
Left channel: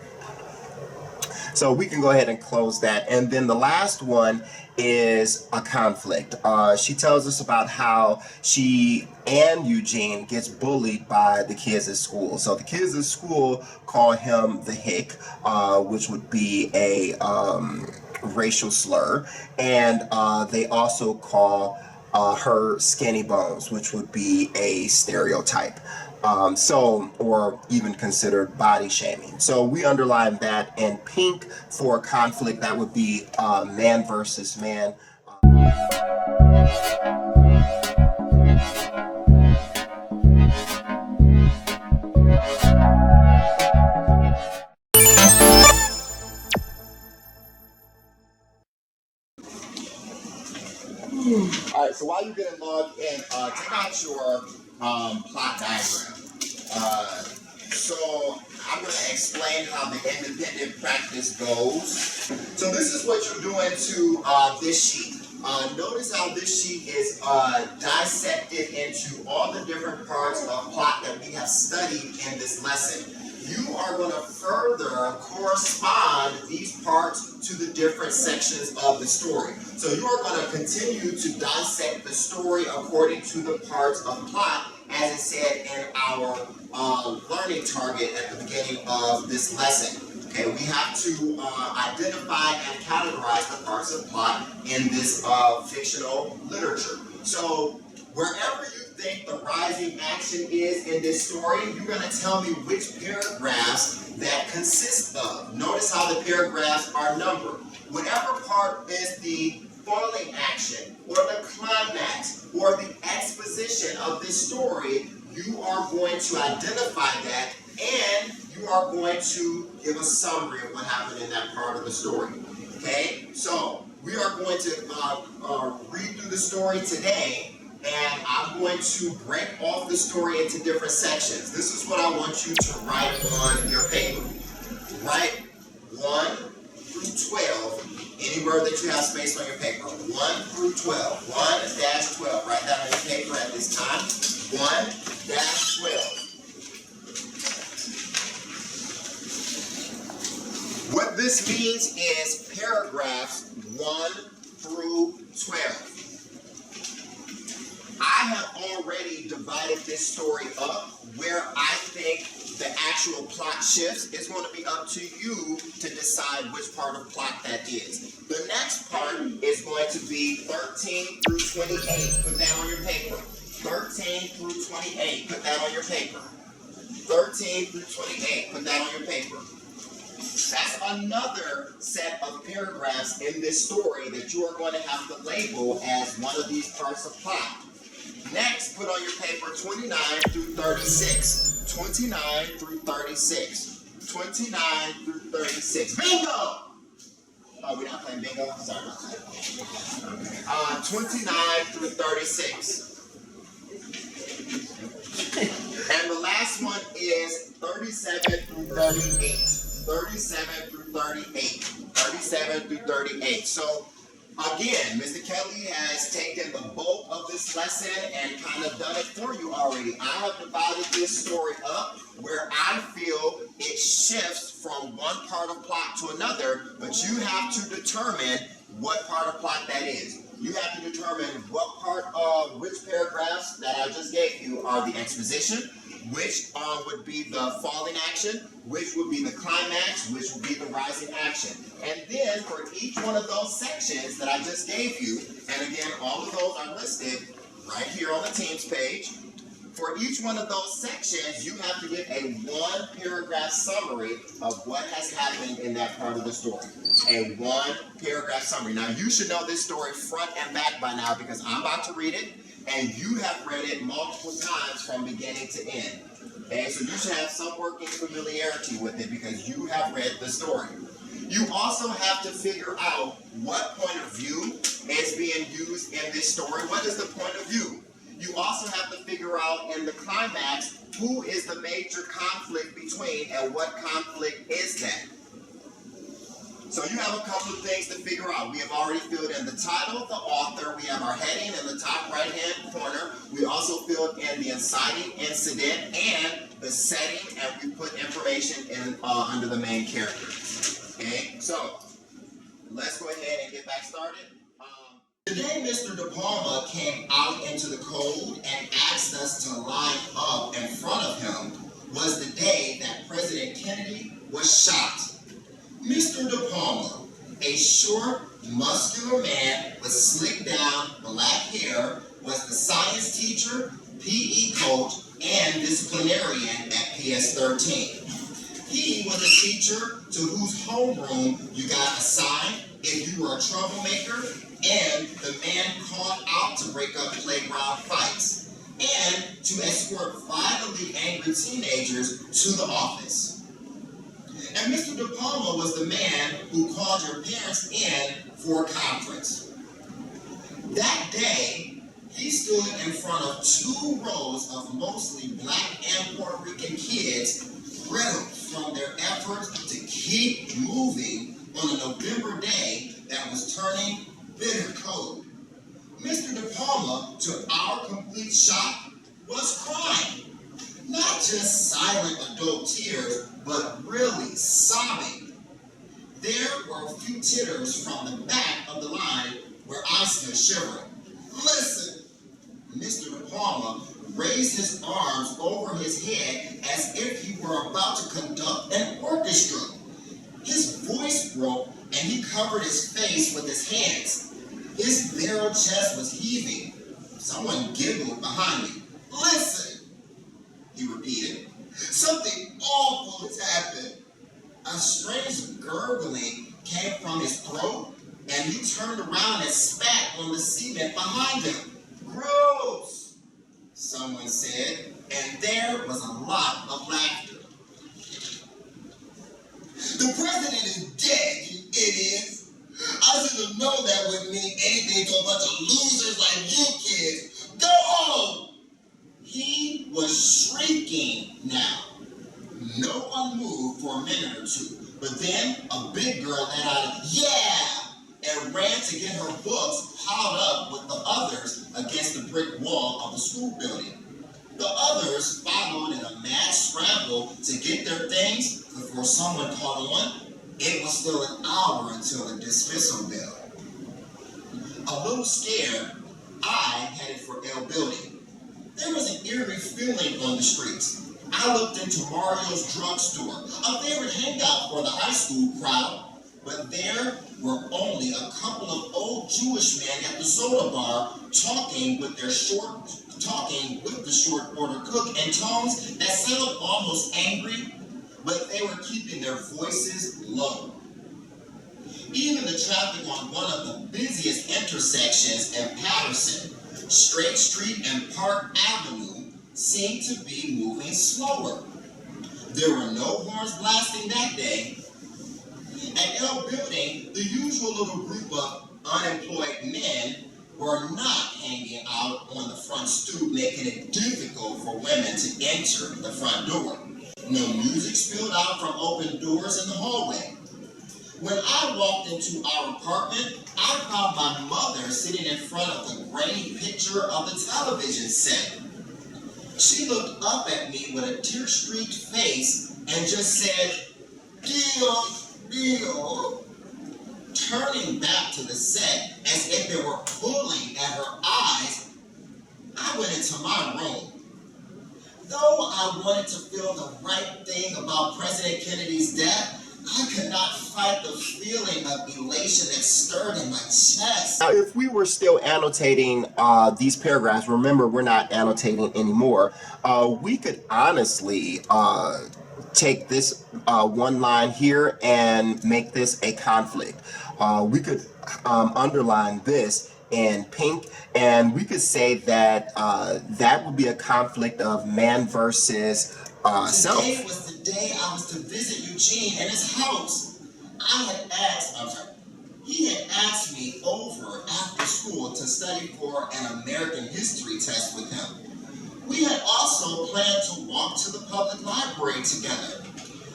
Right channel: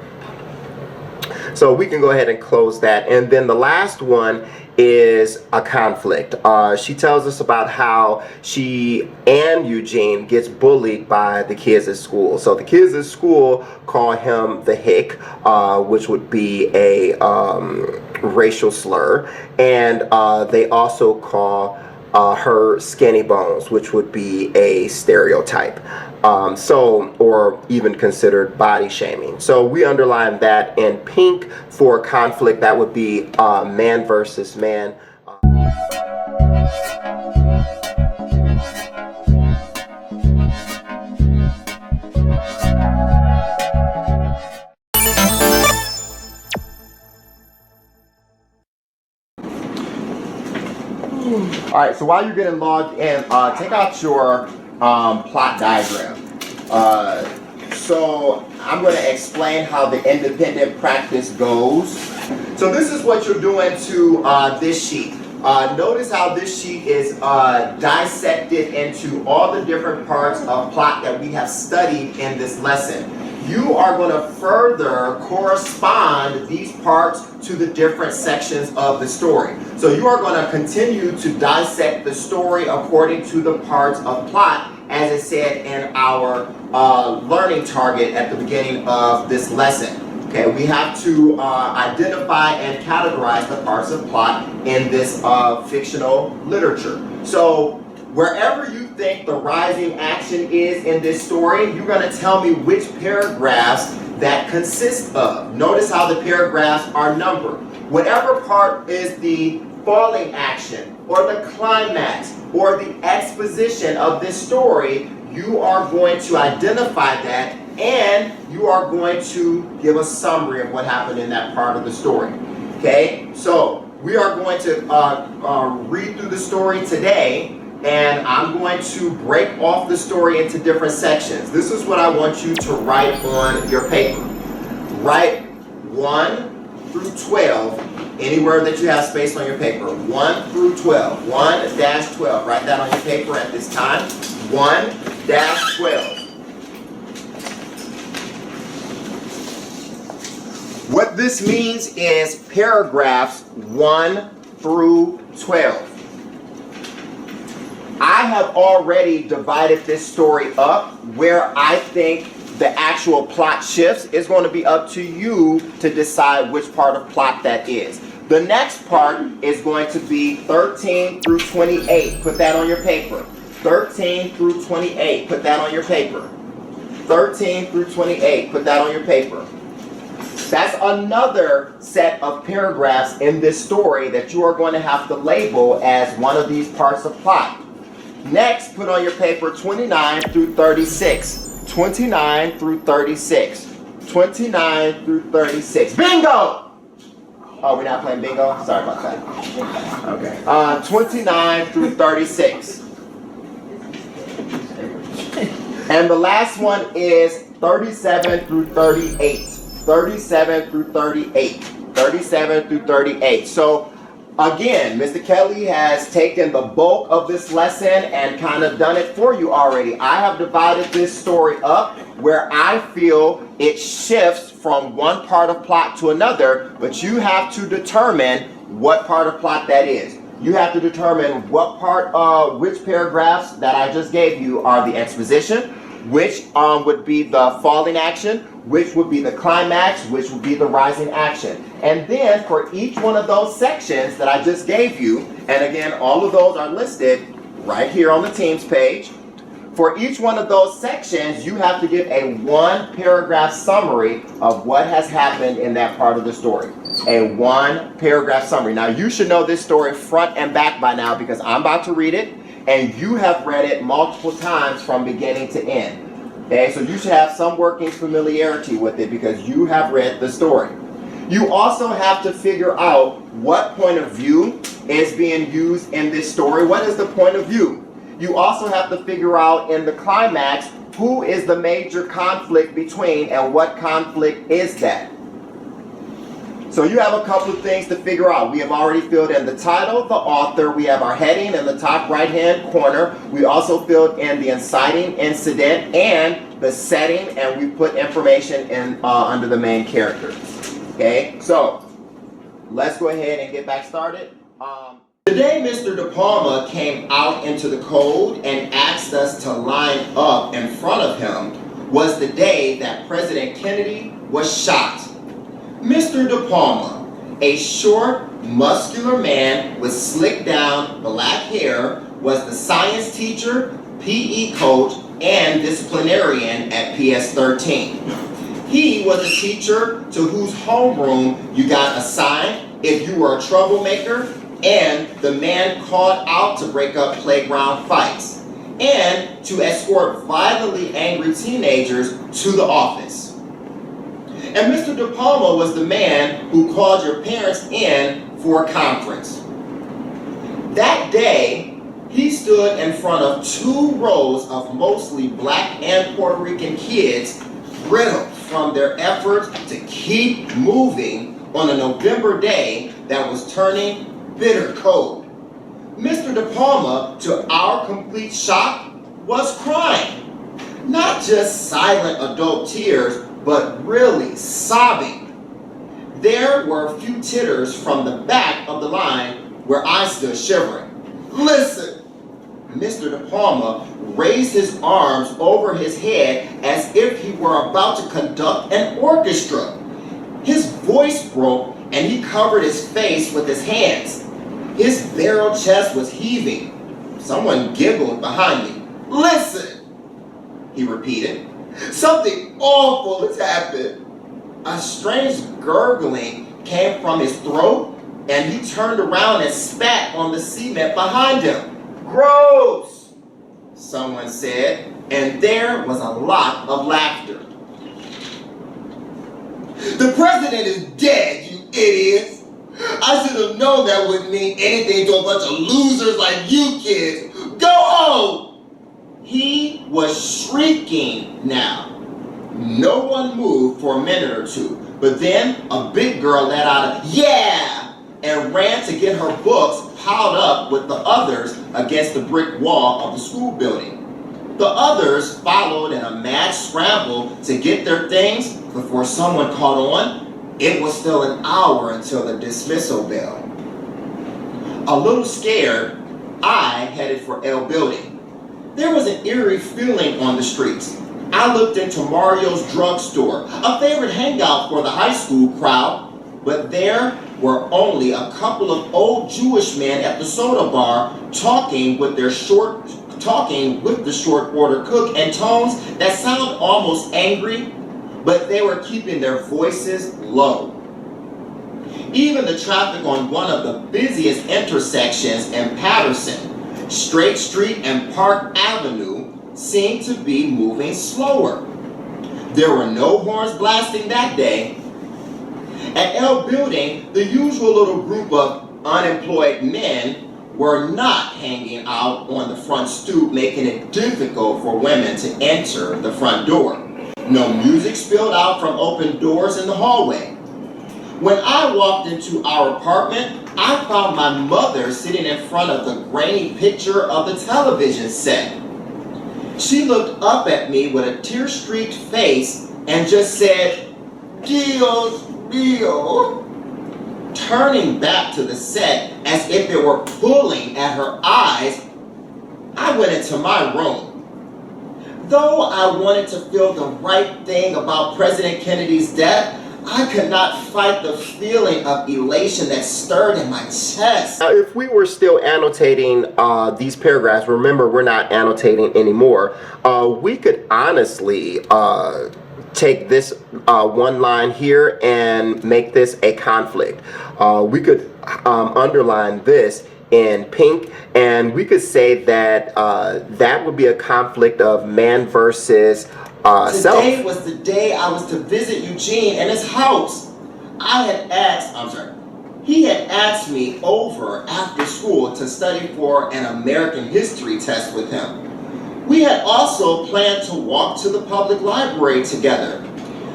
So we can go ahead and close that. And then the last one is a conflict. She tells us about how she and Eugene gets bullied by the kids at school. So the kids at school call him the hick, which would be a racial slur. And they also call her skinny bones, which would be a stereotype. Or even considered body shaming. So we underline that in pink for conflict. That would be man versus man. All right, so while you're getting logged in, take out your plot diagram. So I'm going to explain how the independent practice goes. So this is what you're doing to this sheet. Notice how this sheet is dissected into all the different parts of plot that we have studied in this lesson. you are going to further correspond these parts to the different sections of the story. So you are going to continue to dissect the story according to the parts of plot, as it said in our learning target at the beginning of this lesson. Okay, we have to identify and categorize the parts of plot in this fictional literature. So wherever you think the rising action is in this story, you're going to tell me which paragraphs that consist of. Notice how the paragraphs are numbered. Whatever part is the falling action, or the climax, or the exposition of this story, you are going to identify that, and you are going to give a summary of what happened in that part of the story. Okay, so we are going to read through the story today, and I'm going to break off the story into different sections. This is what I want you to write on your paper. Write 1 through 12, anywhere that you have space on your paper. 1 through 12. 1-12. Write that on your paper at this time. 1-12. What this means is paragraphs 1 through 12. I have already divided this story up where I think the actual plot shifts. Is going to be up to you to decide which part of plot that is. The next part is going to be 13 through 28. Put that on your paper. 13 through 28. Put that on your paper. 13 through 28. Put that on your paper. That's another set of paragraphs in this story that you are going to have to label as one of these parts of plot. Next, put on your paper 29 through 36. 29 through 36. 29 through 36. Bingo! Oh, we're not playing bingo? Sorry about that. Okay. 29 through 36. And the last one is 37 through 38. 37 through 38. 37 through 38. So, again, Mr. Kelly has taken the bulk of this lesson and kind of done it for you already. I have divided this story up where I feel it shifts from one part of plot to another, but you have to determine what part of plot that is. You have to determine what part of which paragraphs that I just gave you are the exposition, which would be the falling action, which would be the climax, which would be the rising action. And then for each one of those sections that I just gave you, and again, all of those are listed right here on the Teams page. For each one of those sections, you have to give a 1-paragraph summary of what has happened in that part of the story. A 1-paragraph summary. Now, you should know this story front and back by now because I'm about to read it, and you have read it multiple times from beginning to end. Okay, so you should have some working familiarity with it because you have read the story. You also have to figure out what point of view is being used in this story. What is the point of view? You also have to figure out in the climax who is the major conflict between and what conflict is that. So you have a couple of things to figure out. We have already filled in the title, the author. We have our heading in the top right-hand corner. We also filled in the inciting incident and the setting, and we put information in under the main character. Okay, so let's go ahead and get back started. The day Mr. De Palma came out into the cold and asked us to line up in front of him was the day that President Kennedy was shot. Mr. De Palma, a short, muscular man with slicked down black hair, was the science teacher, PE coach, and disciplinarian at PS 13. He was a teacher to whose homeroom you got assigned if you were a troublemaker, and the man called out to break up playground fights, and to escort violently angry teenagers to the office. And Mr. De Palma was the man who called your parents in for a conference. That day, he stood in front of 2 rows of mostly black and Puerto Rican kids, brittled from their efforts to keep moving on a November day that was turning bitter cold. Mr. De Palma, to our complete shock, was crying. Not just silent adult tears, but really sobbing. There were a few titters from the back of the line where I stood shivering. Listen! Mr. De Palma raised his arms over his head as if he were about to conduct an orchestra. His voice broke and he covered his face with his hands. His barrel chest was heaving. Someone giggled behind me. Listen, he repeated. Something awful has happened. A strange gurgling came from his throat and he turned around and spat on the cement behind him. Gross, someone said, and there was a lot of laughter. The president is dead, you idiots. I should have known that wouldn't mean anything to a bunch of losers like you kids. Go home! He was shrieking now. No one moved for a minute or two, but then a big girl let out a yeah and ran to get her books piled up with the others against the brick wall of the school building. The others followed in a mad scramble to get their things before someone caught on. It was still an hour until the dismissal bell. A little scared, I headed for L Building. There was an eerie feeling on the streets. I looked into Mario's drugstore, a favorite hangout for the high school crowd, but there were only a couple of old Jewish men at the soda bar talking with the short order cook and tones that sounded almost angry, but they were keeping their voices low. Even the traffic on one of the busiest intersections in Patterson, Straight Street and Park Avenue, seemed to be moving slower. There were no horns blasting that day. At L Building, the usual little group of unemployed men were not hanging out on the front stoop, making it difficult for women to enter the front door. No music spilled out from open doors in the hallway. When I walked into our apartment, I found my mother sitting in front of the grainy picture of the television set. She looked up at me with a tear-streaked face and just said, Dios mío. Turning back to the set as if it were pulling at her eyes, I went into my room. Though I wanted to feel the right thing about President Kennedy's death, I could not fight the feeling of elation that stirred in my chest. Now, if we were still annotating these paragraphs, remember we're not annotating anymore, we could honestly take this one line here and make this a conflict. We could underline this in pink, and we could say that that would be a conflict of man versus self. Today was the day I was to visit Eugene in his house. He had asked me over after school to study for an American history test with him. We had also planned to walk to the public library together.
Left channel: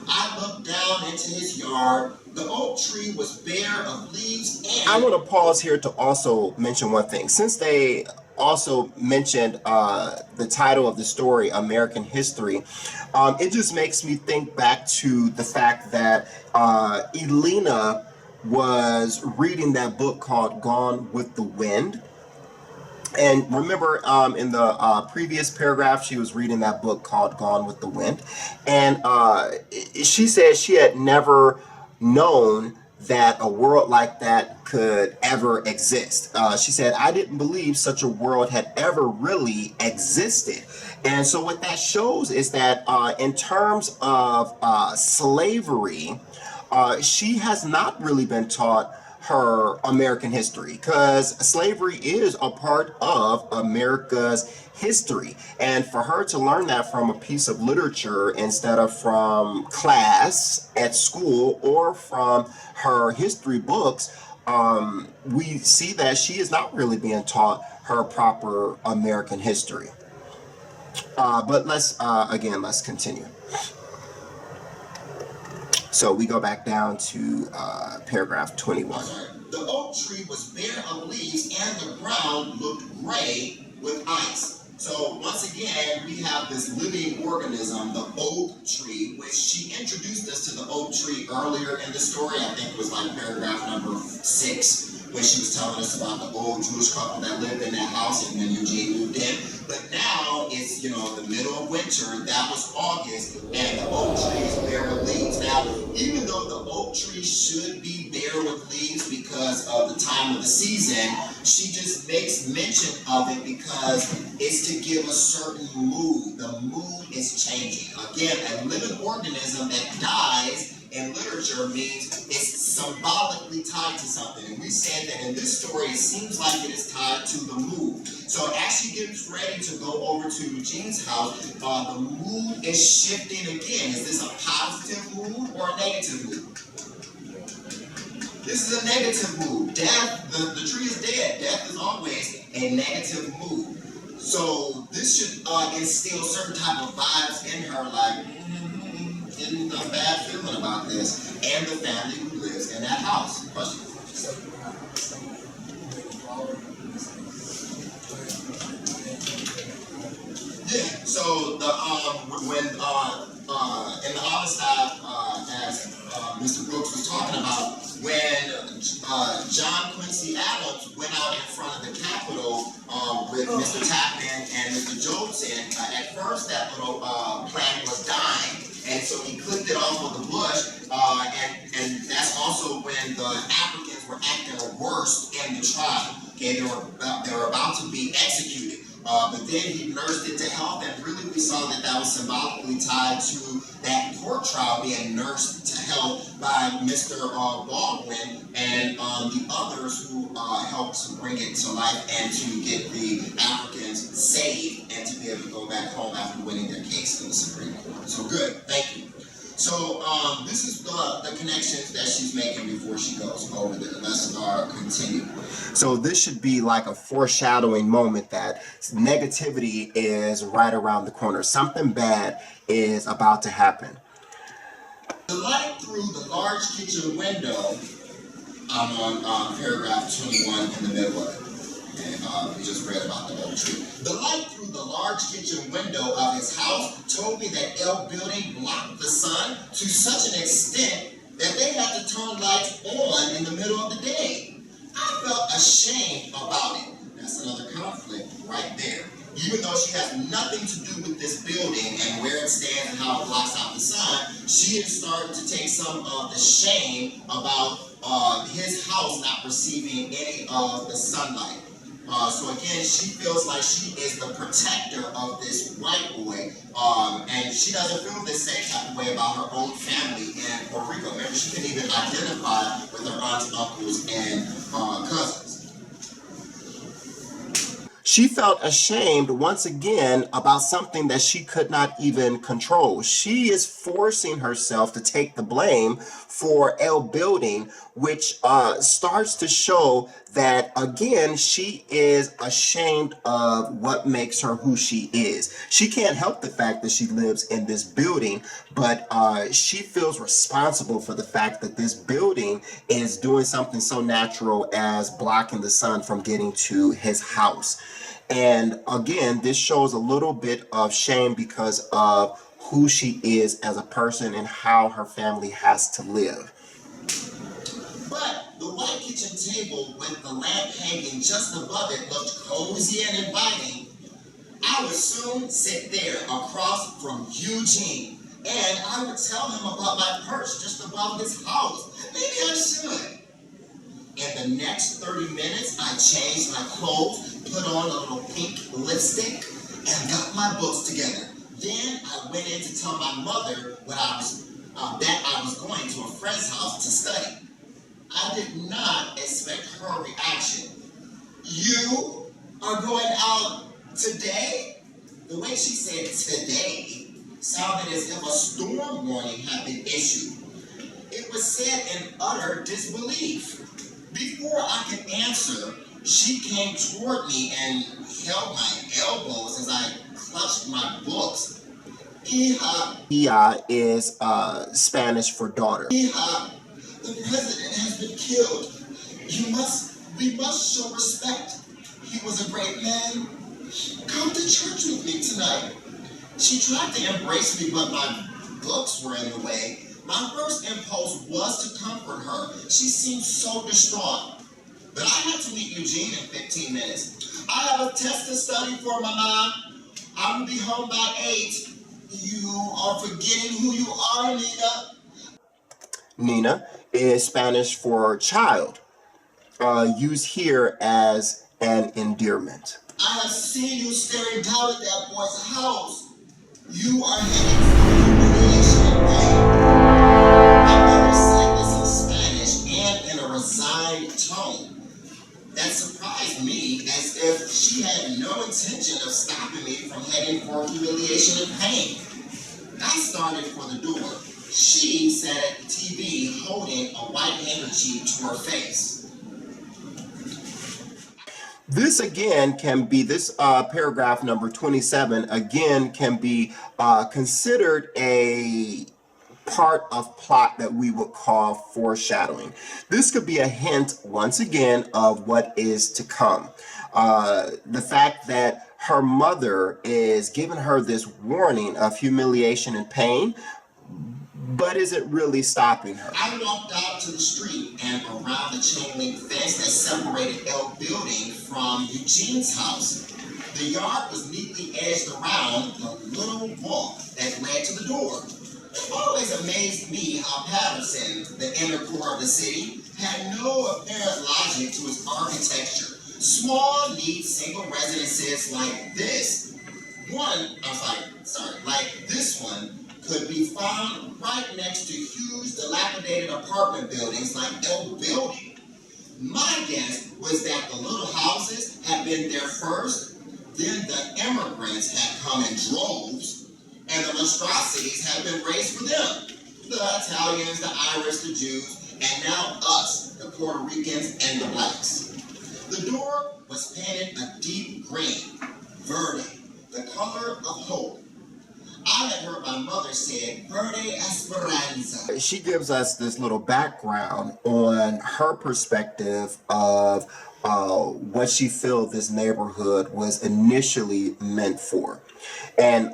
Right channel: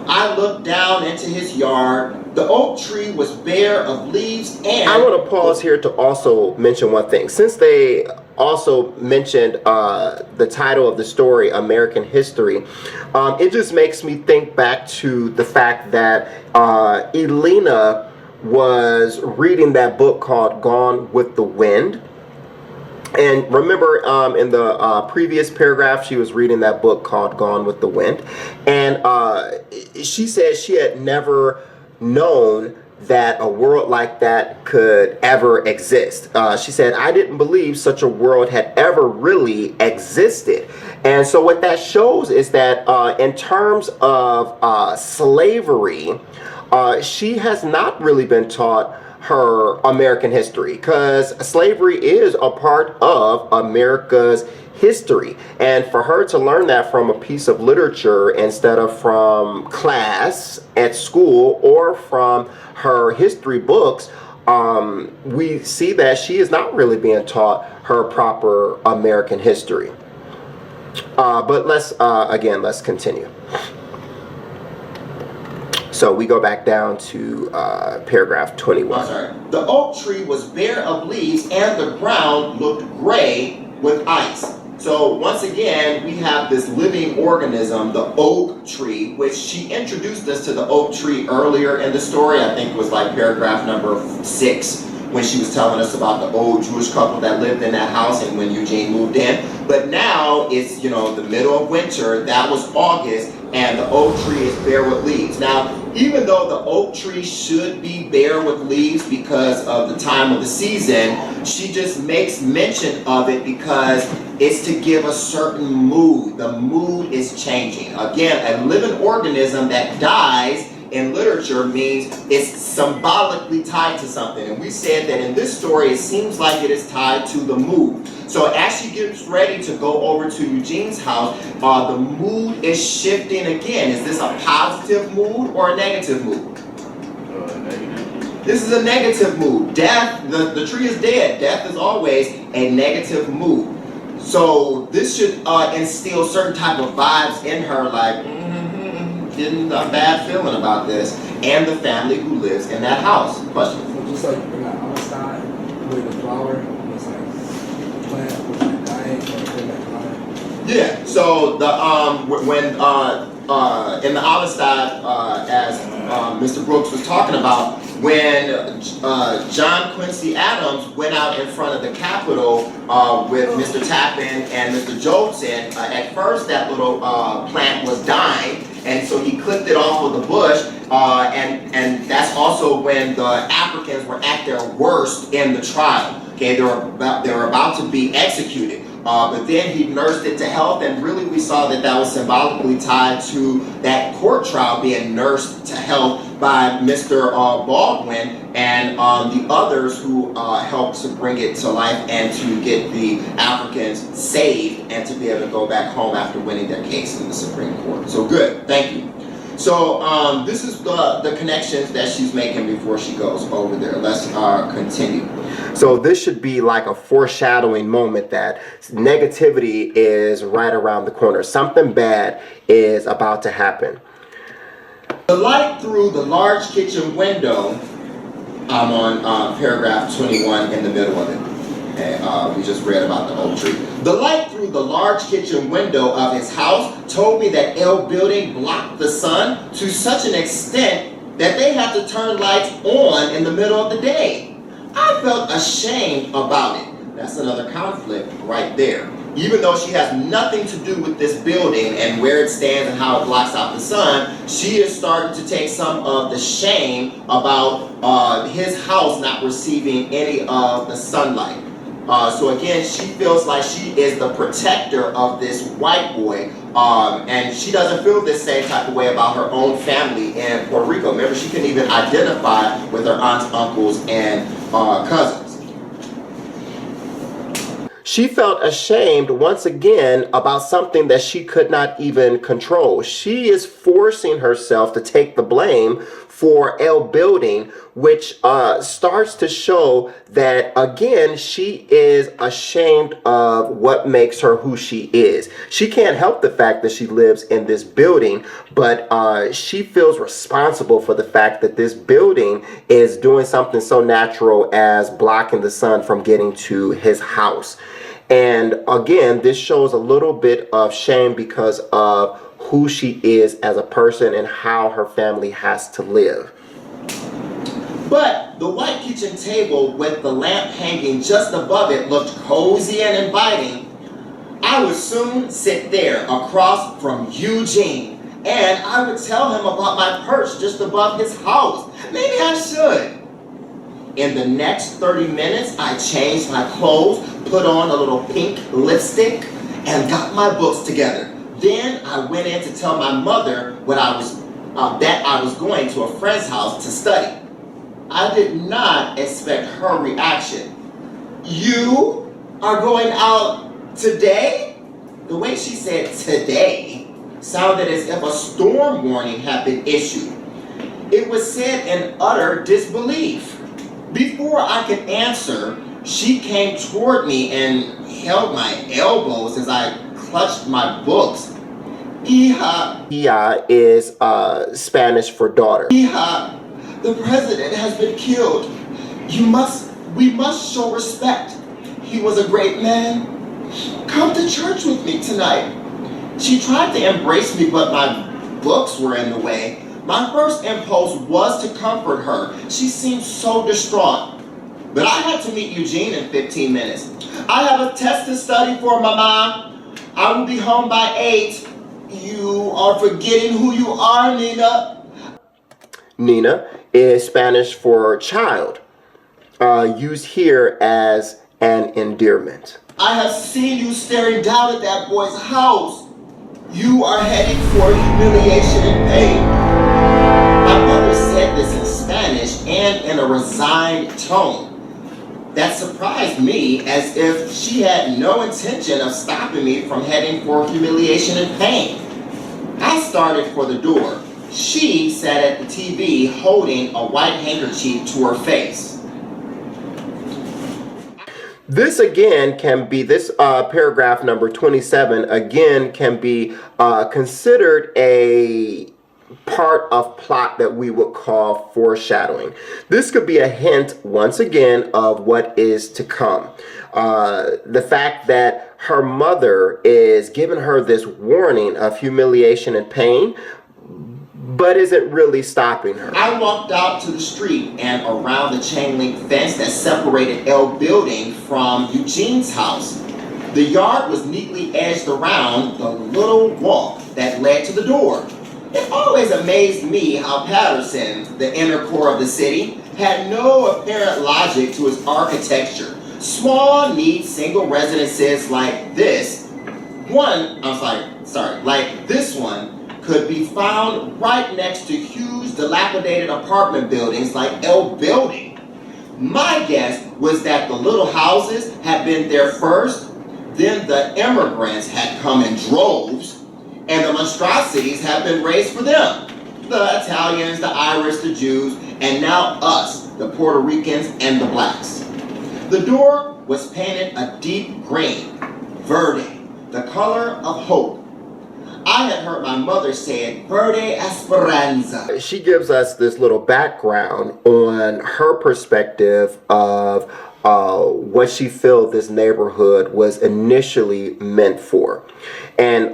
I looked down into his yard. The oak tree was bare of leaves and... I want to pause here to also mention one thing. Since they also mentioned the title of the story, American History, it just makes me think back to the fact that Elena was reading that book called Gone with the Wind. And remember, in the previous paragraph, she was reading that book called Gone with the Wind. And she said she had never known that a world like that could ever exist. She said, I didn't believe such a world had ever really existed. And so what that shows is that in terms of slavery, she has not really been taught her American history, because slavery is a part of America's history. And for her to learn that from a piece of literature instead of from class at school or from her history books, we see that she is not really being taught her proper American history. But let's continue. So we go back down to paragraph 21. The oak tree was bare of leaves and the ground looked gray with ice. So once again, we have this living organism, the oak tree, which she introduced us to the oak tree earlier in the story. I think it was like paragraph number 6, when she was telling us about the old Jewish couple that lived in that house and when Eugene moved in. But now it's, the middle of winter. That was August, and the oak tree is bare with leaves. Now, even though the oak tree should be bare with leaves because of the time of the season, she just makes mention of it because it's to give a certain mood. The mood is changing. Again, a living organism that dies in literature means it's symbolically tied to something. And we said that in this story, it seems like it is tied to the mood. So as she gets ready to go over to Eugene's house, the mood is shifting again. Is this a positive mood or a negative mood? This is a negative mood. Death, the tree is dead. Death is always a negative mood. So this should instill certain type of vibes in her, like, getting a bad feeling about this, and the family who lives in that house. Question? So just like when I'm outside with the flower, it's like plant was like dying, and then Yeah. So the when in the Amistad, as Mr. Brooks was talking about, when John Quincy Adams went out in front of the Capitol with Mr. Tappan and Mr. Jobson, at first that little plant was dying, and so he clipped it off of the bush, and that's also when the Africans were at their worst in the trial. Okay, they were about to be executed. But then he nursed it to health, and really we saw that that was symbolically tied to that court trial being nursed to health by Mr. Baldwin and the others who helped to bring it to life and to get the Africans saved and to be able to go back home after winning their case in the Supreme Court. So good, thank you. So this is the connections that she's making before she goes over there. Let's continue. So this should be like a foreshadowing moment that negativity is right around the corner. Something bad is about to happen. The light through the large kitchen window, I'm on paragraph 21 in the middle of it. Okay, we just read about the oak tree. The light through the large kitchen window of his house told me that L building blocked the sun to such an extent that they had to turn lights on in the middle of the day. I felt ashamed about it. That's another conflict right there. Even though she has nothing to do with this building and where it stands and how it blocks out the sun, she is starting to take some of the shame about his house not receiving any of the sunlight. So again, she feels like she is the protector of this white boy, and she doesn't feel this same type of way about her own family in Puerto Rico. Remember, she couldn't even identify with her aunts, uncles, and cousins. She felt ashamed once again about something that she could not even control. She is forcing herself to take the blame for L building, which starts to show that, again, she is ashamed of what makes her who she is. She can't help the fact that she lives in this building, but she feels responsible for the fact that this building is doing something so natural as blocking the sun from getting to his house. And again, this shows a little bit of shame because of who she is as a person and how her family has to live. But the white kitchen table with the lamp hanging just above it looked cozy and inviting. I would soon sit there across from Eugene, and I would tell him about my perch just above his house. Maybe I should. In the next 30 minutes, I changed my clothes, put on a little pink lipstick, and got my books together. Then I went in to tell my mother that I was going to a friend's house to study. I did not expect her reaction. You are going out today? The way she said today sounded as if a storm warning had been issued. It was said in utter disbelief. Before I could answer, she came toward me and held my elbows as I clutched my books. Hija. Hija is Spanish for daughter. Hija, the president has been killed. We must show respect. He was a great man. Come to church with me tonight. She tried to embrace me, but my books were in the way. My first impulse was to comfort her. She seemed so distraught. But I had to meet Eugene in 15 minutes. I have a test to study for, Mama. I will be home by 8. You are forgetting who you are, Nina. Nina is Spanish for child, used here as an endearment. I have seen you staring down at that boy's house. You are heading for humiliation and pain. My mother said this in Spanish and in a resigned tone. That surprised me, as if she had no intention of stopping me from heading for humiliation and pain. I started for the door. She sat at the TV holding a white handkerchief to her face. This again can be, this paragraph number 27 again can be considered a part of plot that we would call foreshadowing. This could be a hint, once again, of what is to come. The fact that her mother is giving her this warning of humiliation and pain, but isn't really stopping her. I walked out to the street and around the chain link fence that separated L building from Eugene's house. The yard was neatly edged around the little walk that led to the door. It always amazed me how Patterson, the inner core of the city, had no apparent logic to its architecture. Small, neat, single residences like this one could be found right next to huge, dilapidated apartment buildings like L Building. My guess was that the little houses had been there first, then the immigrants had come in droves, and the monstrosities have been raised for them. The Italians, the Irish, the Jews, and now us, the Puerto Ricans and the blacks. The door was painted a deep green, verde, the color of hope. I had heard my mother say it, verde esperanza. She gives us this little background on her perspective of what she feels this neighborhood was initially meant for. And,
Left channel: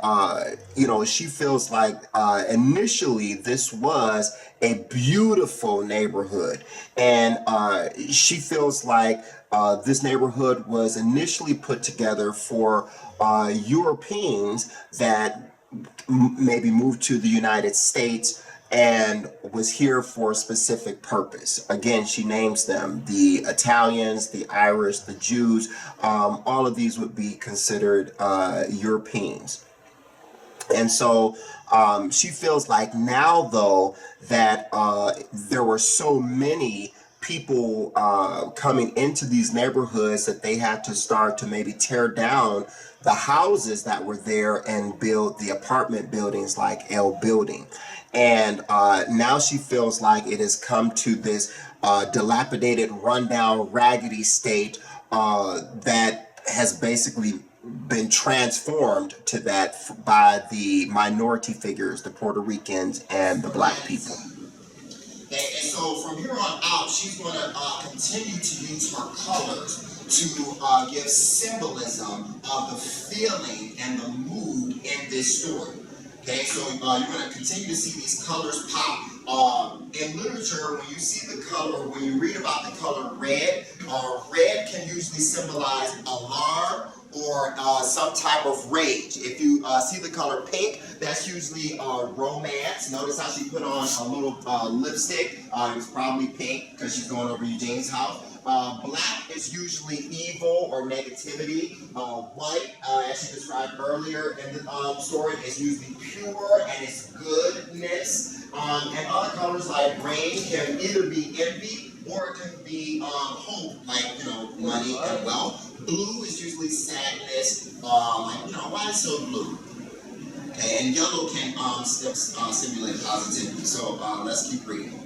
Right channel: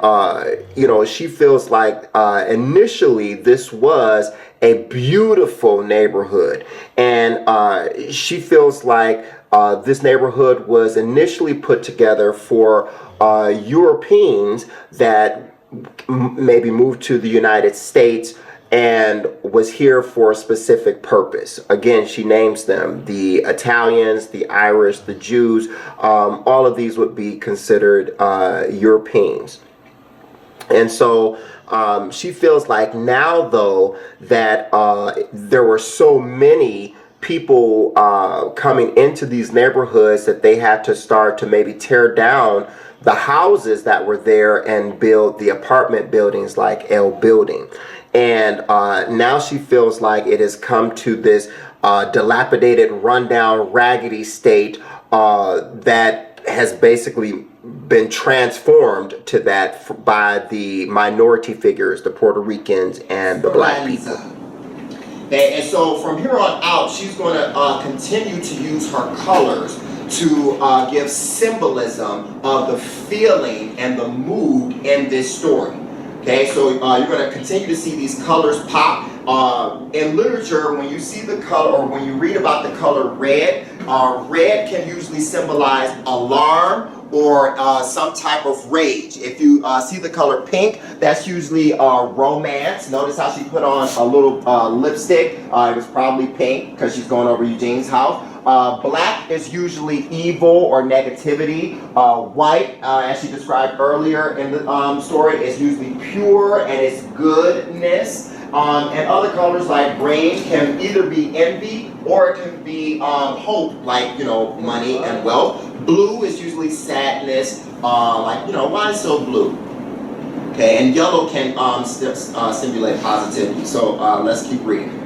she feels like initially this was a beautiful neighborhood. And she feels like this neighborhood was initially put together for Europeans that maybe moved to the United States and was here for a specific purpose. Again, she names them: the Italians, the Irish, the Jews. All of these would be considered Europeans. And so she feels like now, though, that there were so many people coming into these neighborhoods that they had to start to maybe tear down the houses that were there and build the apartment buildings like L Building. And now she feels like it has come to this dilapidated, rundown, raggedy state that has basically been transformed to that by the minority figures, the Puerto Ricans and the black people. And so from here on out, she's going to continue to use her colors to give symbolism of the feeling and the mood in this story. Okay, so you're going to continue to see these colors pop. In literature, when you see the color, or when you read about the color red, red can usually symbolize alarm or some type of rage. If you see the color pink, that's usually romance. Notice how she put on a little lipstick. It was probably pink because she's going over Eugene's house. Black is usually evil or negativity. White, as she described earlier in the story, is usually pure and it's goodness. And other colors like green can either be envy or it can be hope, like, money and wealth. Blue is usually sadness, why so blue? Okay, and yellow can simulate positivity. So let's keep reading.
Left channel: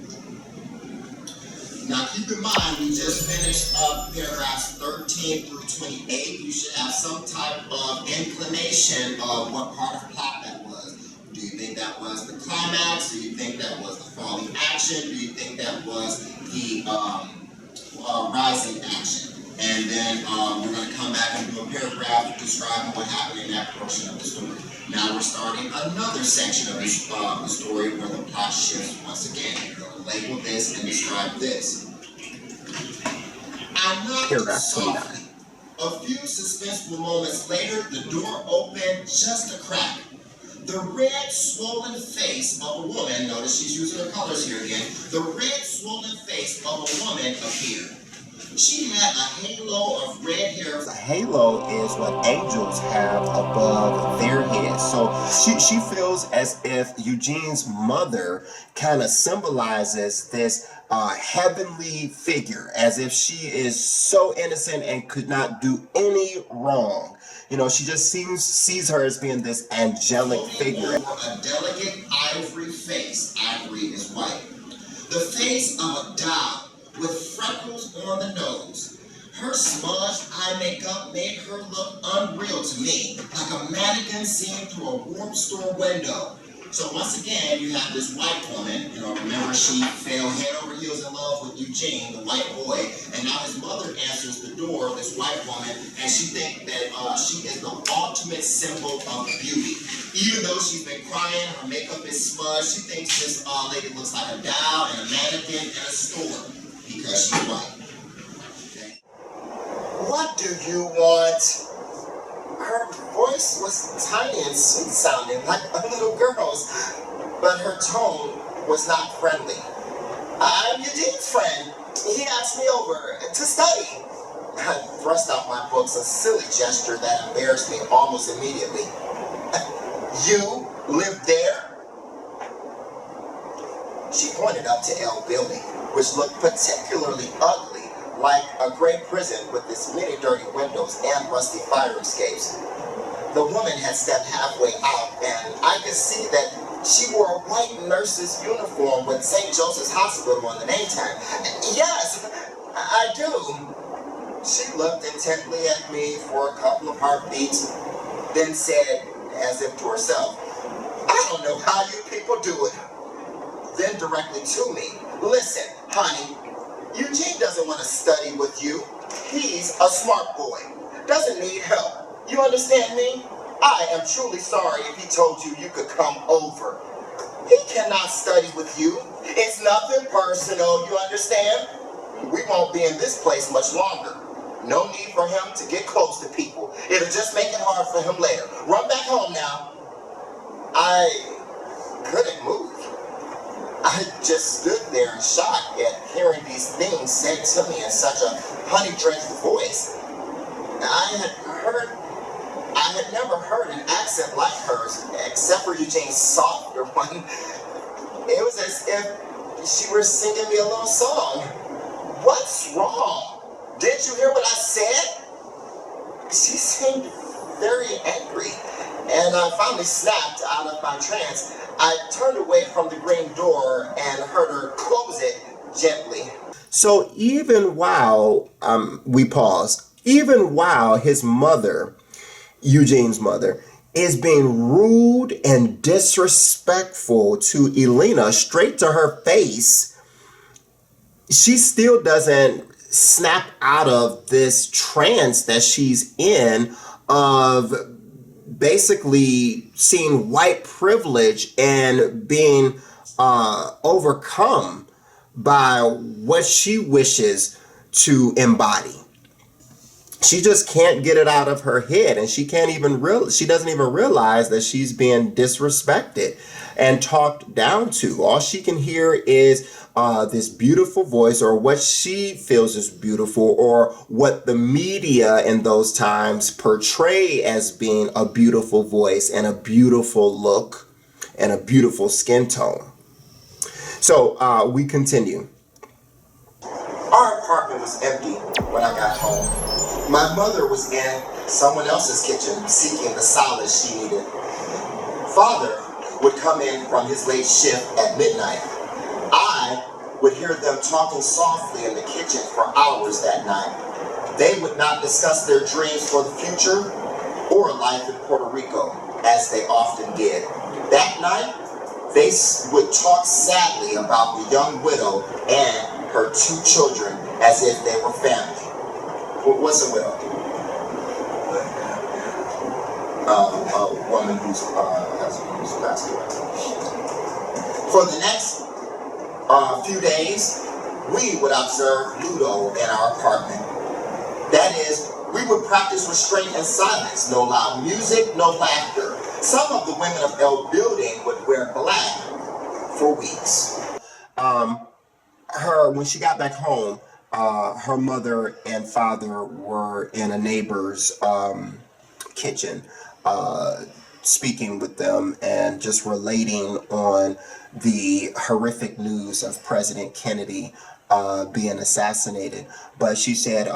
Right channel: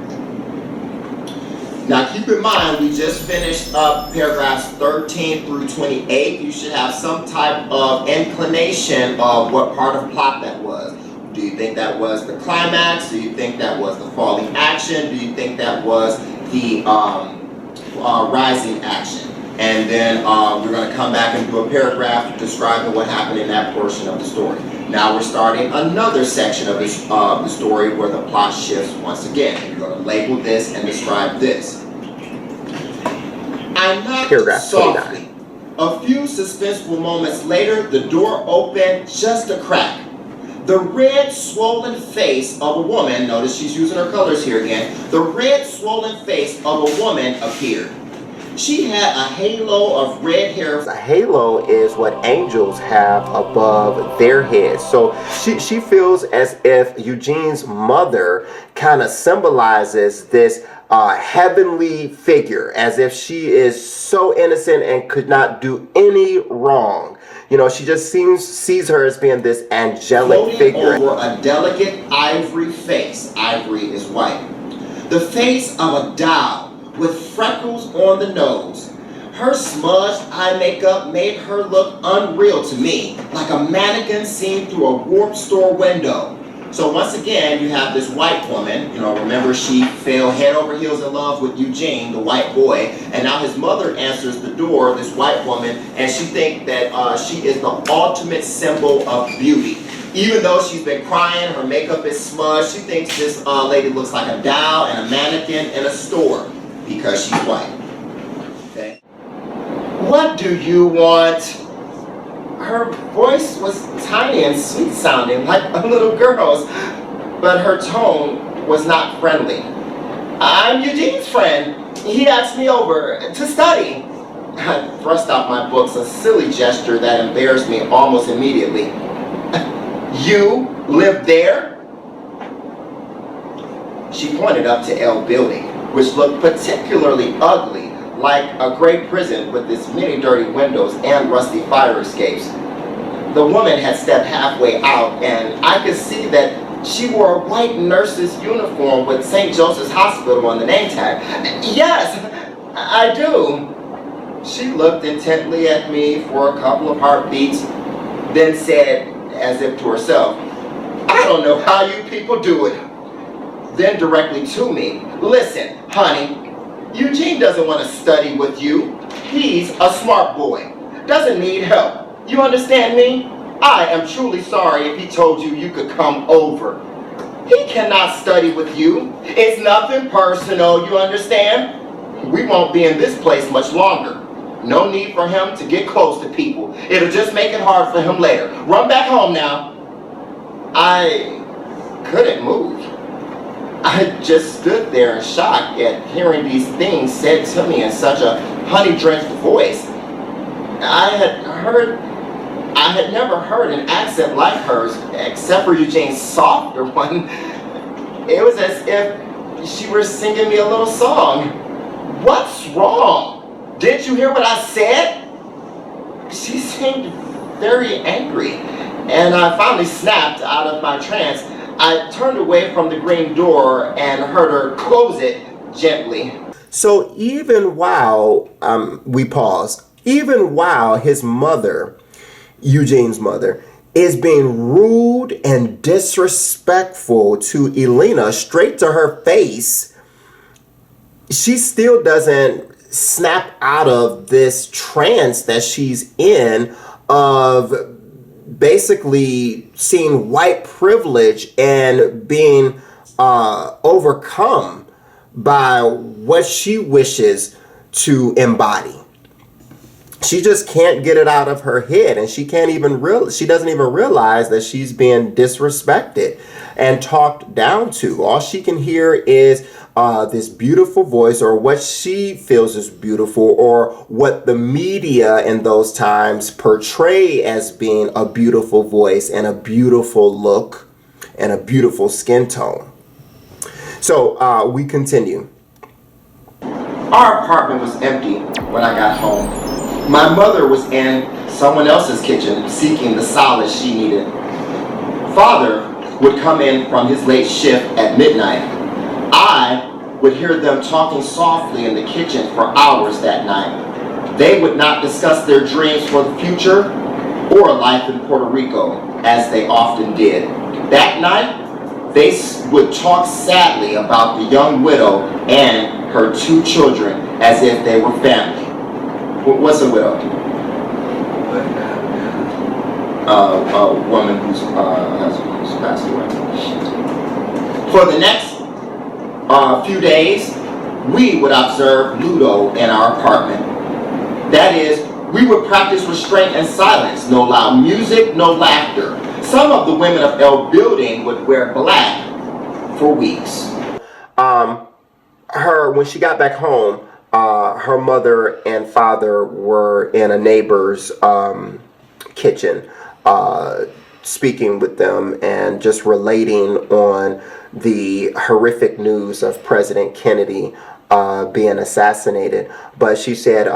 Now keep in mind, we just finished up paragraphs 13 through 28. You should have some type of inclination of what part of plot that was. Do you think that was the climax? Do you think that was the falling action? Do you think that was the rising action? and then we're going to come back and do a paragraph describing what happened in that portion of the story. Now we're starting another section of the story where the plot shifts once again. You're going to label this and describe this. I knocked Paragraph softly. A few suspenseful moments later, the door opened just a crack. The red, swollen face of a woman, notice she's using her colors here again, the red, swollen face of a woman appeared. She had a halo of red hair. A halo is what angels have above their heads. So she feels as if Eugene's mother kind of symbolizes this heavenly figure, as if she is so innocent and could not do any wrong. You know, she just sees her as being this angelic figure. Over a delicate ivory face. Ivory is white. The face of a doll with freckles on the nose. Her smudged eye makeup made her look unreal to me, like a mannequin seen through a warped store window. So once again, you have this white woman, you know, remember she fell head over heels in love with Eugene, the white boy, and now his mother answers the door, this white woman, and she thinks that she is the ultimate symbol of beauty. Even though she's been crying, her makeup is smudged, she thinks this lady looks like a doll and a mannequin in a store because she's white. Okay. What do you want? Her voice was tiny and sweet sounding, like a little girl's, but her tone was not friendly. I'm Eugene's friend. He asked me over to study. I thrust out my books, a silly gesture that embarrassed me almost immediately. You live there? She pointed up to L Building, which looked particularly ugly, like a gray prison with its many dirty windows and rusty fire escapes. The woman had stepped halfway out, and I could see that she wore a white nurse's uniform with St. Joseph's Hospital on the name tag. Yes, I do. She looked intently at me for a couple of heartbeats, then said, as if to herself, I don't know how you people do it. Then directly to me, listen, honey, Eugene doesn't want to study with you. He's a smart boy, doesn't need help. You understand me? I am truly sorry if he told you you could come over. He cannot study with you. It's nothing personal, you understand? We won't be in this place much longer. No need for him to get close to people. It'll just make it hard for him later. Run back home now. I couldn't move. I just stood there in shock at hearing these things said to me in such a honey-drenched voice. I had never heard an accent like hers, except for Eugene's softer one. It was as if she were singing me a little song. What's wrong? Didn't you hear what I said? She seemed very angry, and I finally snapped out of my trance. I turned away from the green door and heard her close it gently. So even while we pause, even while his mother, Eugene's mother, is being rude and disrespectful to Elena straight to her face, she still doesn't snap out of this trance that she's in of basically seeing white privilege and being overcome by what she wishes to embody. She just can't get it out of her head, and she doesn't even realize that she's being disrespected and talked down to. All she can hear is this beautiful voice, or what she feels is beautiful, or what the media in those times portray as being a beautiful voice and a beautiful look and a beautiful skin tone. So we continue. Our apartment was empty when I got home. My mother was in someone else's kitchen seeking the solace she needed. Father would come in from his late shift at midnight. I would hear them talking softly in the kitchen for hours that night. They would not discuss their dreams for the future or life in Puerto Rico, as they often did. That night, they would talk sadly about the young widow and her 2 children as if they were family. What's a widow? A woman whose husband has passed away. For the next few days, we would observe Ludo in our apartment. That is, we would practice restraint and silence, no loud music, no laughter. Some of the women of L building would wear black for weeks. When she got back home, her mother and father were in a neighbor's kitchen, speaking with them and just relating on the horrific news of President Kennedy being assassinated. But she said,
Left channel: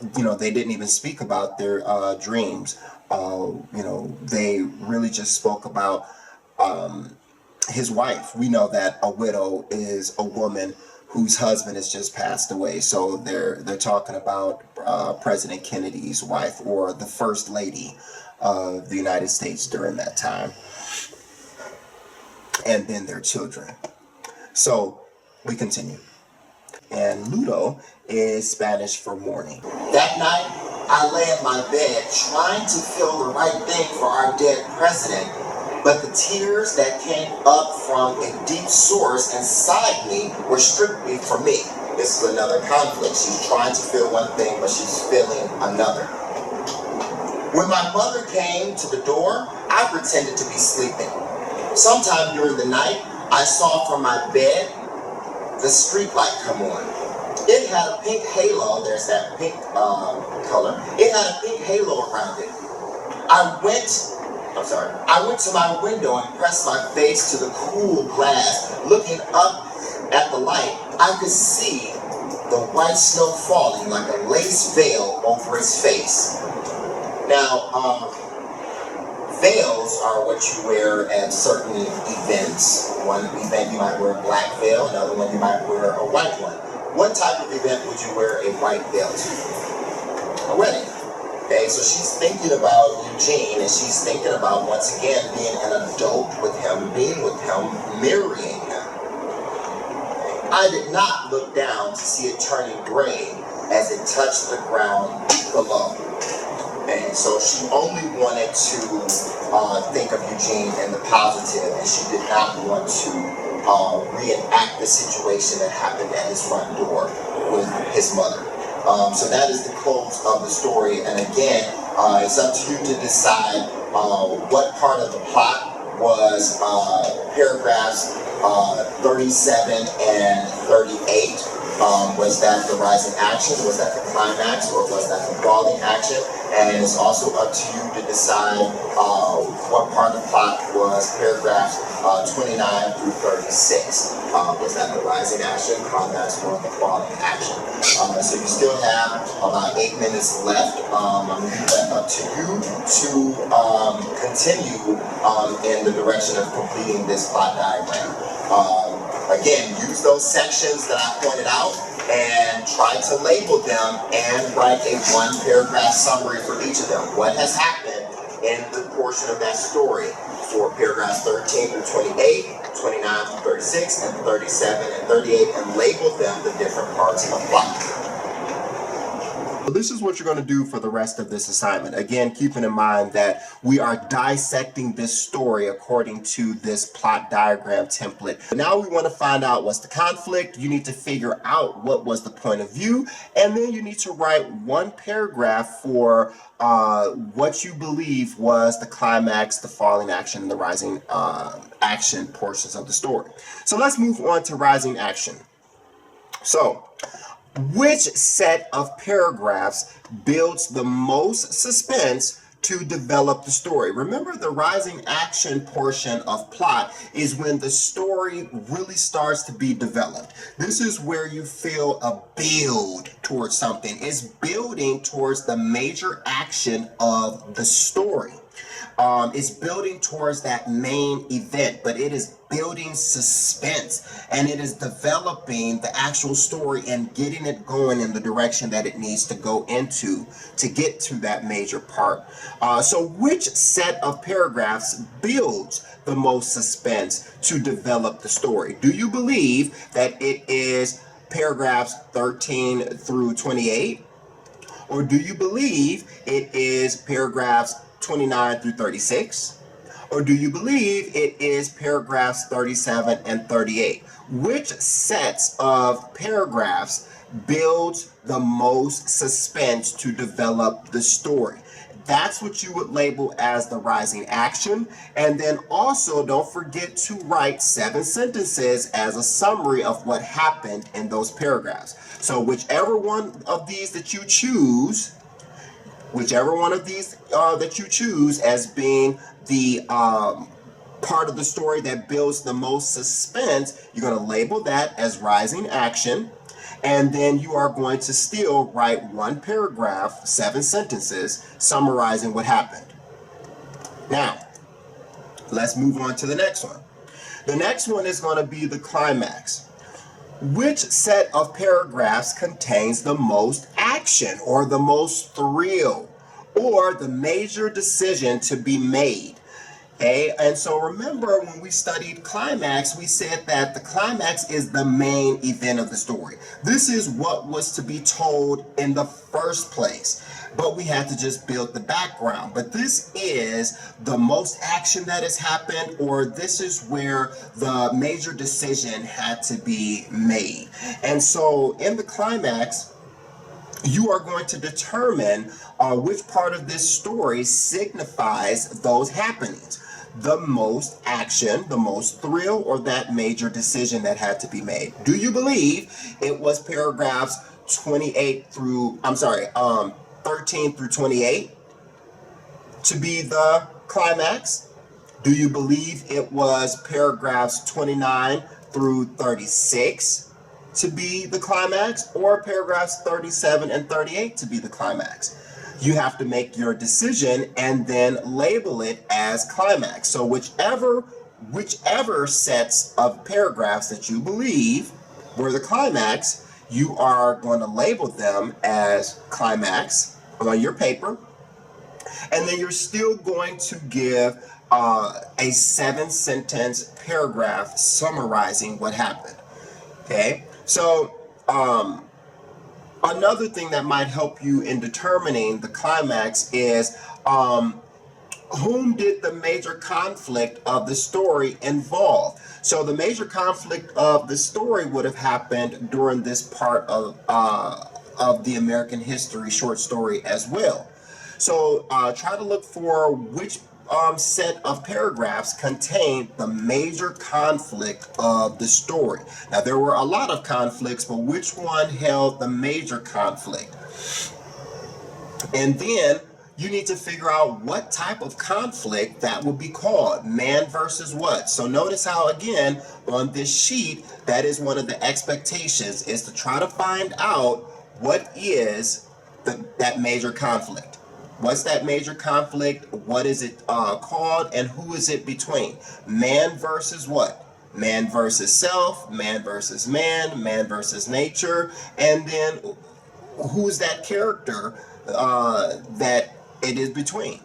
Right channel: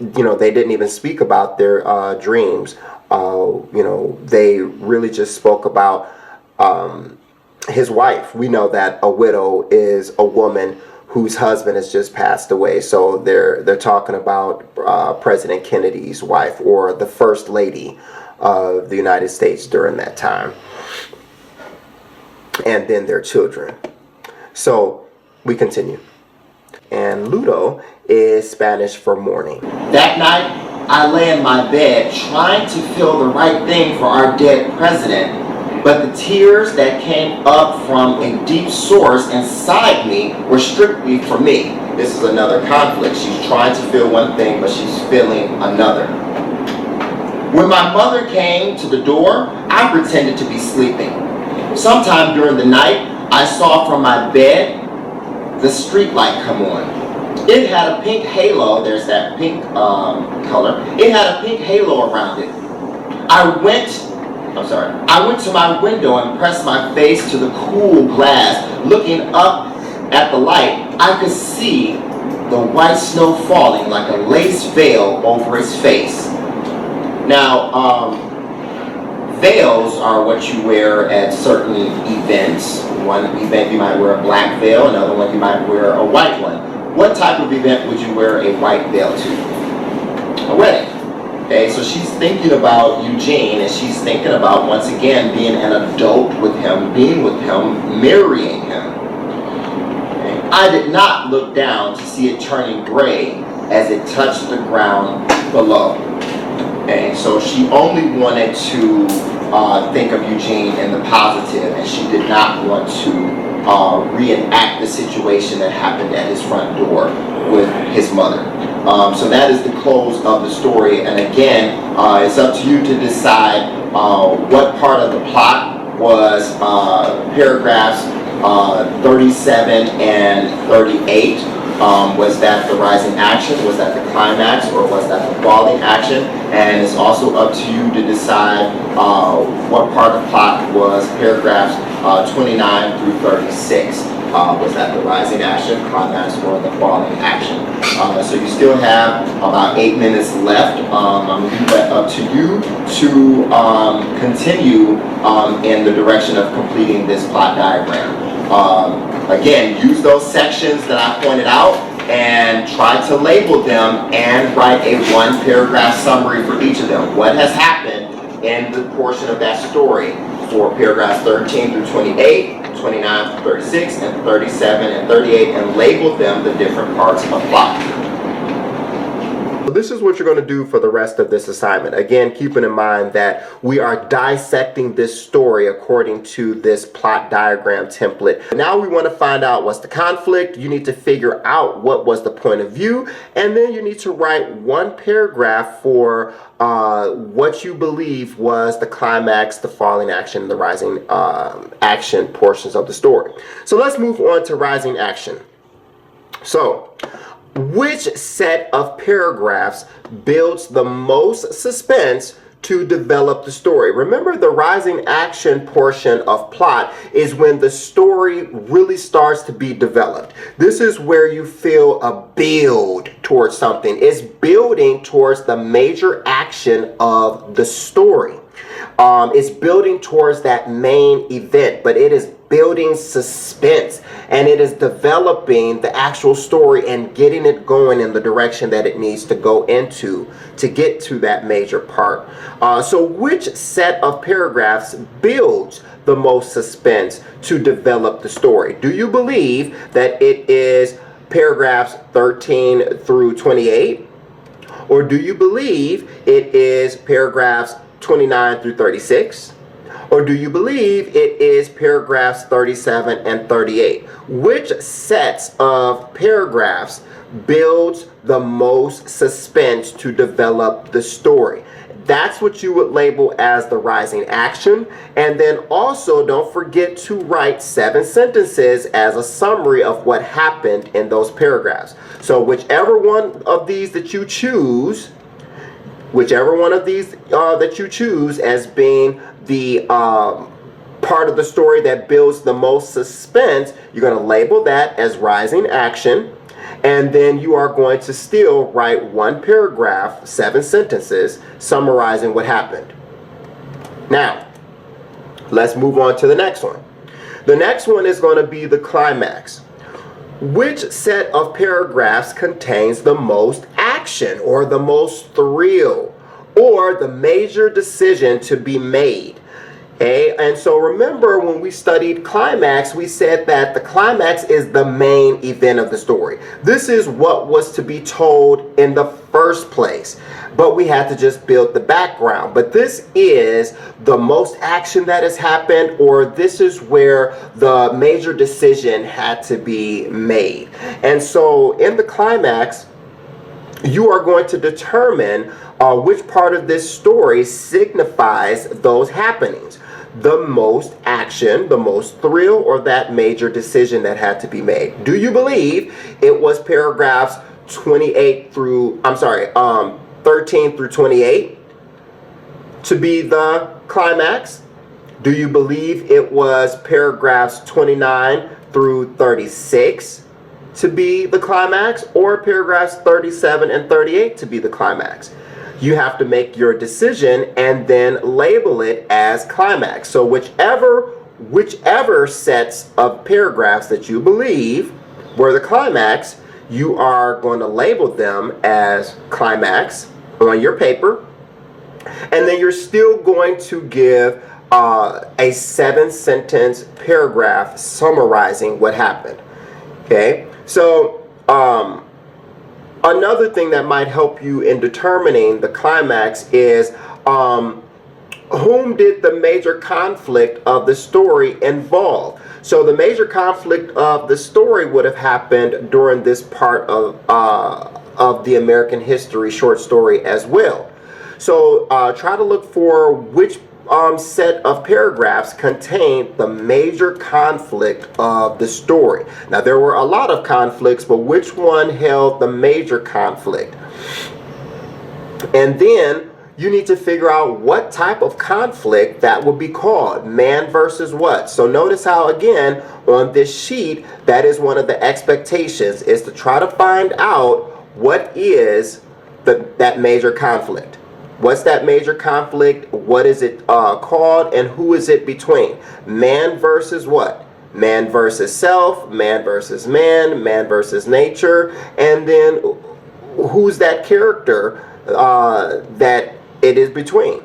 they didn't even speak about their dreams. They really just spoke about his wife. We know that a widow is a woman whose husband has just passed away. So they're talking about President Kennedy's wife, or the First Lady of the United States during that time, and then their children. So we continue. And Ludo is Spanish for morning. That night, I lay in my bed trying to feel the right thing for our dead president, but the tears that came up from a deep source inside me were strictly for me. This is another conflict. She's trying to feel one thing, but she's feeling another. When my mother came to the door, I pretended to be sleeping. Sometime during the night, I saw from my bed the street light come on. It had a pink halo. There's that pink color. It had a pink halo around it. I went to my window and pressed my face to the cool glass. Looking up at the light, I could see the white snow falling like a lace veil over his face. Now, veils are what you wear at certain events. One event you might wear a black veil, another one you might wear a white one. What type of event would you wear a white veil to? A wedding. Okay, so she's thinking about Eugene, and she's thinking about, once again, being an adult with him, being with him, marrying him. Okay. I did not look down to see it turning gray as it touched the ground below. Okay, so she only wanted to think of Eugene in the positive, and she did not want to reenact the situation that happened at his front door with his mother. So that is the close of the story, and again, it's up to you to decide what part of the plot was paragraphs 37 and 38. Was that the rising action, was that the climax, or was that the falling action? And it's also up to you to decide what part of the plot was paragraphs 29 through 36. Was that the rising action, climax, or the falling action? So you still have about 8 minutes left. I'm going to leave that up to you to continue in the direction of completing this plot diagram. Again, use those sections that I pointed out and try to label them and write a one-paragraph summary for each of them. What has happened in the portion of that story for paragraphs 13 through 28, 29 through 36, and 37 and 38, and label them the different parts of plot. So this is what you're going to do for the rest of this assignment. Again, keeping in mind that we are dissecting this story according to this plot diagram template. Now we want to find out what's the conflict. You need to figure out what was the point of view, and then you need to write one paragraph for what you believe was the climax, the falling action, the rising action portions of the story. So let's move on to rising action. So, which set of paragraphs builds the most suspense to develop the story? Remember, the rising action portion of plot is when the story really starts to be developed. This is where you feel a build towards something. It's building towards the major action of the story. It's building towards that main event, but it is building suspense, and it is developing the actual story and getting it going in the direction that it needs to go into to get to that major part. So which set of paragraphs builds the most suspense to develop the story? Do you believe that it is paragraphs 13 through 28? Or do you believe it is paragraphs 29 through 36? Or do you believe it is paragraphs 37 and 38? Which sets of paragraphs builds the most suspense to develop the story? That's what you would label as the rising action. And then also don't forget to write 7 sentences as a summary of what happened in those paragraphs. So whichever one of these that you choose, as being the part of the story that builds the most suspense, you're going to label that as rising action. And then you are going to still write 1 paragraph, 7 sentences, summarizing what happened. Now, let's move on to the next one. The next one is going to be the climax. Which set of paragraphs contains the most action or the most thrill or the major decision to be made? Okay, and so remember when we studied climax, we said that the climax is the main event of the story. This is what was to be told in the first place, but we had to just build the background. But this is the most action that has happened, or this is where the major decision had to be made. And so in the climax, you are going to determine which part of this story signifies those happenings. The most action, the most thrill, or that major decision that had to be made. Do you believe it was paragraphs 13 through 28 to be the climax? Do you believe it was paragraphs 29 through 36 to be the climax, or paragraphs 37 and 38 to be the climax? You have to make your decision and then label it as climax. So whichever sets of paragraphs that you believe were the climax, you are going to label them as climax on your paper. And then you're still going to give a 7-sentence paragraph summarizing what happened. Okay, so another thing that might help you in determining the climax is whom did the major conflict of the story involve? So the major conflict of the story would have happened during this part of the American history short story as well. So try to look for which set of paragraphs contain the major conflict of the story. Now, there were a lot of conflicts, but which one held the major conflict? And then you need to figure out what type of conflict that would be called. Man versus what? So notice how, again, on this sheet, that is one of the expectations, is to try to find out what is that major conflict. What's that major conflict? What is it called? And who is it between? Man versus what? Man versus self, man versus man, man versus nature. And then who's that character that it is between?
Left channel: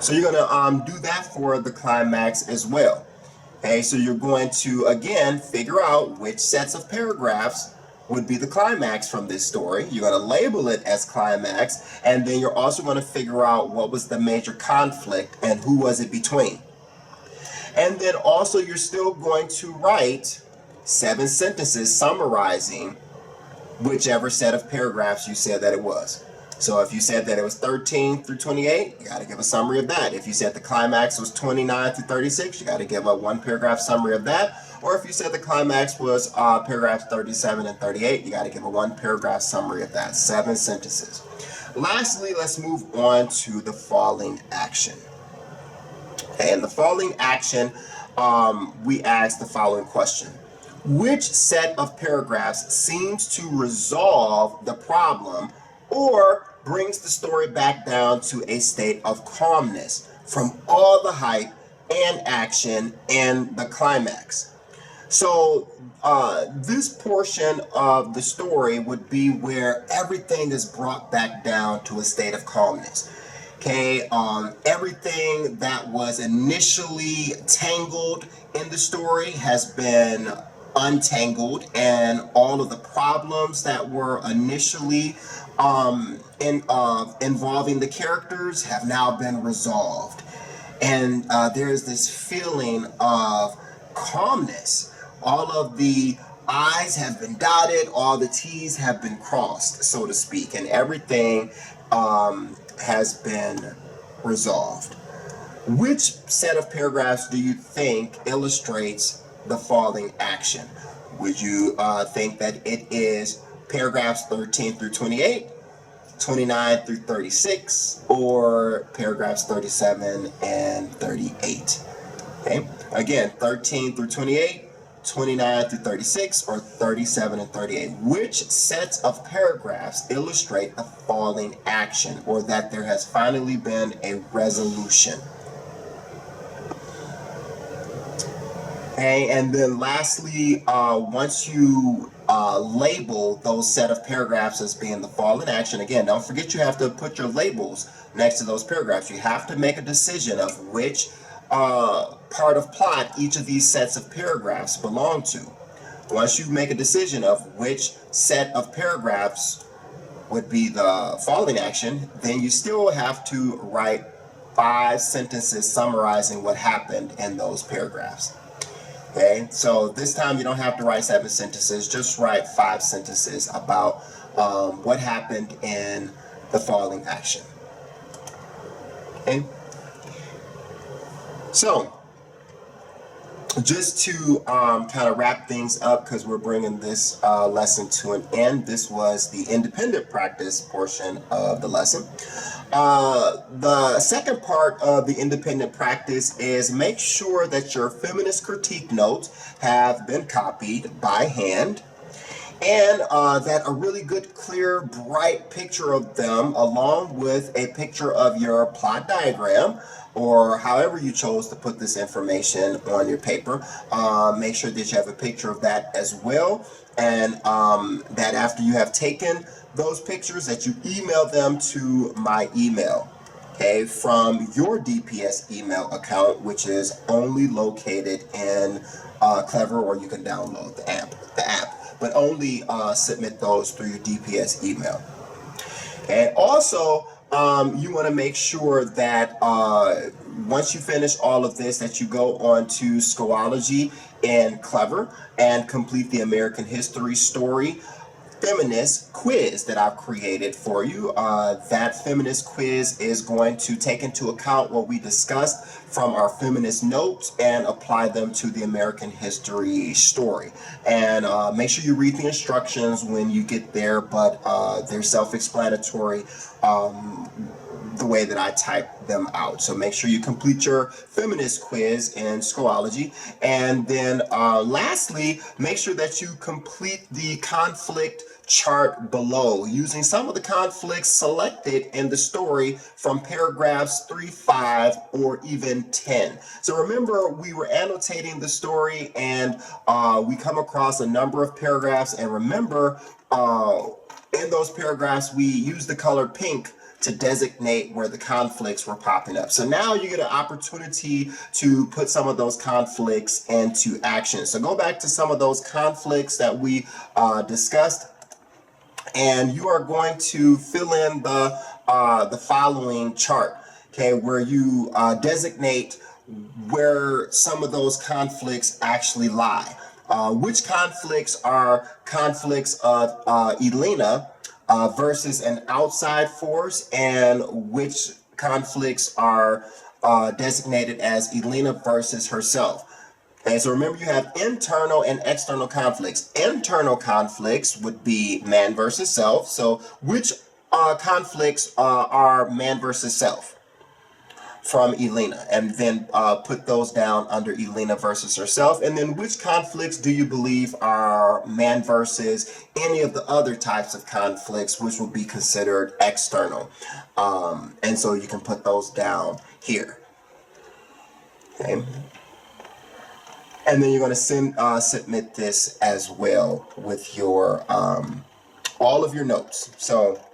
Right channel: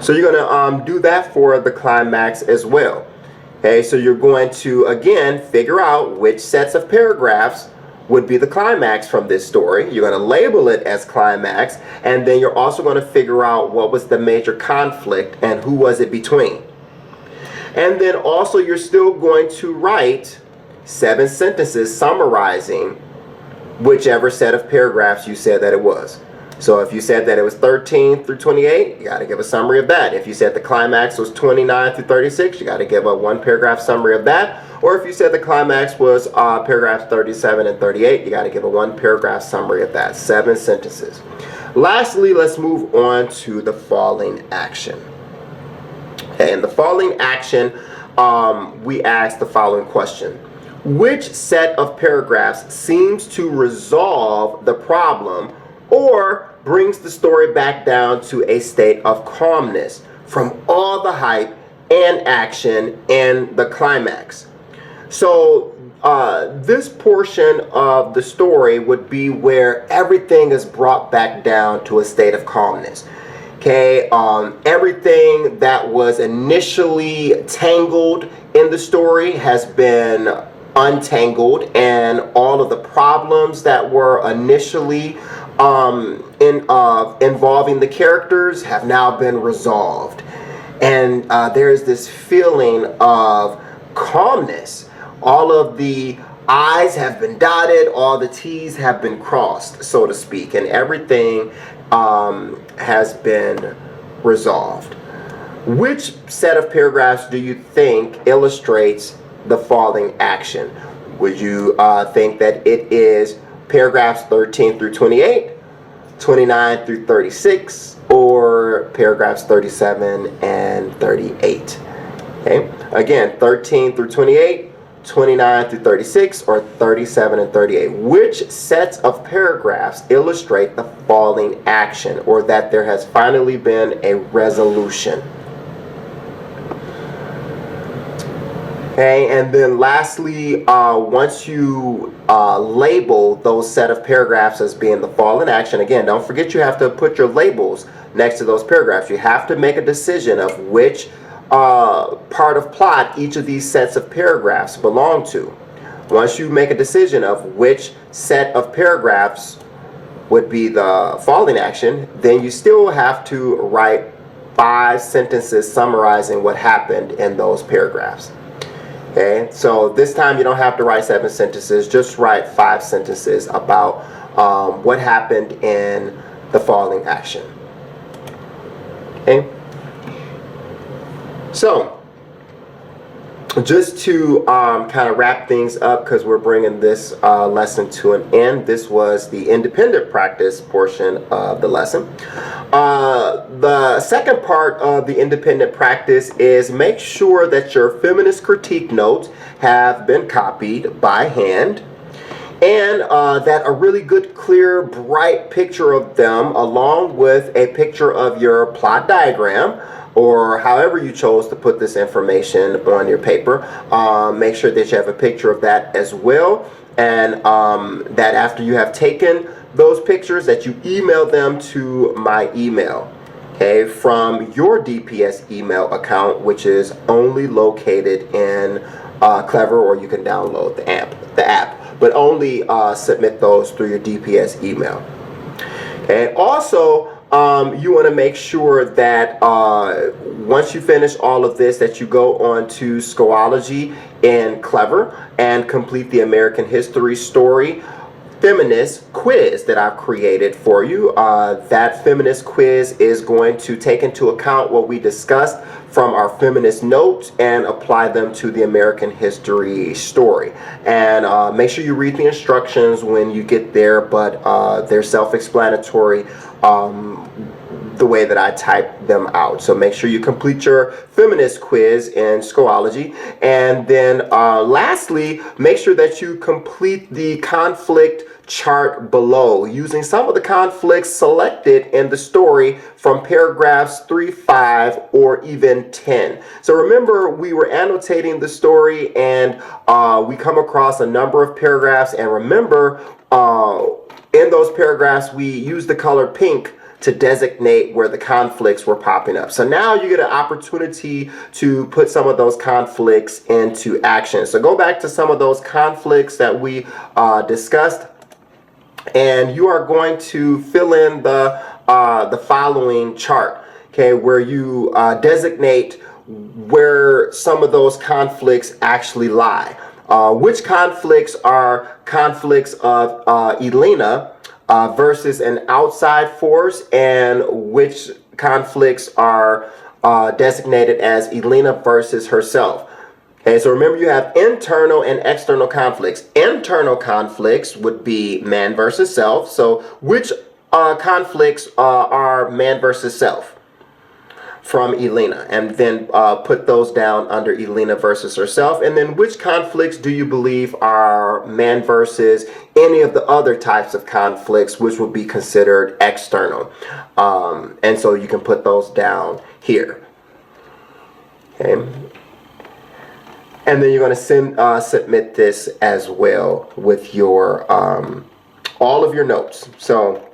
So you're going to do that for the climax as well. Okay, so you're going to, again, figure out which sets of paragraphs would be the climax from this story. You're going to label it as climax, and then you're also going to figure out what was the major conflict and who was it between. And then also you're still going to write 7 sentences summarizing whichever set of paragraphs you said that it was. So if you said that it was 13 through 28, you got to give a summary of that. If you said the climax was 29 through 36, you got to give a 1-paragraph summary of that. Or if you said the climax was paragraphs 37 and 38, you got to give a 1-paragraph summary of that. 7 sentences. Lastly, let's move on to the falling action. Okay, in the falling action, we ask the following question. Which set of paragraphs seems to resolve the problem or brings the story back down to a state of calmness from all the hype and action in the climax? So this portion of the story would be where everything is brought back down to a state of calmness. Okay, everything that was initially tangled in the story has been untangled, and all of the problems that were initially involving the characters have now been resolved. And there is this feeling of calmness. All of the I's have been dotted, all the T's have been crossed, so to speak, and everything has been resolved. Which set of paragraphs do you think illustrates the following action? Would you think that it is paragraphs 13 through 28, 29 through 36, or paragraphs 37 and 38? Okay, again, 13 through 28, 29 through 36, or 37 and 38. Which sets of paragraphs illustrate the following action, or that there has finally been a resolution? Okay, and then lastly, once you label those set of paragraphs as being the following action, again, don't forget you have to put your labels next to those paragraphs. You have to make a decision of which part of plot each of these sets of paragraphs belong to. Once you make a decision of which set of paragraphs would be the following action, then you still have to write 5 sentences summarizing what happened in those paragraphs. Okay, so this time you don't have to write 7 sentences, just write 5 sentences about what happened in the following action. Okay, so just to kind of wrap things up, because we're bringing this lesson to an end, this was the independent practice portion of the lesson. The second part of the independent practice is make sure that your feminist critique notes have been copied by hand, and that a really good, clear, bright picture of them, along with a picture of your plot diagram, or however you chose to put this information on your paper, make sure that you have a picture of that as well, and that after you have taken those pictures, that you email them to my email, okay, from your DPS email account, which is only located in Clever, or you can download the app, but only submit those through your DPS email. Okay, also, you want to make sure that once you finish all of this, that you go on to Schoology in Clever and complete the American History Story feminist quiz that I've created for you. That feminist quiz is going to take into account what we discussed from our feminist notes and apply them to the American History Story. And make sure you read the instructions when you get there, but they're self-explanatory the way that I type them out. So make sure you complete your feminist quiz in Schoology. And then lastly, make sure that you complete the conflict chart below, using some of the conflicts selected in the story from paragraphs 3, 5, or even 10. So remember, we were annotating the story, and we come across a number of paragraphs, and remember, in those paragraphs, we use the color pink to designate where the conflicts were popping up. So now you get an opportunity to put some of those conflicts into action. So go back to some of those conflicts that we discussed, and you are going to fill in the following chart, okay, where you designate where some of those conflicts actually lie. Which conflicts are conflicts of Elena versus an outside force, and which conflicts are designated as Elena versus herself. Okay, so remember, you have internal and external conflicts. Internal conflicts would be man versus self. So which conflicts are man versus self from Elena? And then put those down under Elena versus herself. And then which conflicts do you believe are man versus any of the other types of conflicts, which would be considered external? And so you can put those down here. Okay. And then you're going to submit this as well with your all of your notes. So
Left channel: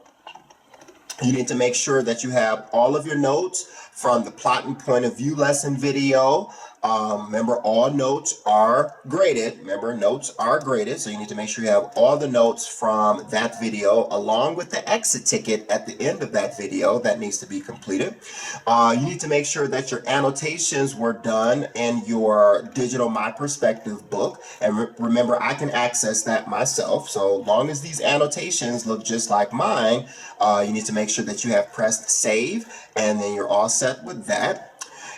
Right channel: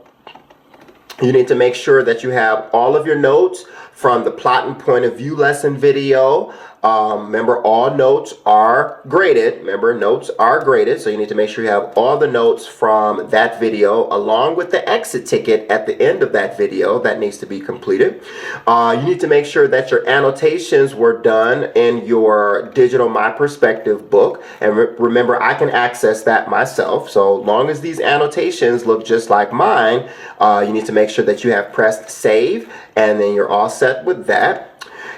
you need to make sure that you have all of your notes from the plot and point of view lesson video, Remember, all notes are graded. Remember, notes are graded, so you need to make sure you have all the notes from that video along with the exit ticket at the end of that video that needs to be completed. You need to make sure that your annotations were done in your digital My Perspective book. And remember, I can access that myself. So long as these annotations look just like mine, you need to make sure that you have pressed save, and then you're all set with that.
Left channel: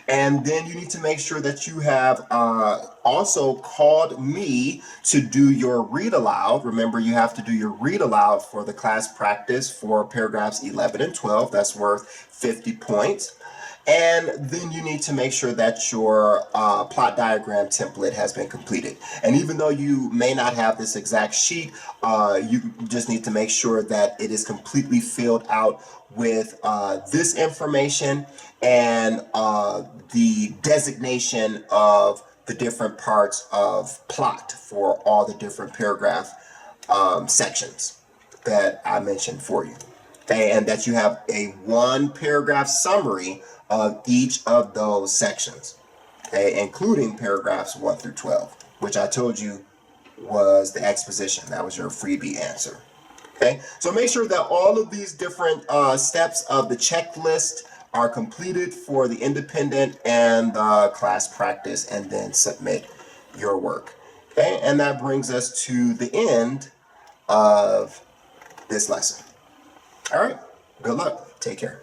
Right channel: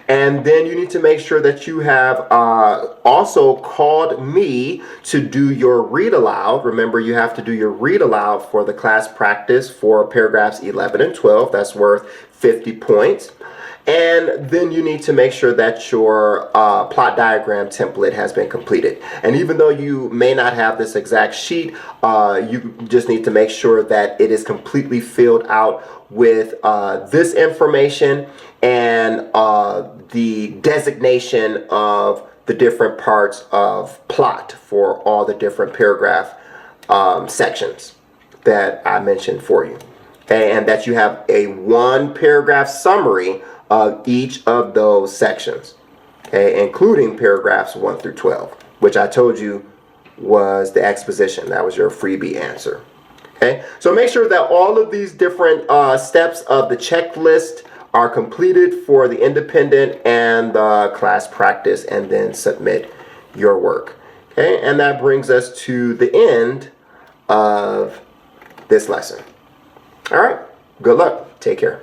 And then you need to make sure that you have also called me to do your read aloud. Remember, you have to do your read aloud for the class practice for paragraphs 11 and 12. That's worth 50 points. And then you need to make sure that your plot diagram template has been completed. And even though you may not have this exact sheet, you just need to make sure that it is completely filled out with this information and the designation of the different parts of plot for all the different paragraph sections that I mentioned for you. Okay, and that you have a 1 paragraph summary of each of those sections, okay, including paragraphs 1 through 12, which I told you was the exposition. That was your freebie answer. Okay, so make sure that all of these different steps of the checklist are completed for the independent and the class practice, and then submit your work. Okay, and that brings us to the end of this lesson. All right, good luck. Take care.